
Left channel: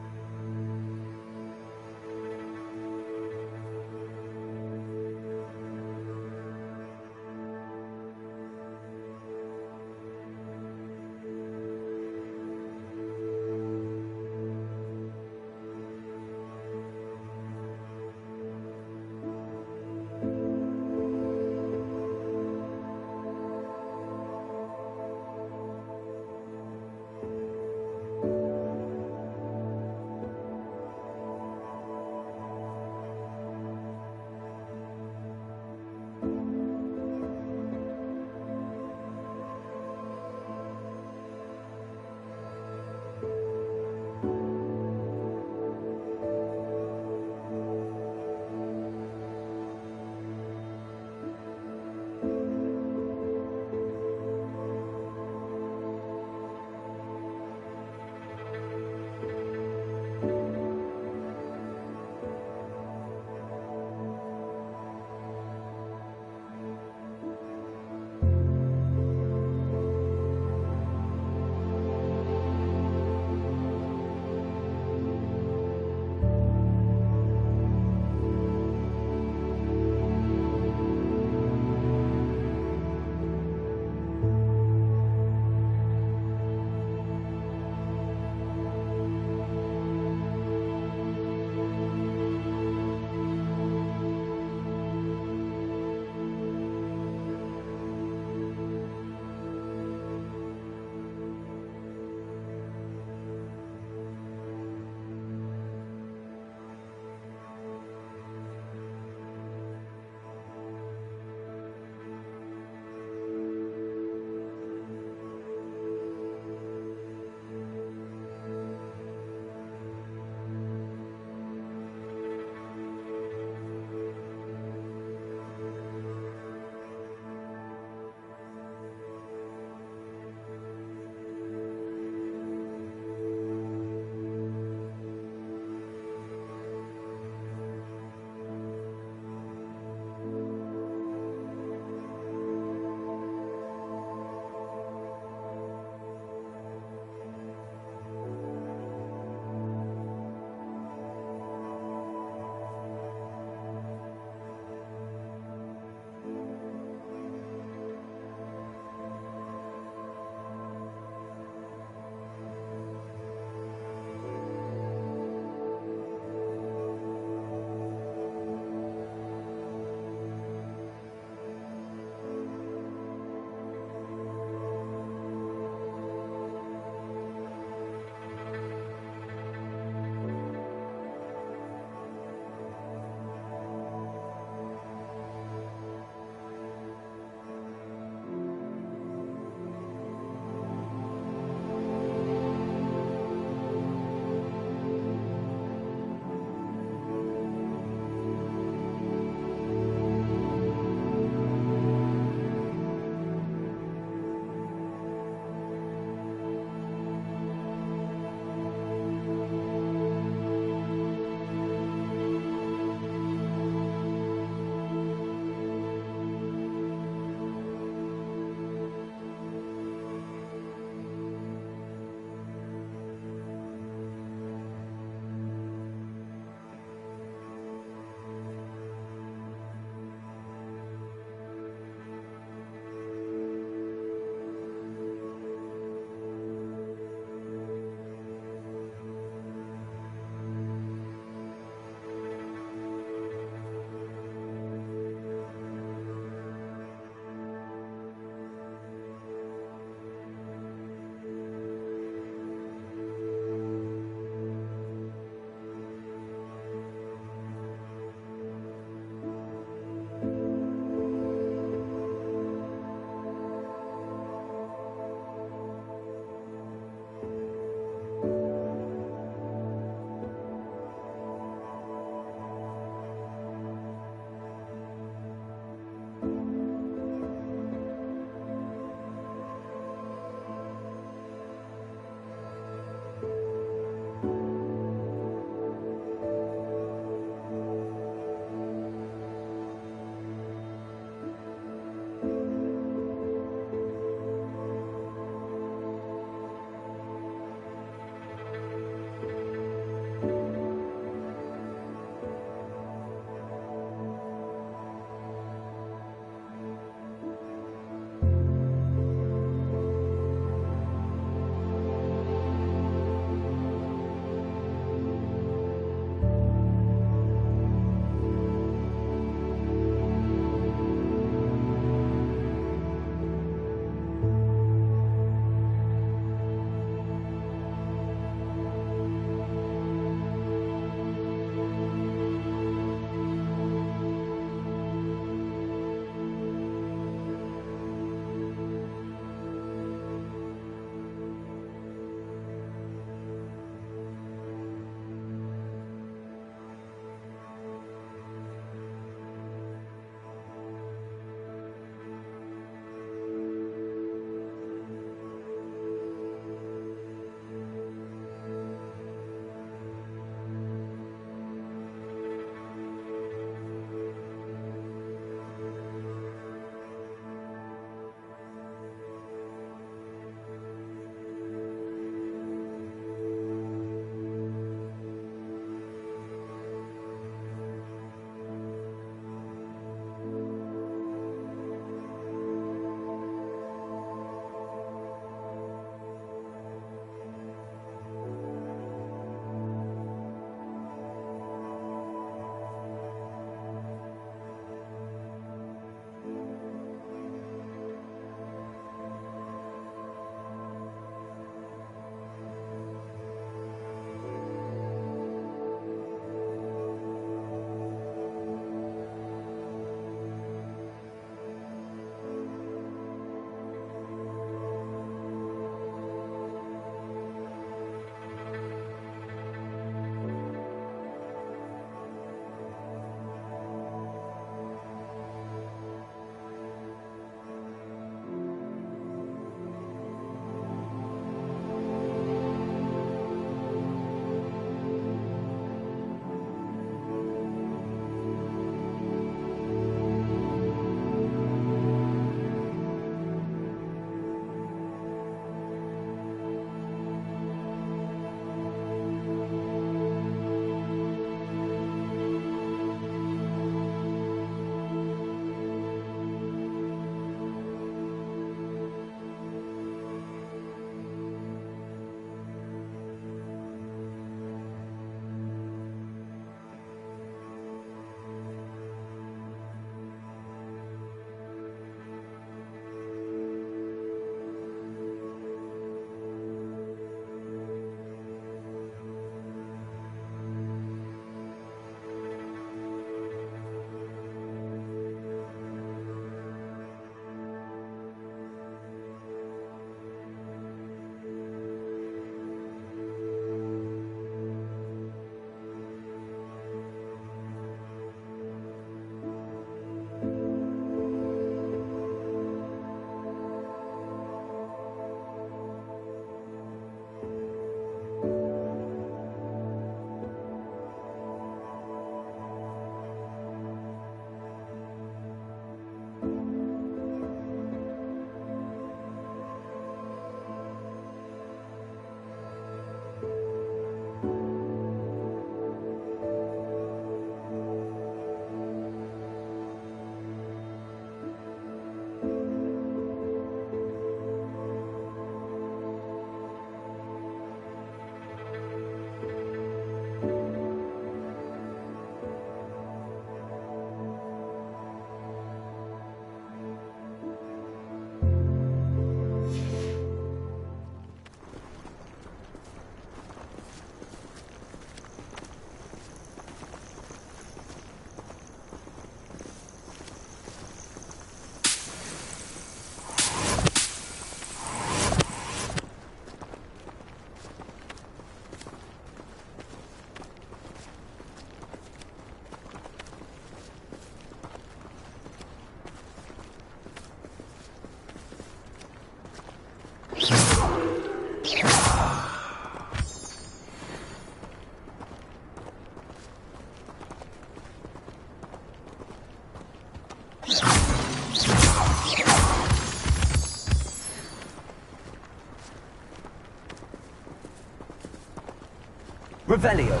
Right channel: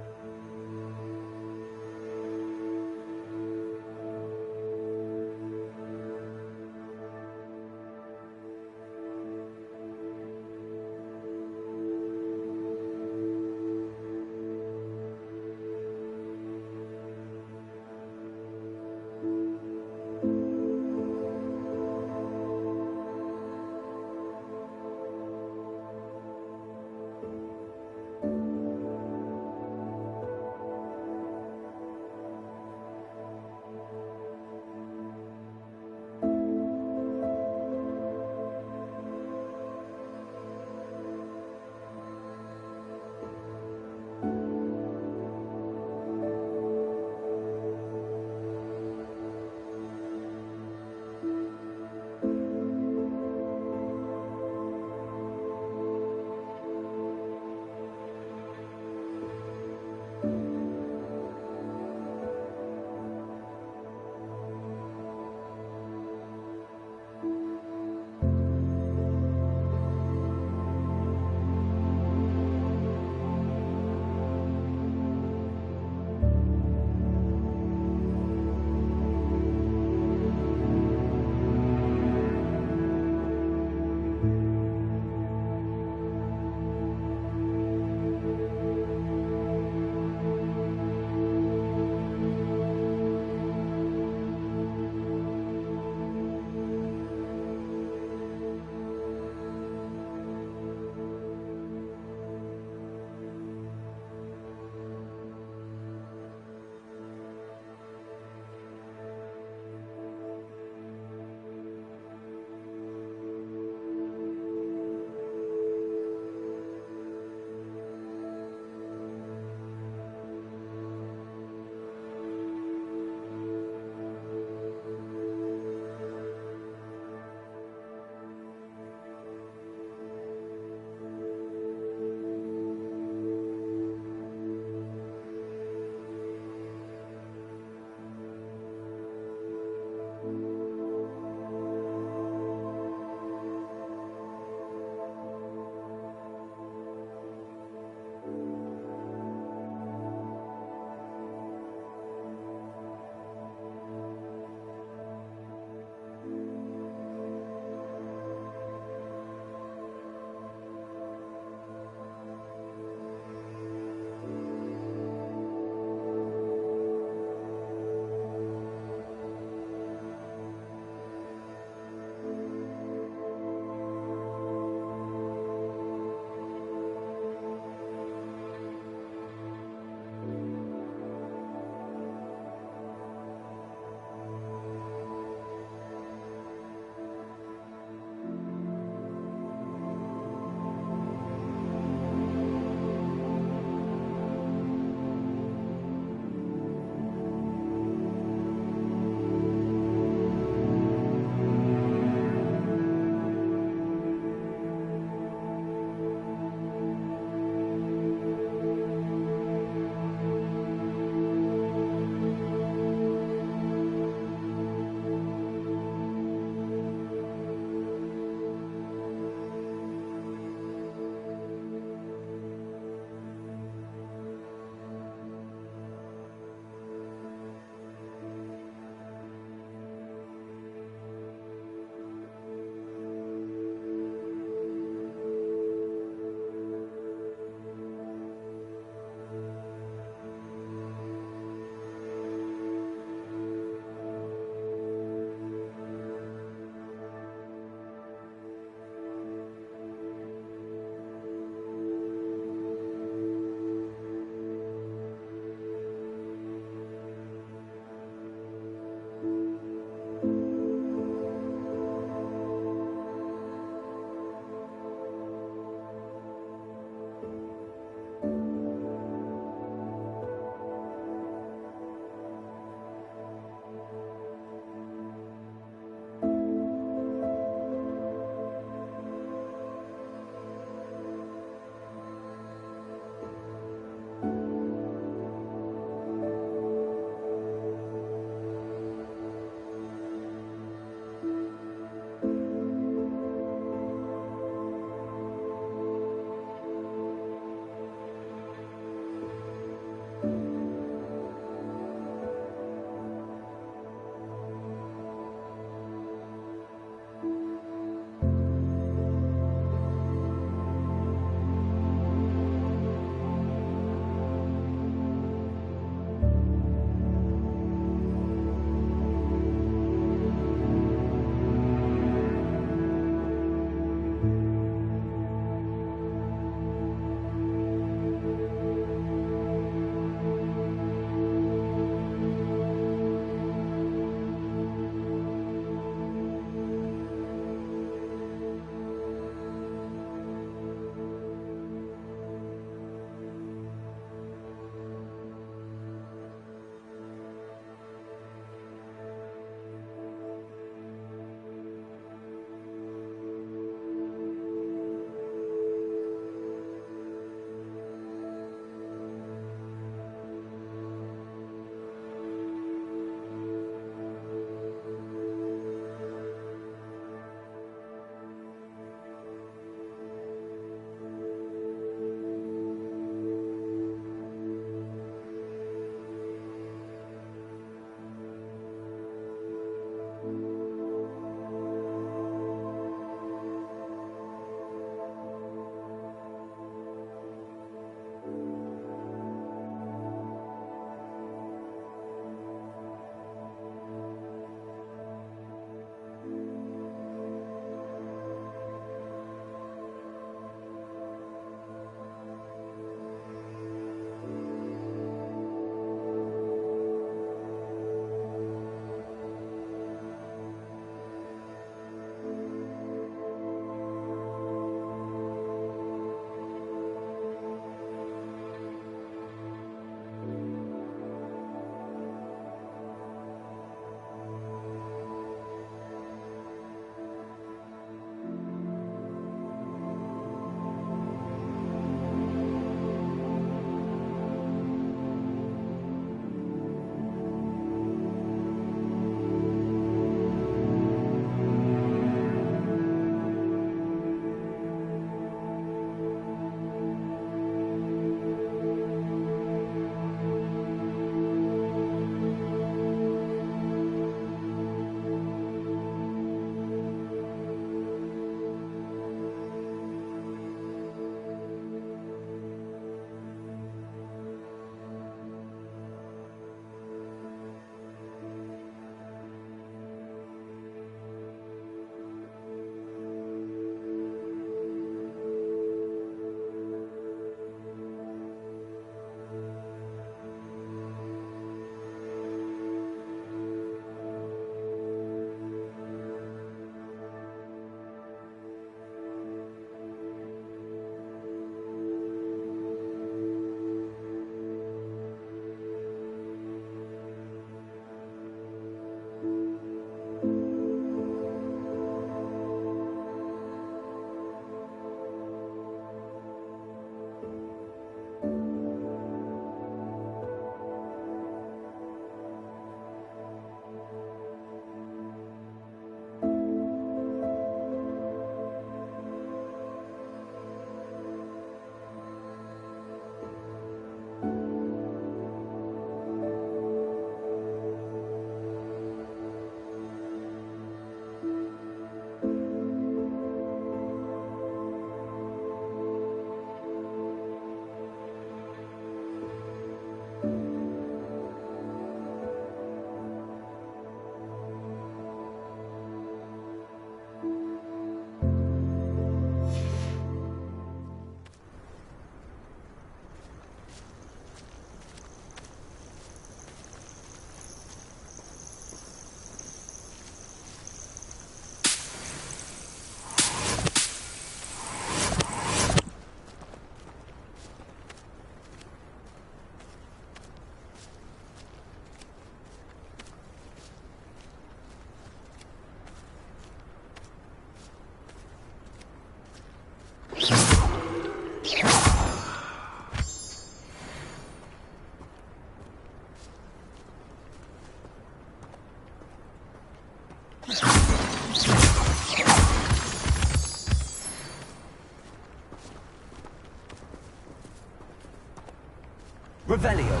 Revelio.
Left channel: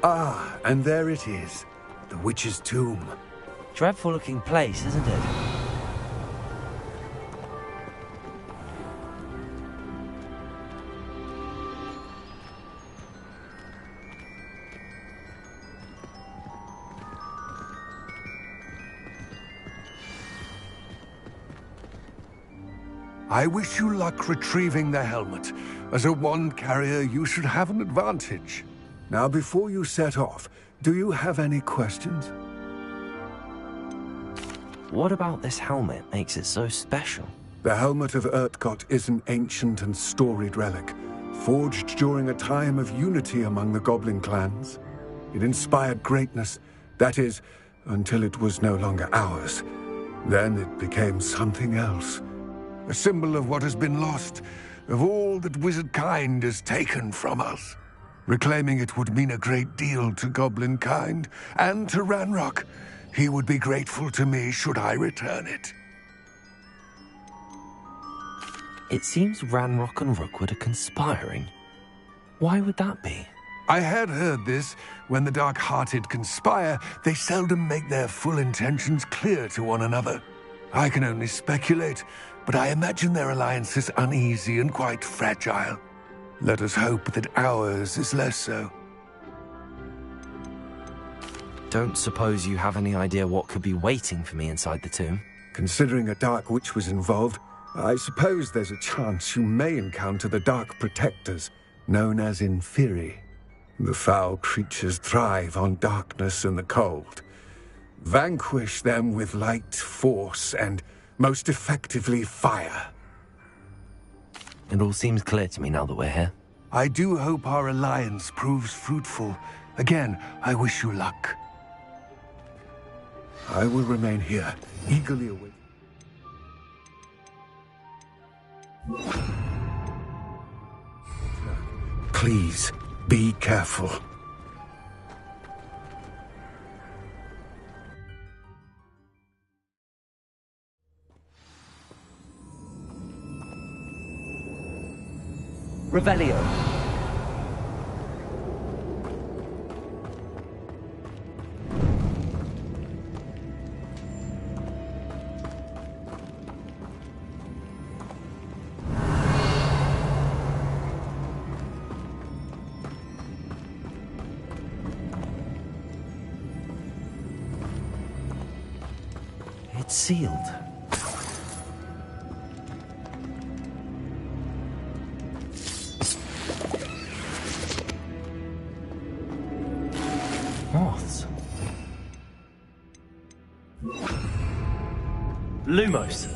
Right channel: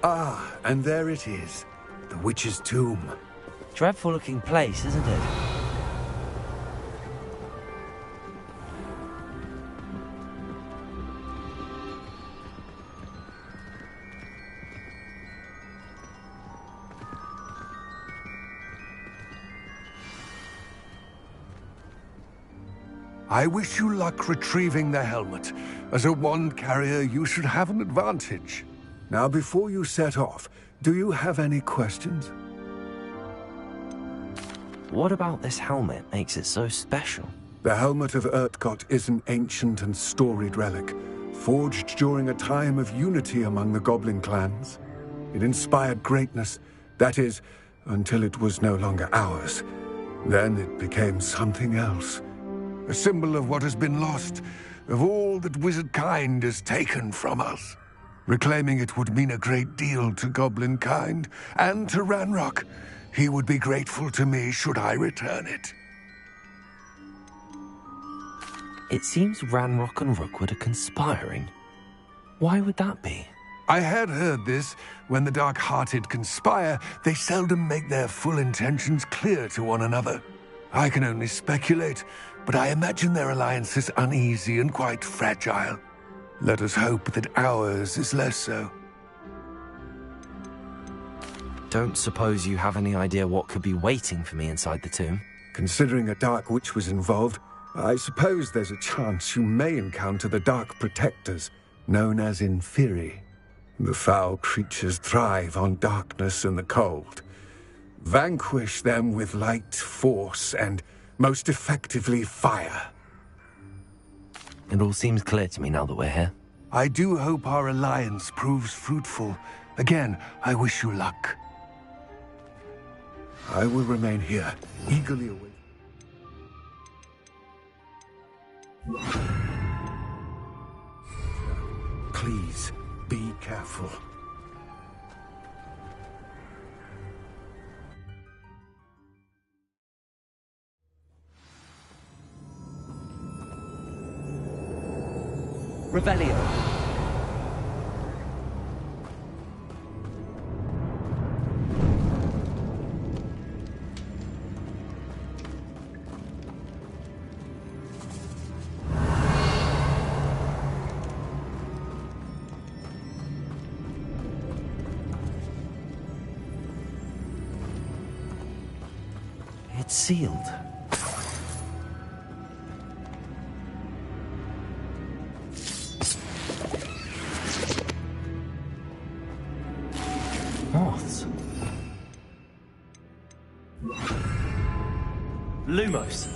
Ah, and there it is. The witch's tomb. Dreadful looking place, isn't it? I wish you luck retrieving the helmet. As a wand carrier, you should have an advantage. Now, before you set off, do you have any questions? What about this helmet makes it so special? The helmet of Urtkot is an ancient and storied relic, forged during a time of unity among the goblin clans. It inspired greatness, that is, until it was no longer ours. Then it became something else. A symbol of what has been lost, of all that wizard kind has taken from us. Reclaiming it would mean a great deal to goblin kind, and to Ranrock. He would be grateful to me should I return it. It seems Ranrock and Rookwood are conspiring. Why would that be? I had heard this. When the dark-hearted conspire, they seldom make their full intentions clear to one another. I can only speculate, but I imagine their alliance is uneasy and quite fragile. Let us hope that ours is less so. Don't suppose you have any idea what could be waiting for me inside the tomb? Considering a dark witch was involved, I suppose there's a chance you may encounter the Dark Protectors, known as Inferi. The foul creatures thrive on darkness and the cold. Vanquish them with light, force, and most effectively fire. It all seems clear to me now that we're here. I do hope our alliance proves fruitful. Again, I wish you luck. I will remain here, eagerly awaiting. Please, be careful. Revelio. It's sealed. Moths. Lumos.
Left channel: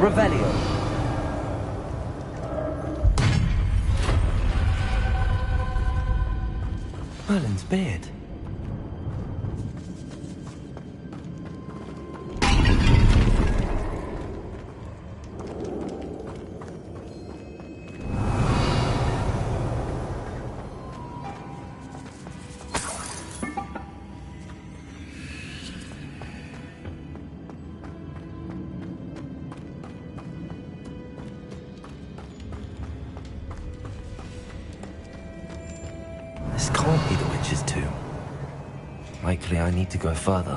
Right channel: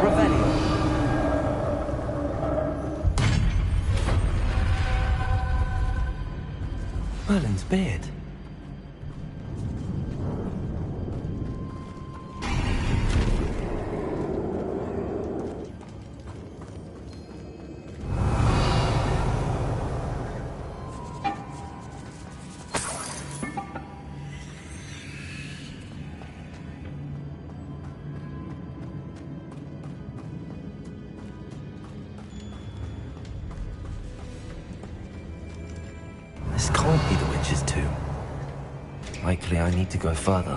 Revelio. Merlin's beard. This can't be the witch's tomb. Likely I need to go further.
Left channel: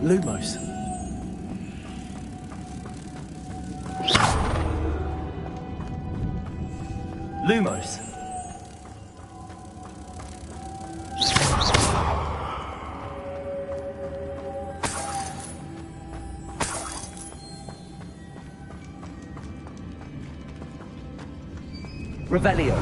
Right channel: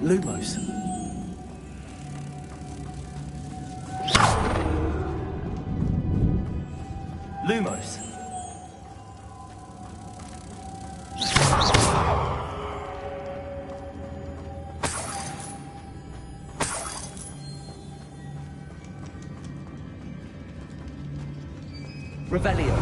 Lumos. Lumos. Revelio.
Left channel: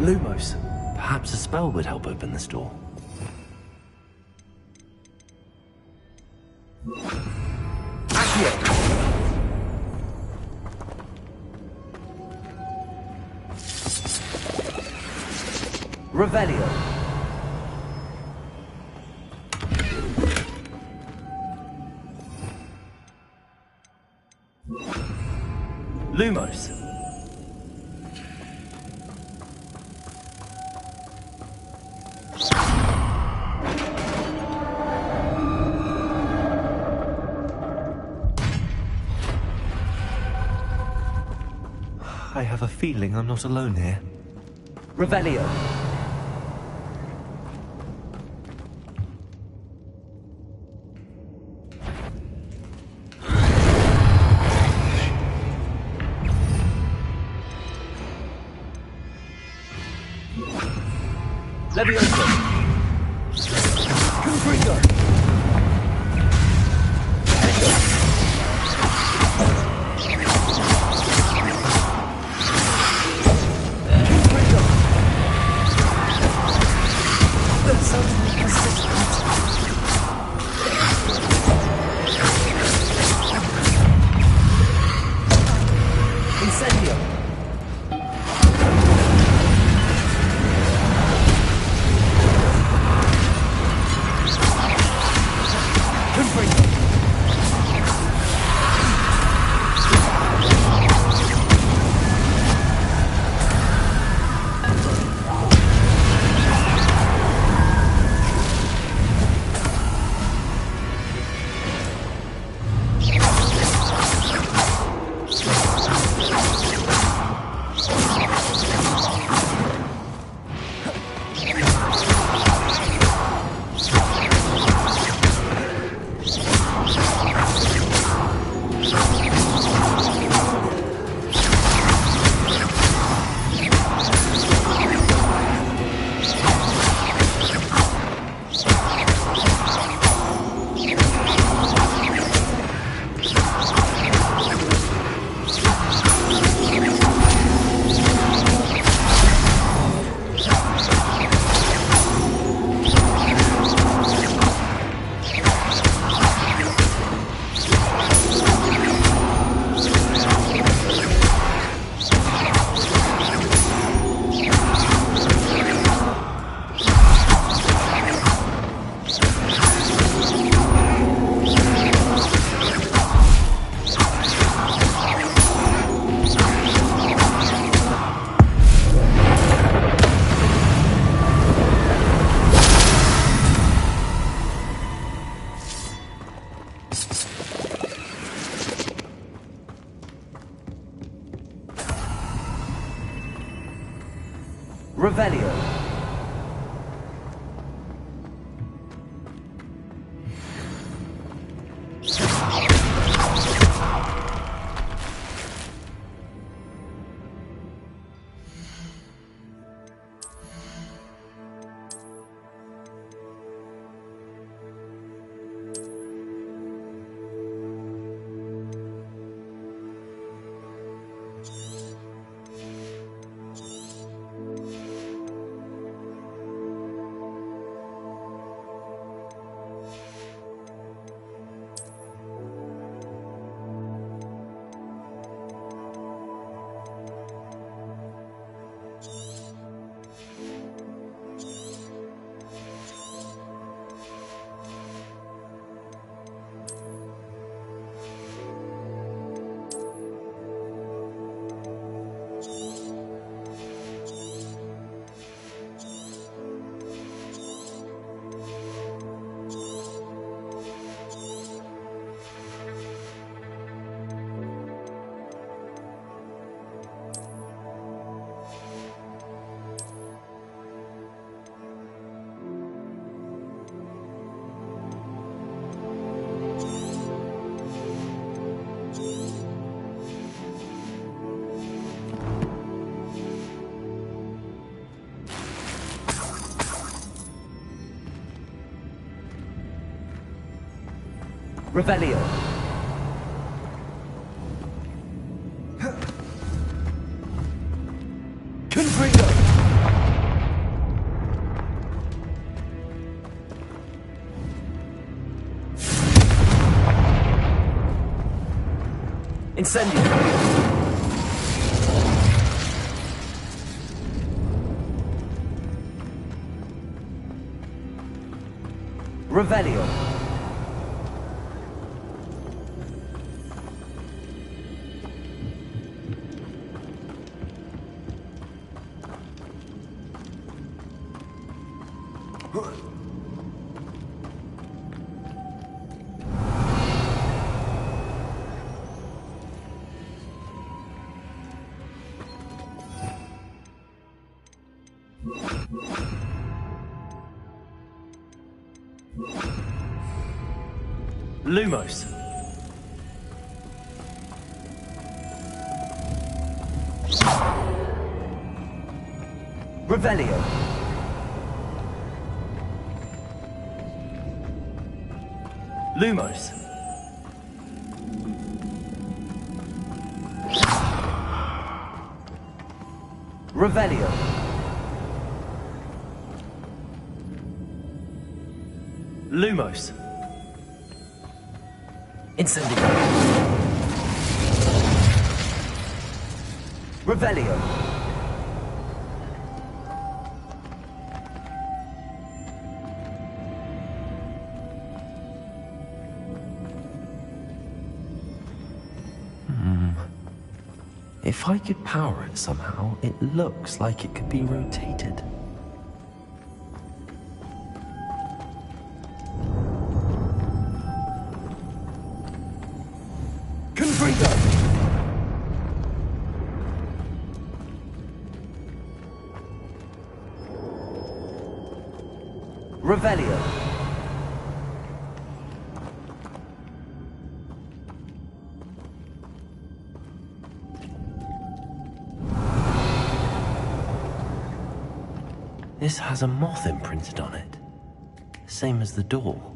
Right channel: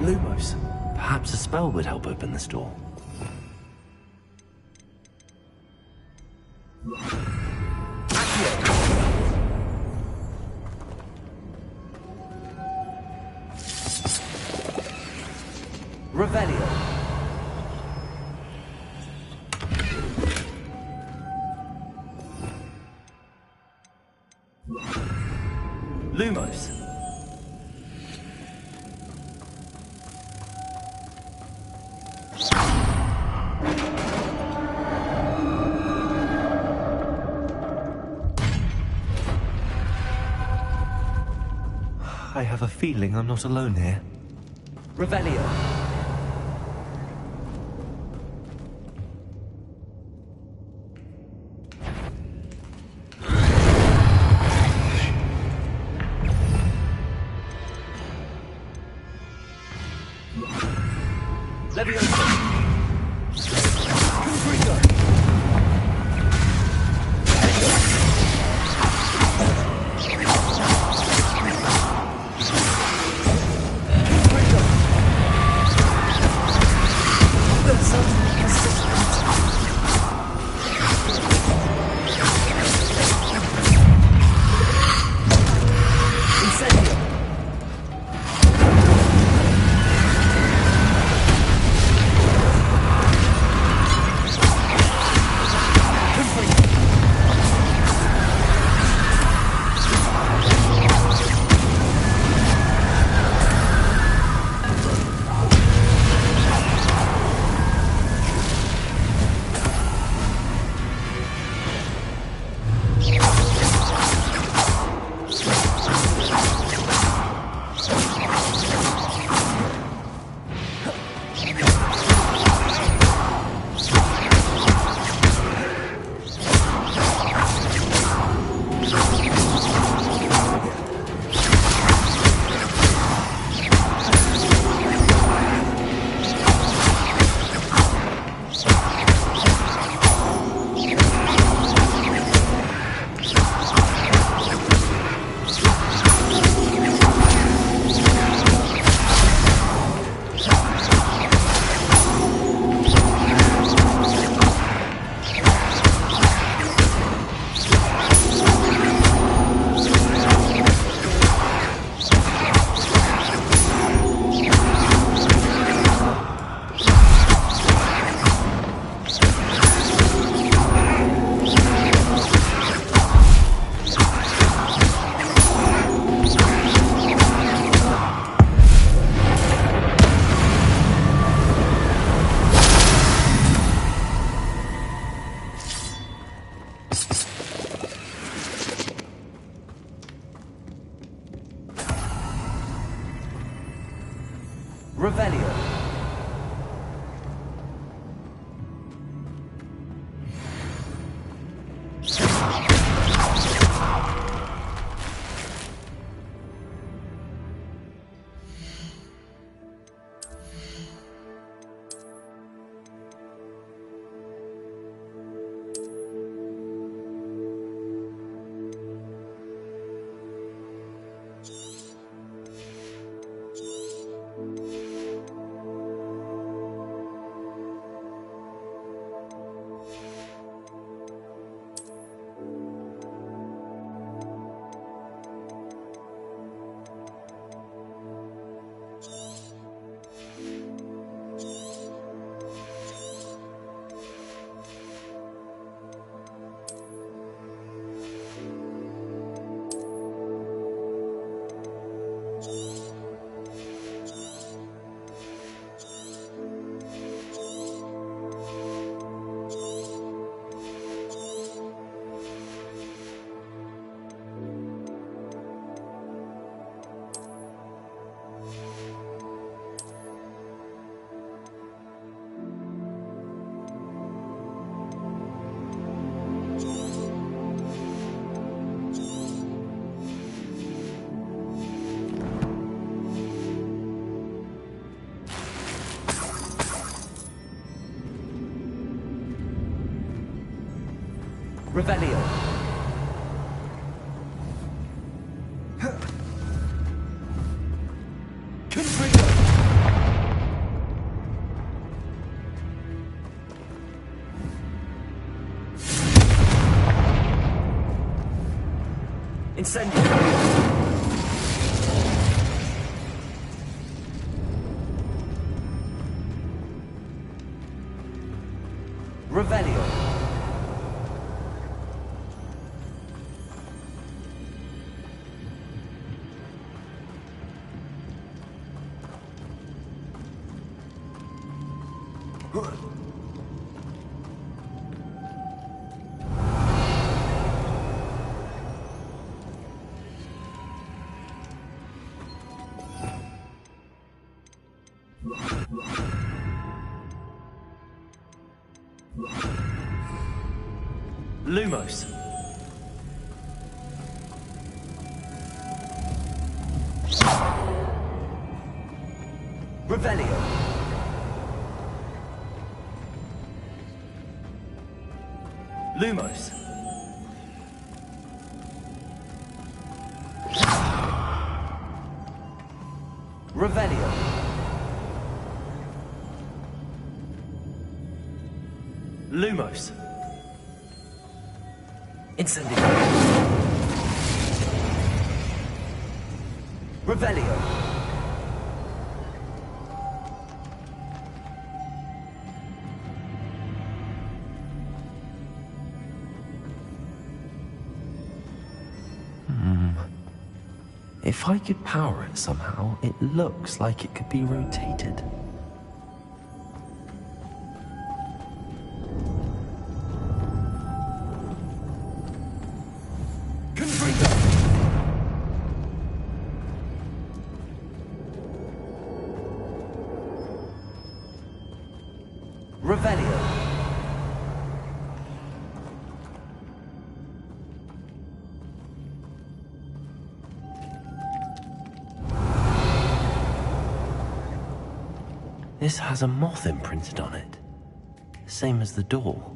Lumos. Perhaps a spell would help open this door. Revelio. Lumos. I have a feeling I'm not alone here. Revelio. Levioso. Confringo. Revelio. Revelio. Confringo. Incendio. Revelio. Lumos. Revelio. Lumos. Revelio. Lumos. Incendio. Revelio. If I could power it somehow, it looks like it could be rotated. Revelio. This has a moth imprinted on it, same as the door.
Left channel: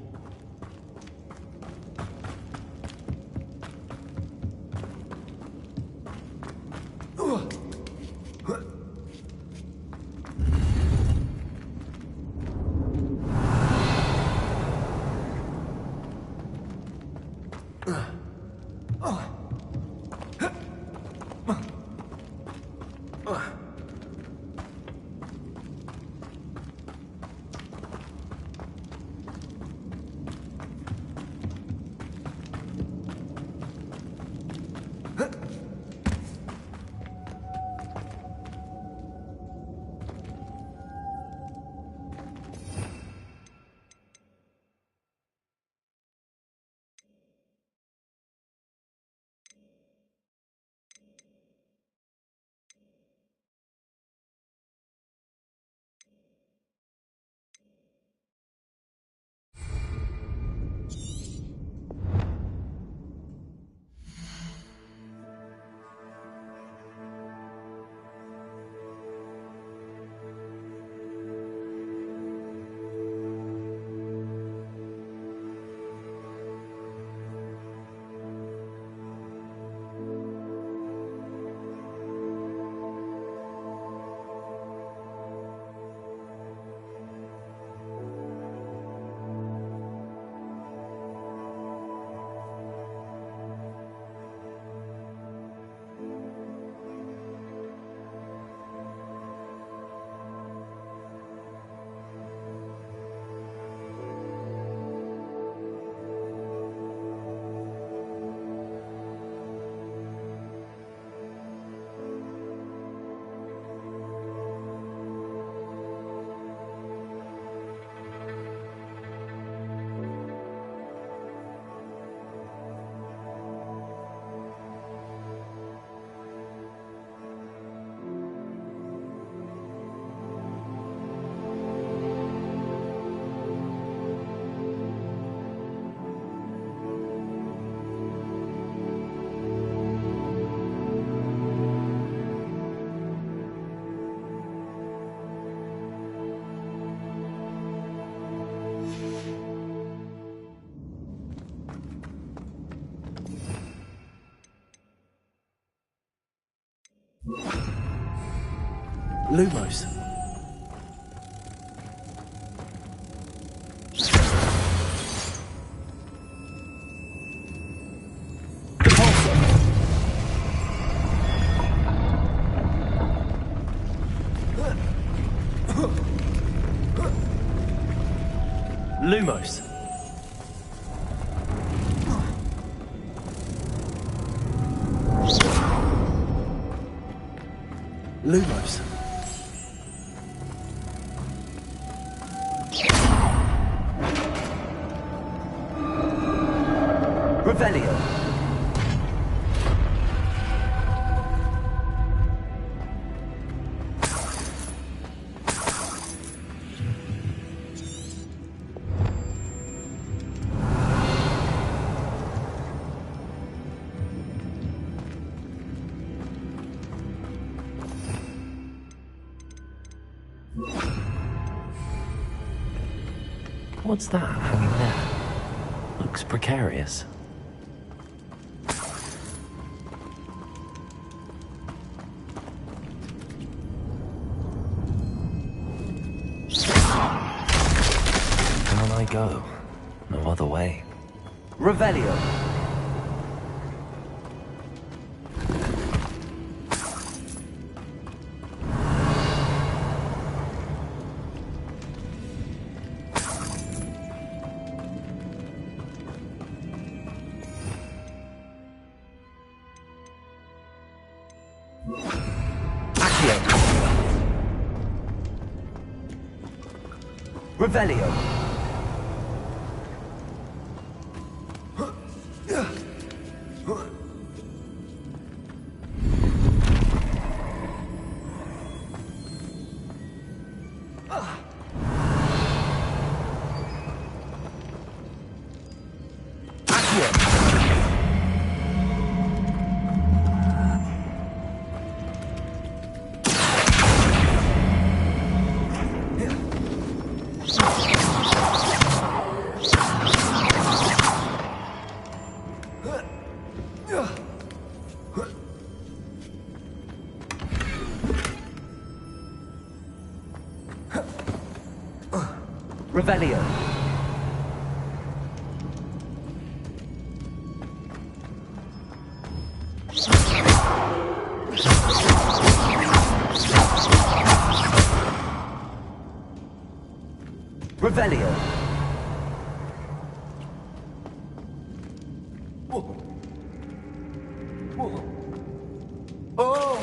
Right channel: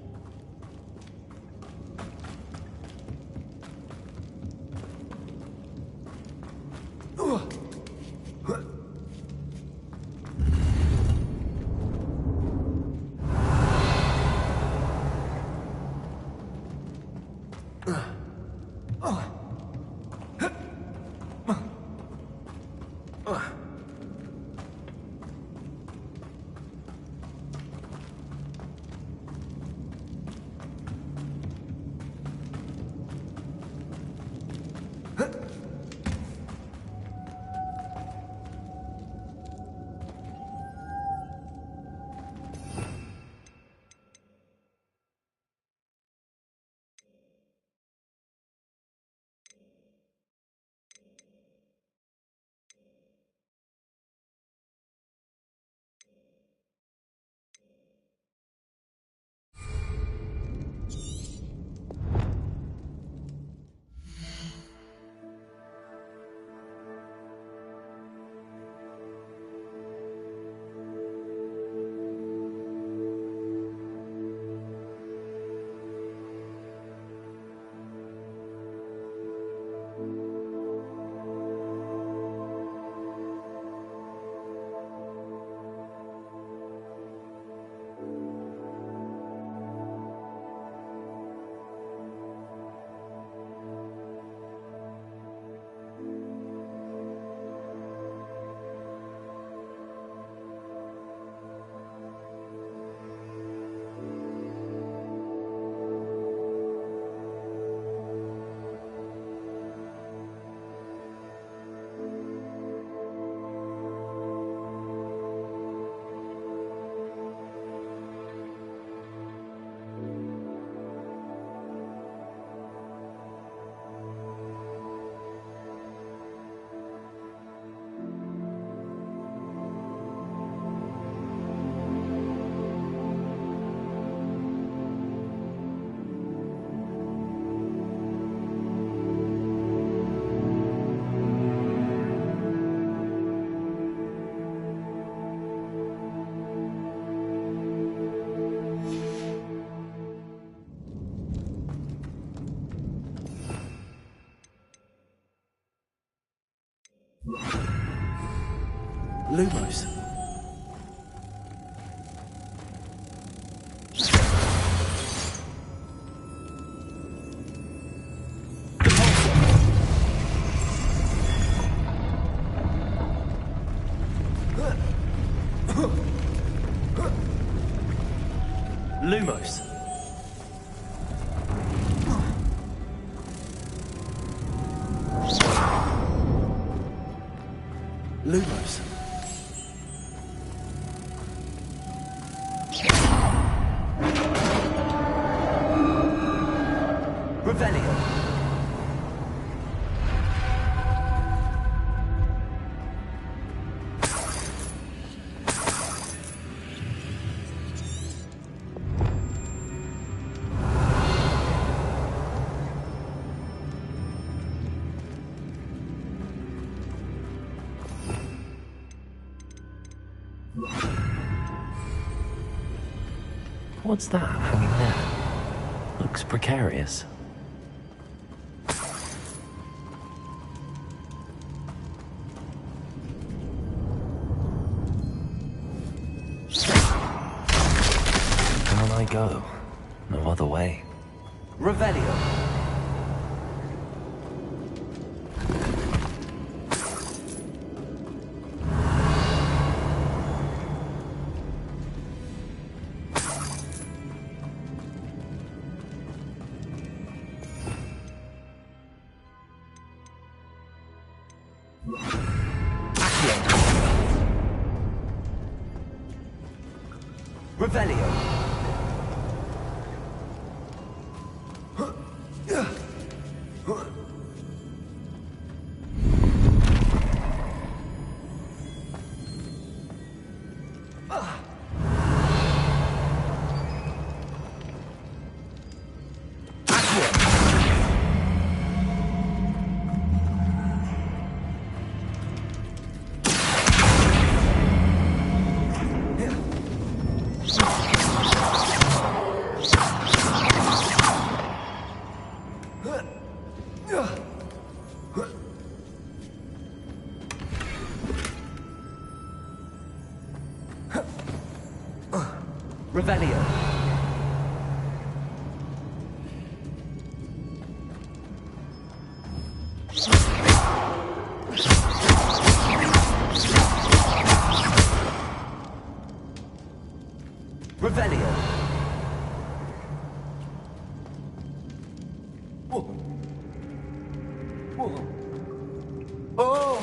Lumos. Lumos. Lumos. Revelio. What's that hanging there? Looks precarious. On I go. No other way. Revelio. Revelio. Revelio. Revelio. Oh!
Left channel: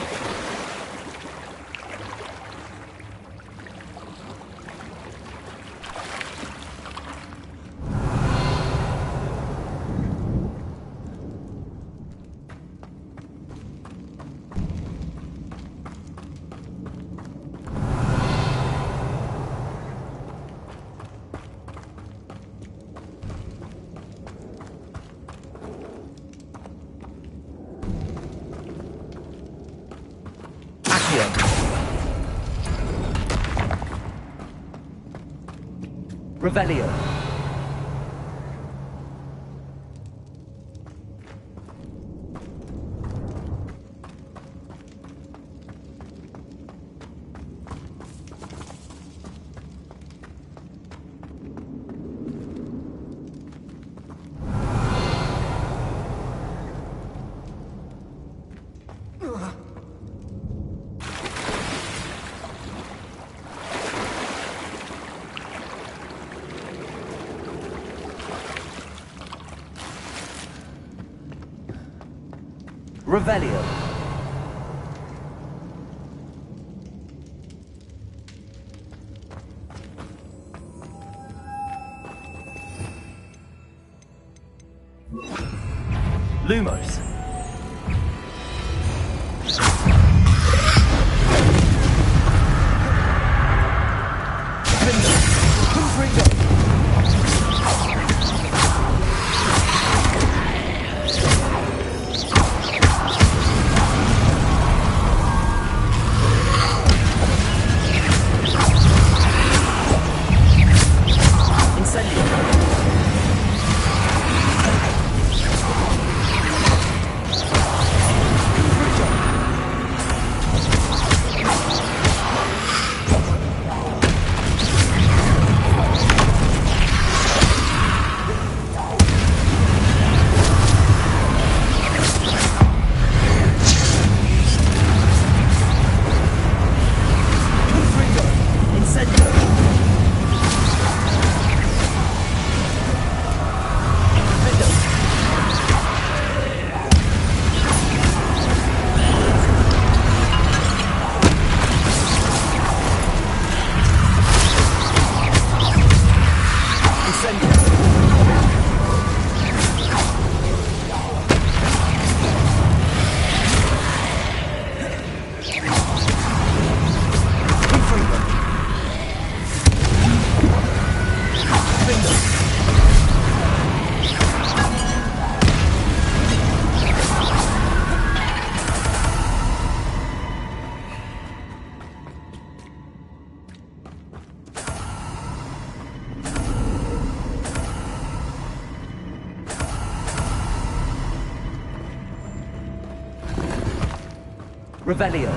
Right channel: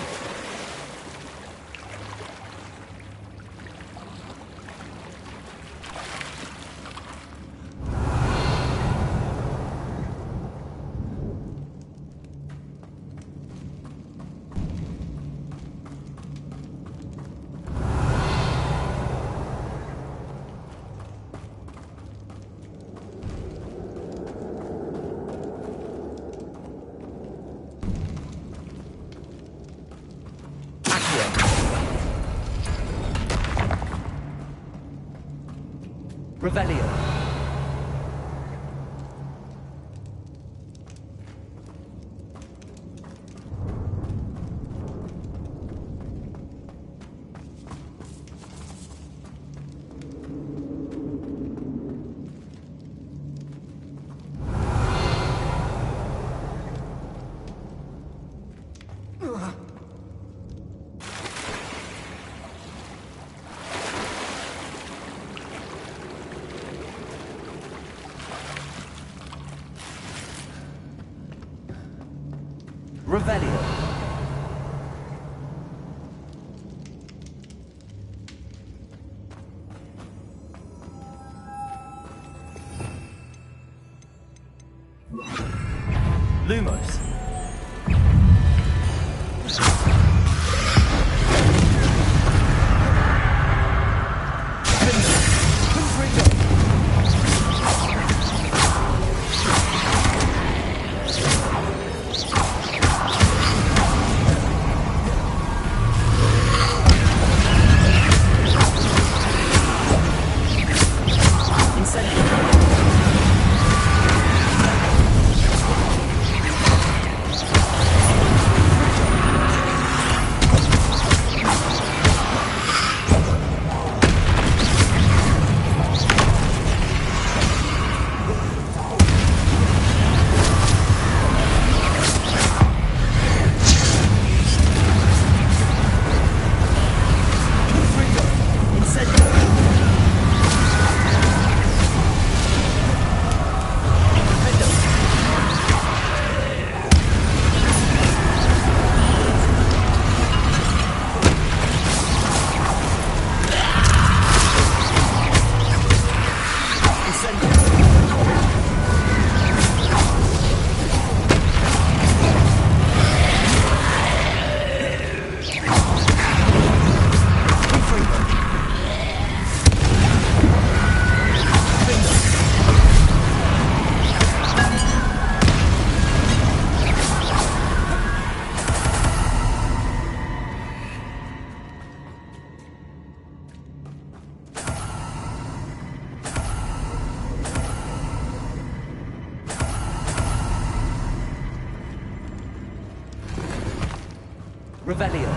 Revelio. Revelio. Lumos. Revelio.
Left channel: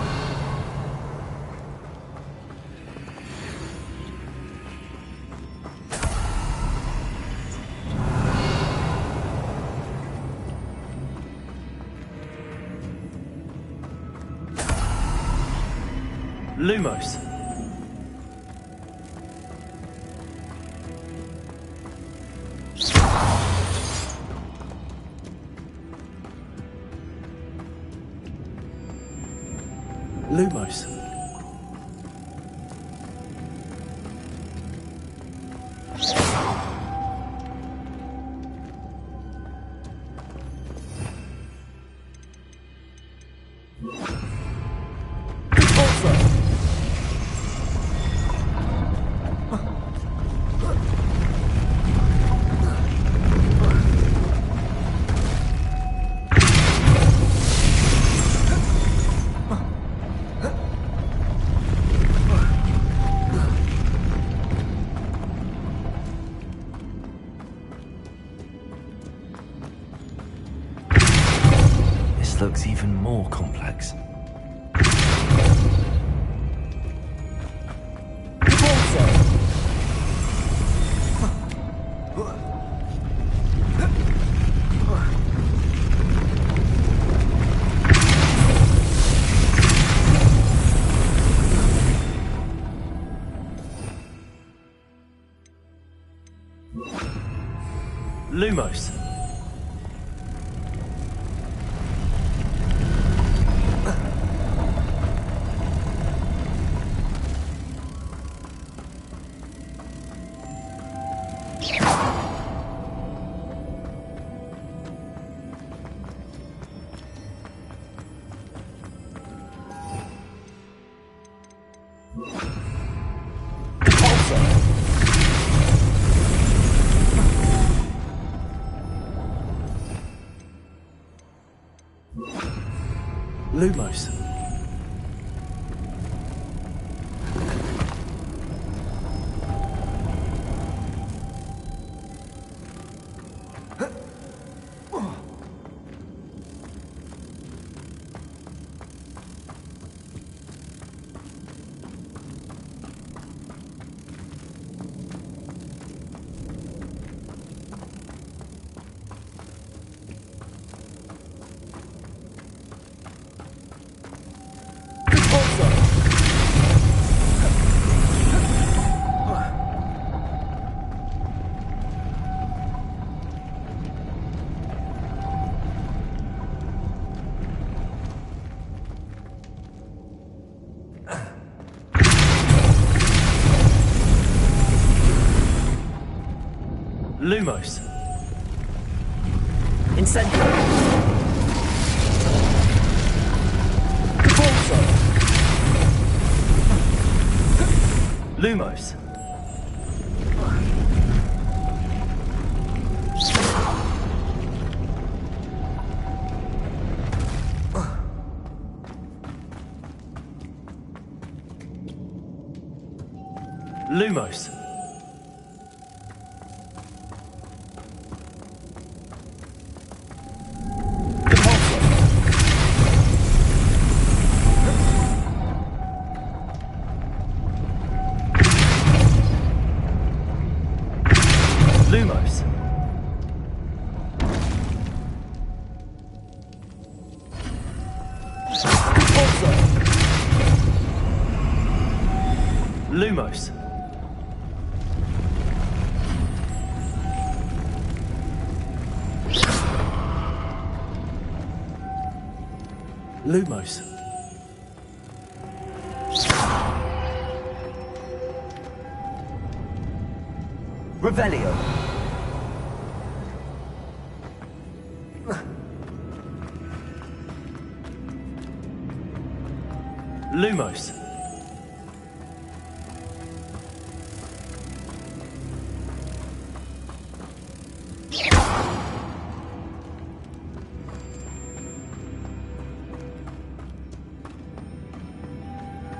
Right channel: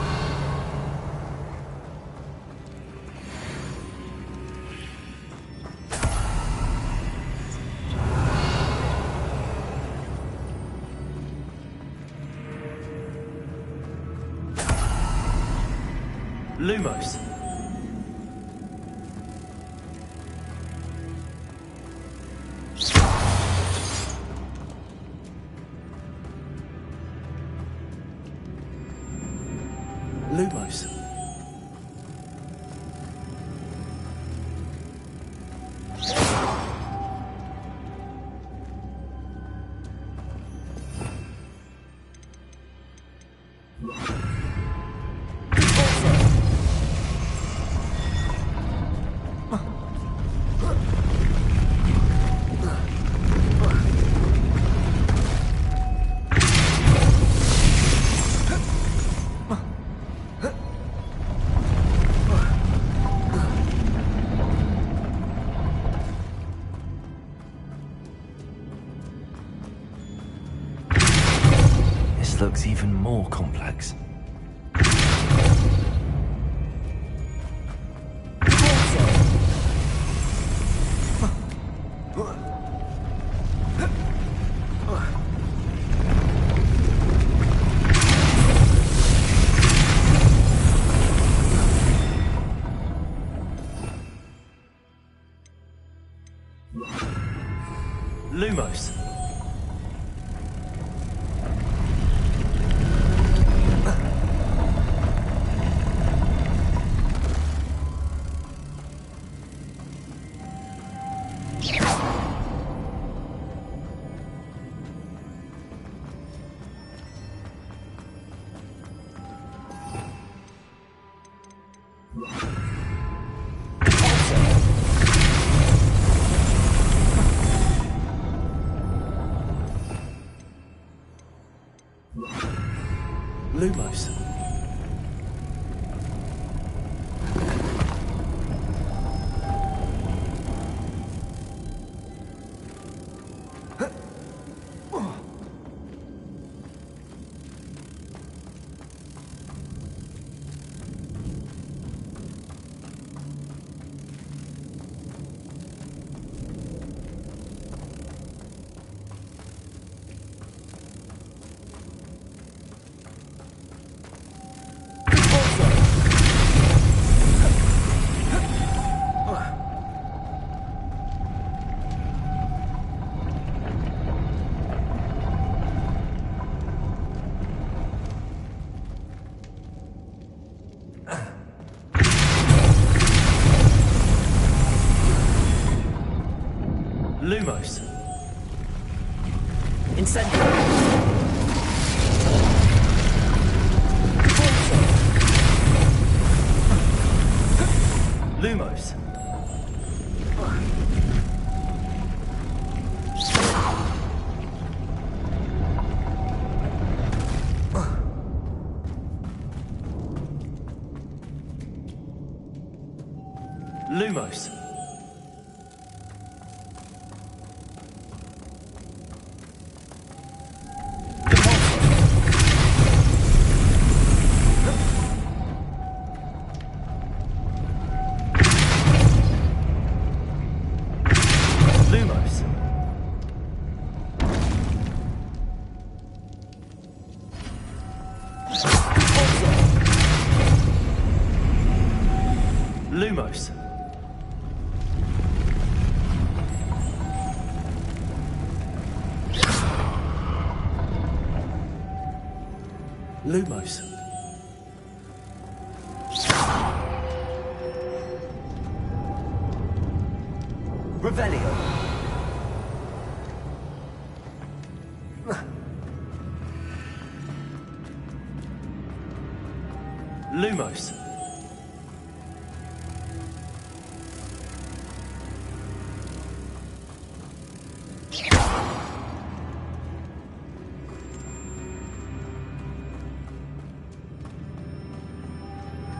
Lumos. Lumos. This looks even more complex. Lumos. Lumos. Lumos. Incendio. Lumos. Lumos. Lumos. Lumos. Lumos. Revelio. Lumos.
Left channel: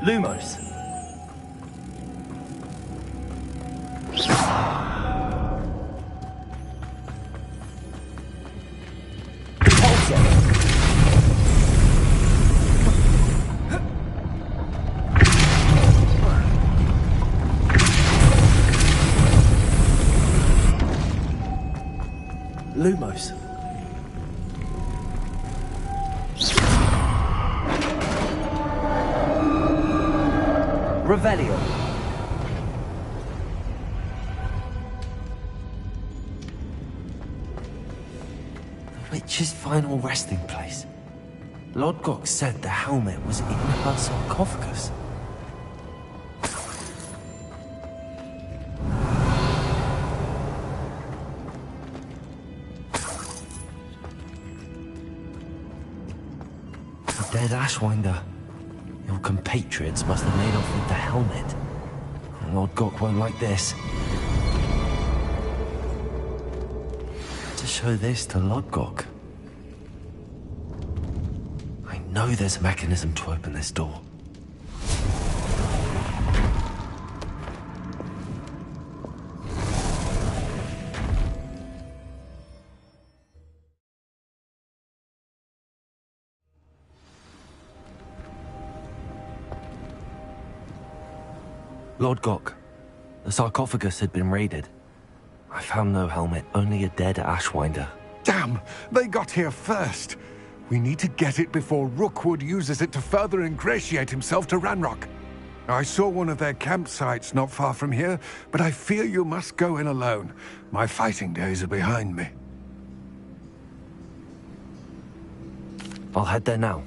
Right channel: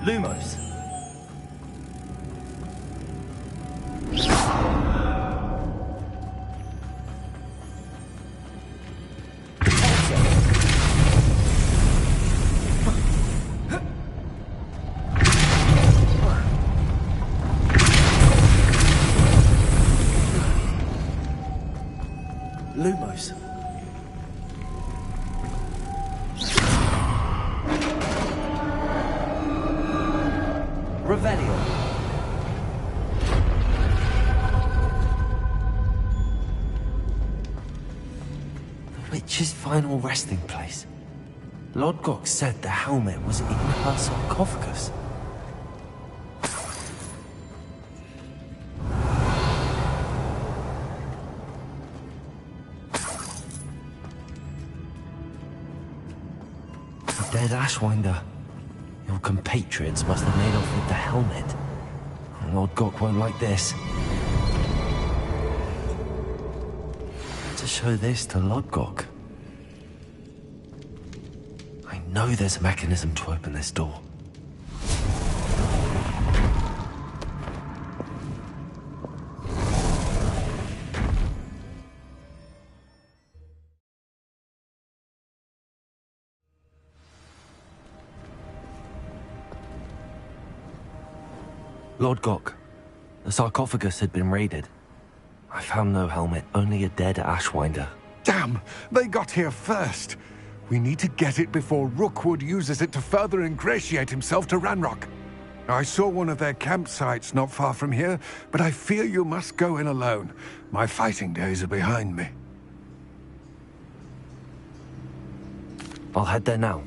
Lumos. Lumos. Revelio. The witch's final resting place. Lodgok said the helmet was in her sarcophagus. The dead Ashwinder. Your compatriots must have made off with the helmet. Lodgok won't like this. To show this to Lodgok. I know there's a mechanism to open this door. Lodgok, the sarcophagus had been raided. I found no helmet, only a dead Ashwinder. Damn! They got here first! We need to get it before Rookwood uses it to further ingratiate himself to Ranrock. I saw one of their campsites not far from here, but I fear you must go in alone. My fighting days are behind me. I'll head there now.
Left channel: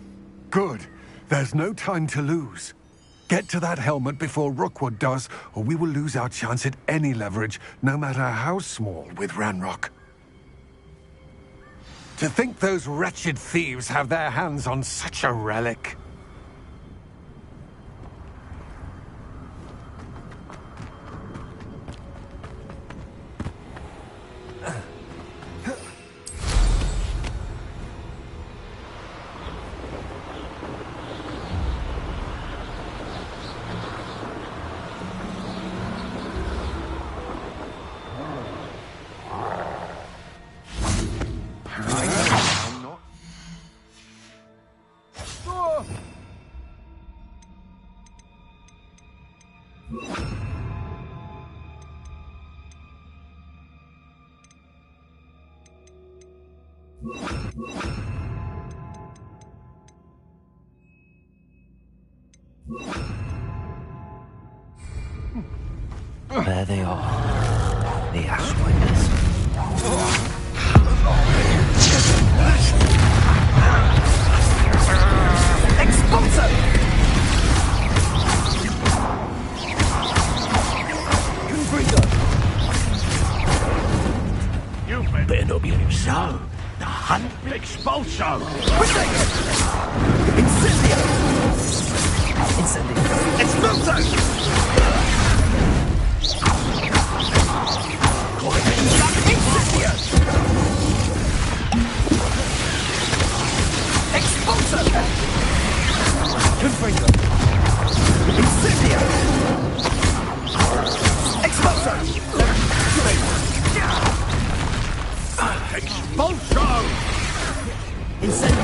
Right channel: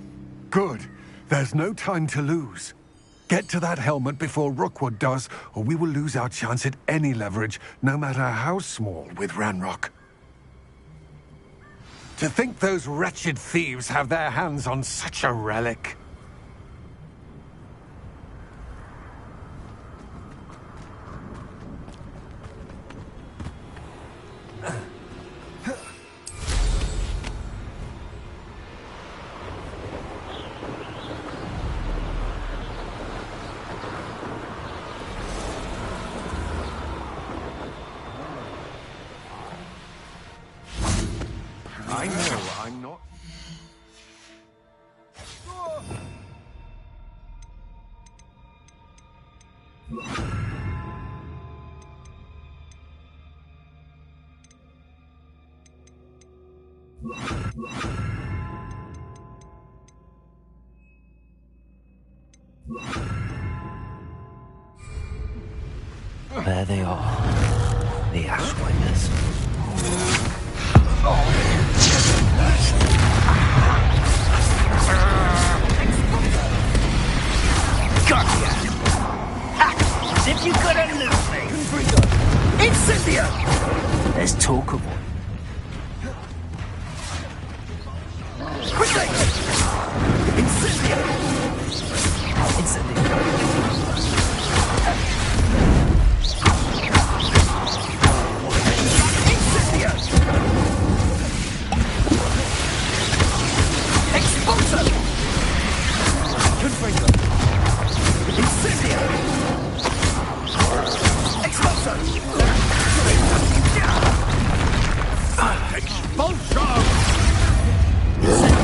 Good. There's no time to lose. Get to that helmet before Rookwood does, or we will lose our chance at any leverage, no matter how small, with Ranrock. To think those wretched thieves have their hands on such a relic. There they are, the Ashwinders. Expulsor! Confringo! Incendia! There's talk of you better not be loose. No, the hunt. Expulsor! Incendia! Incendia! Expulsor! Expulsor! Confringo! Incendia! Expulsor! Expulsor! Incendia!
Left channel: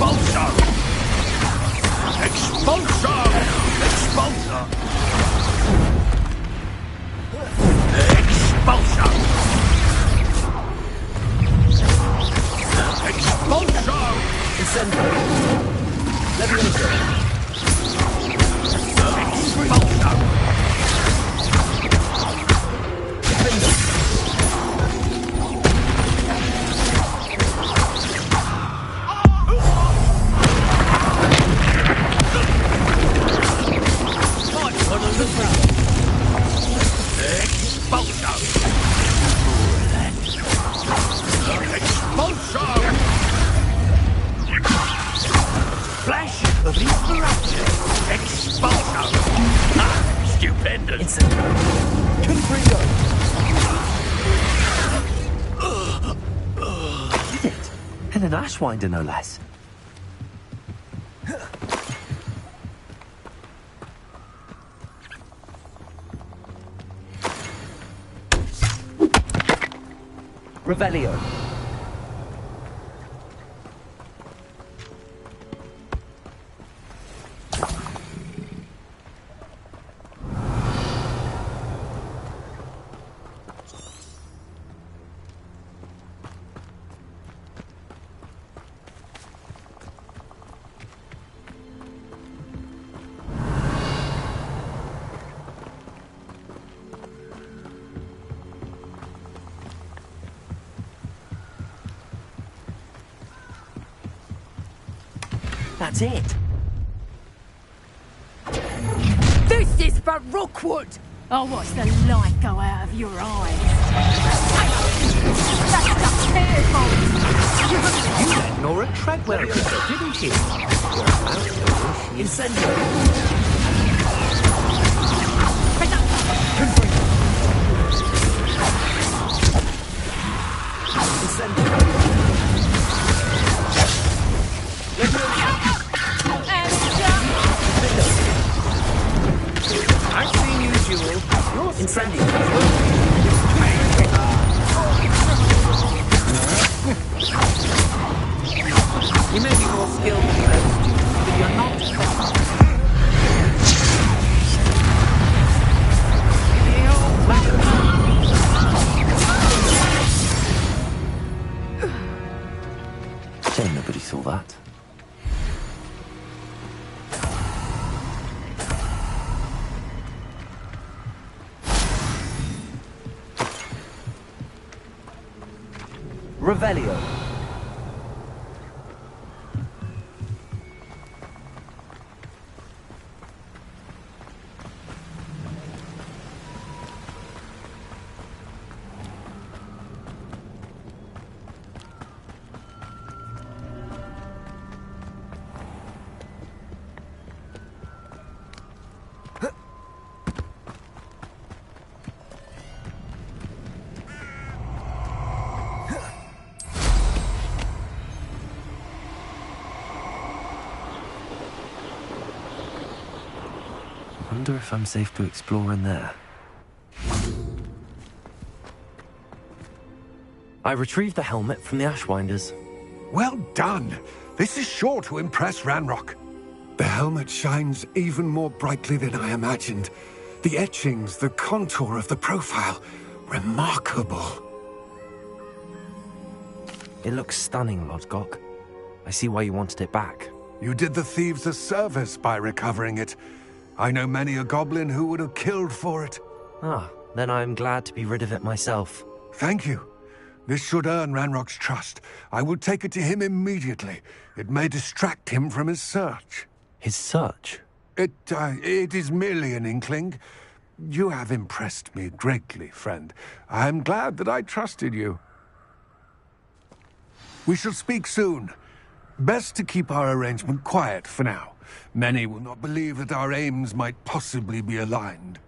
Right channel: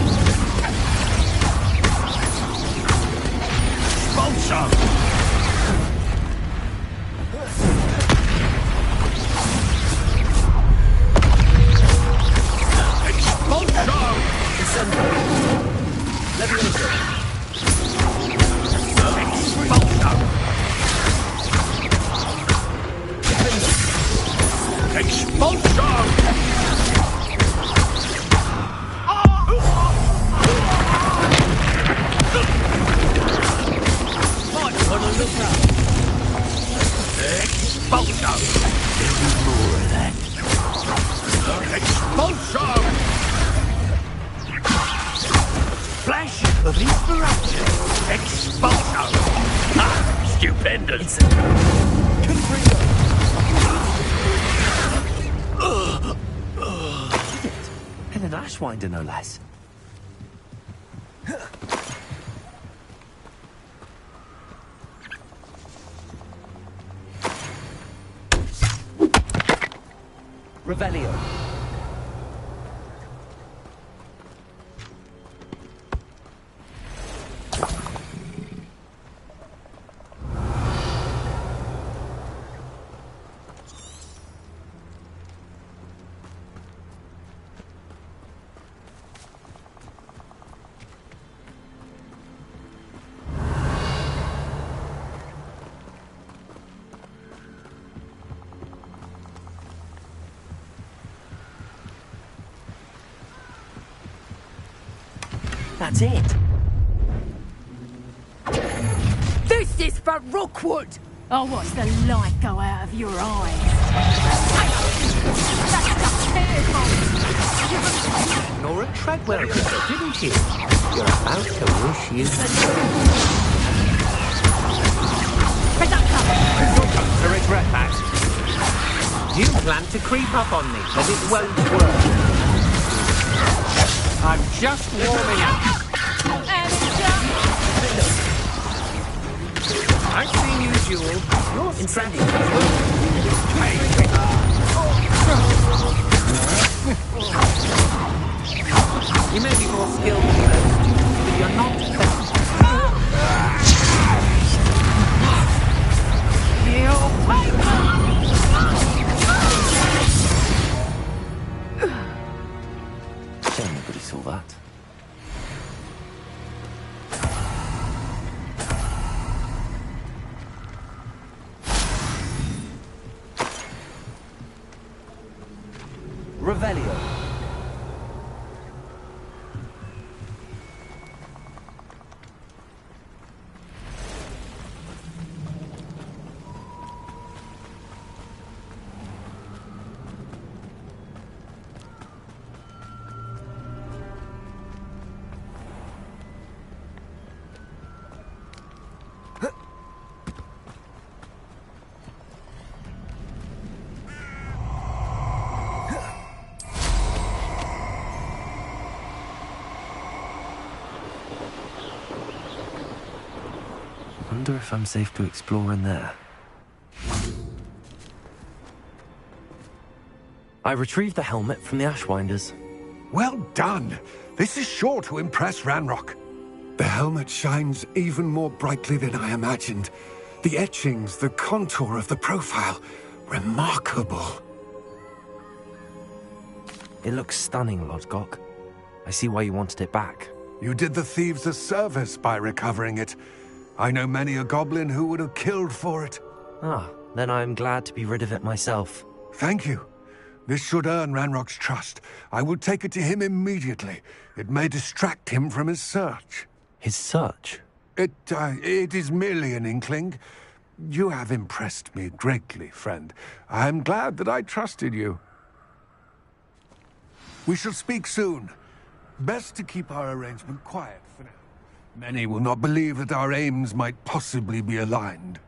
Expulsor! Confringo! And an Ashwinder, no less. Revelio. That's it. This is for Rookwood! I'll watch the light go out of your eyes. That's the careful! You let Nora Treadwell go, didn't you? You're about to wish you said You plan to creep up on me. I've just I've seen you, Jewel. You're incendiary. You may be more skilled than most, but you're not best. Shame nobody saw that. Revelio. Wonder if I'm safe to explore in there. I retrieved the helmet from the Ashwinders. Well done. This is sure to impress Ranrock. The helmet shines even more brightly than I imagined. The etchings, the contour of the profile, remarkable. It looks stunning, Lodgok. I see why you wanted it back. You did the thieves a service by recovering it. I know many a goblin who would have killed for it. Ah, then I'm glad to be rid of it myself. Thank you. This should earn Ranrock's trust. I will take it to him immediately. It may distract him from his search. His search? It is merely an inkling. You have impressed me greatly, friend. I am glad that I trusted you. We shall speak soon. Best to keep our arrangement quiet for now. Many will not believe that our aims might possibly be aligned.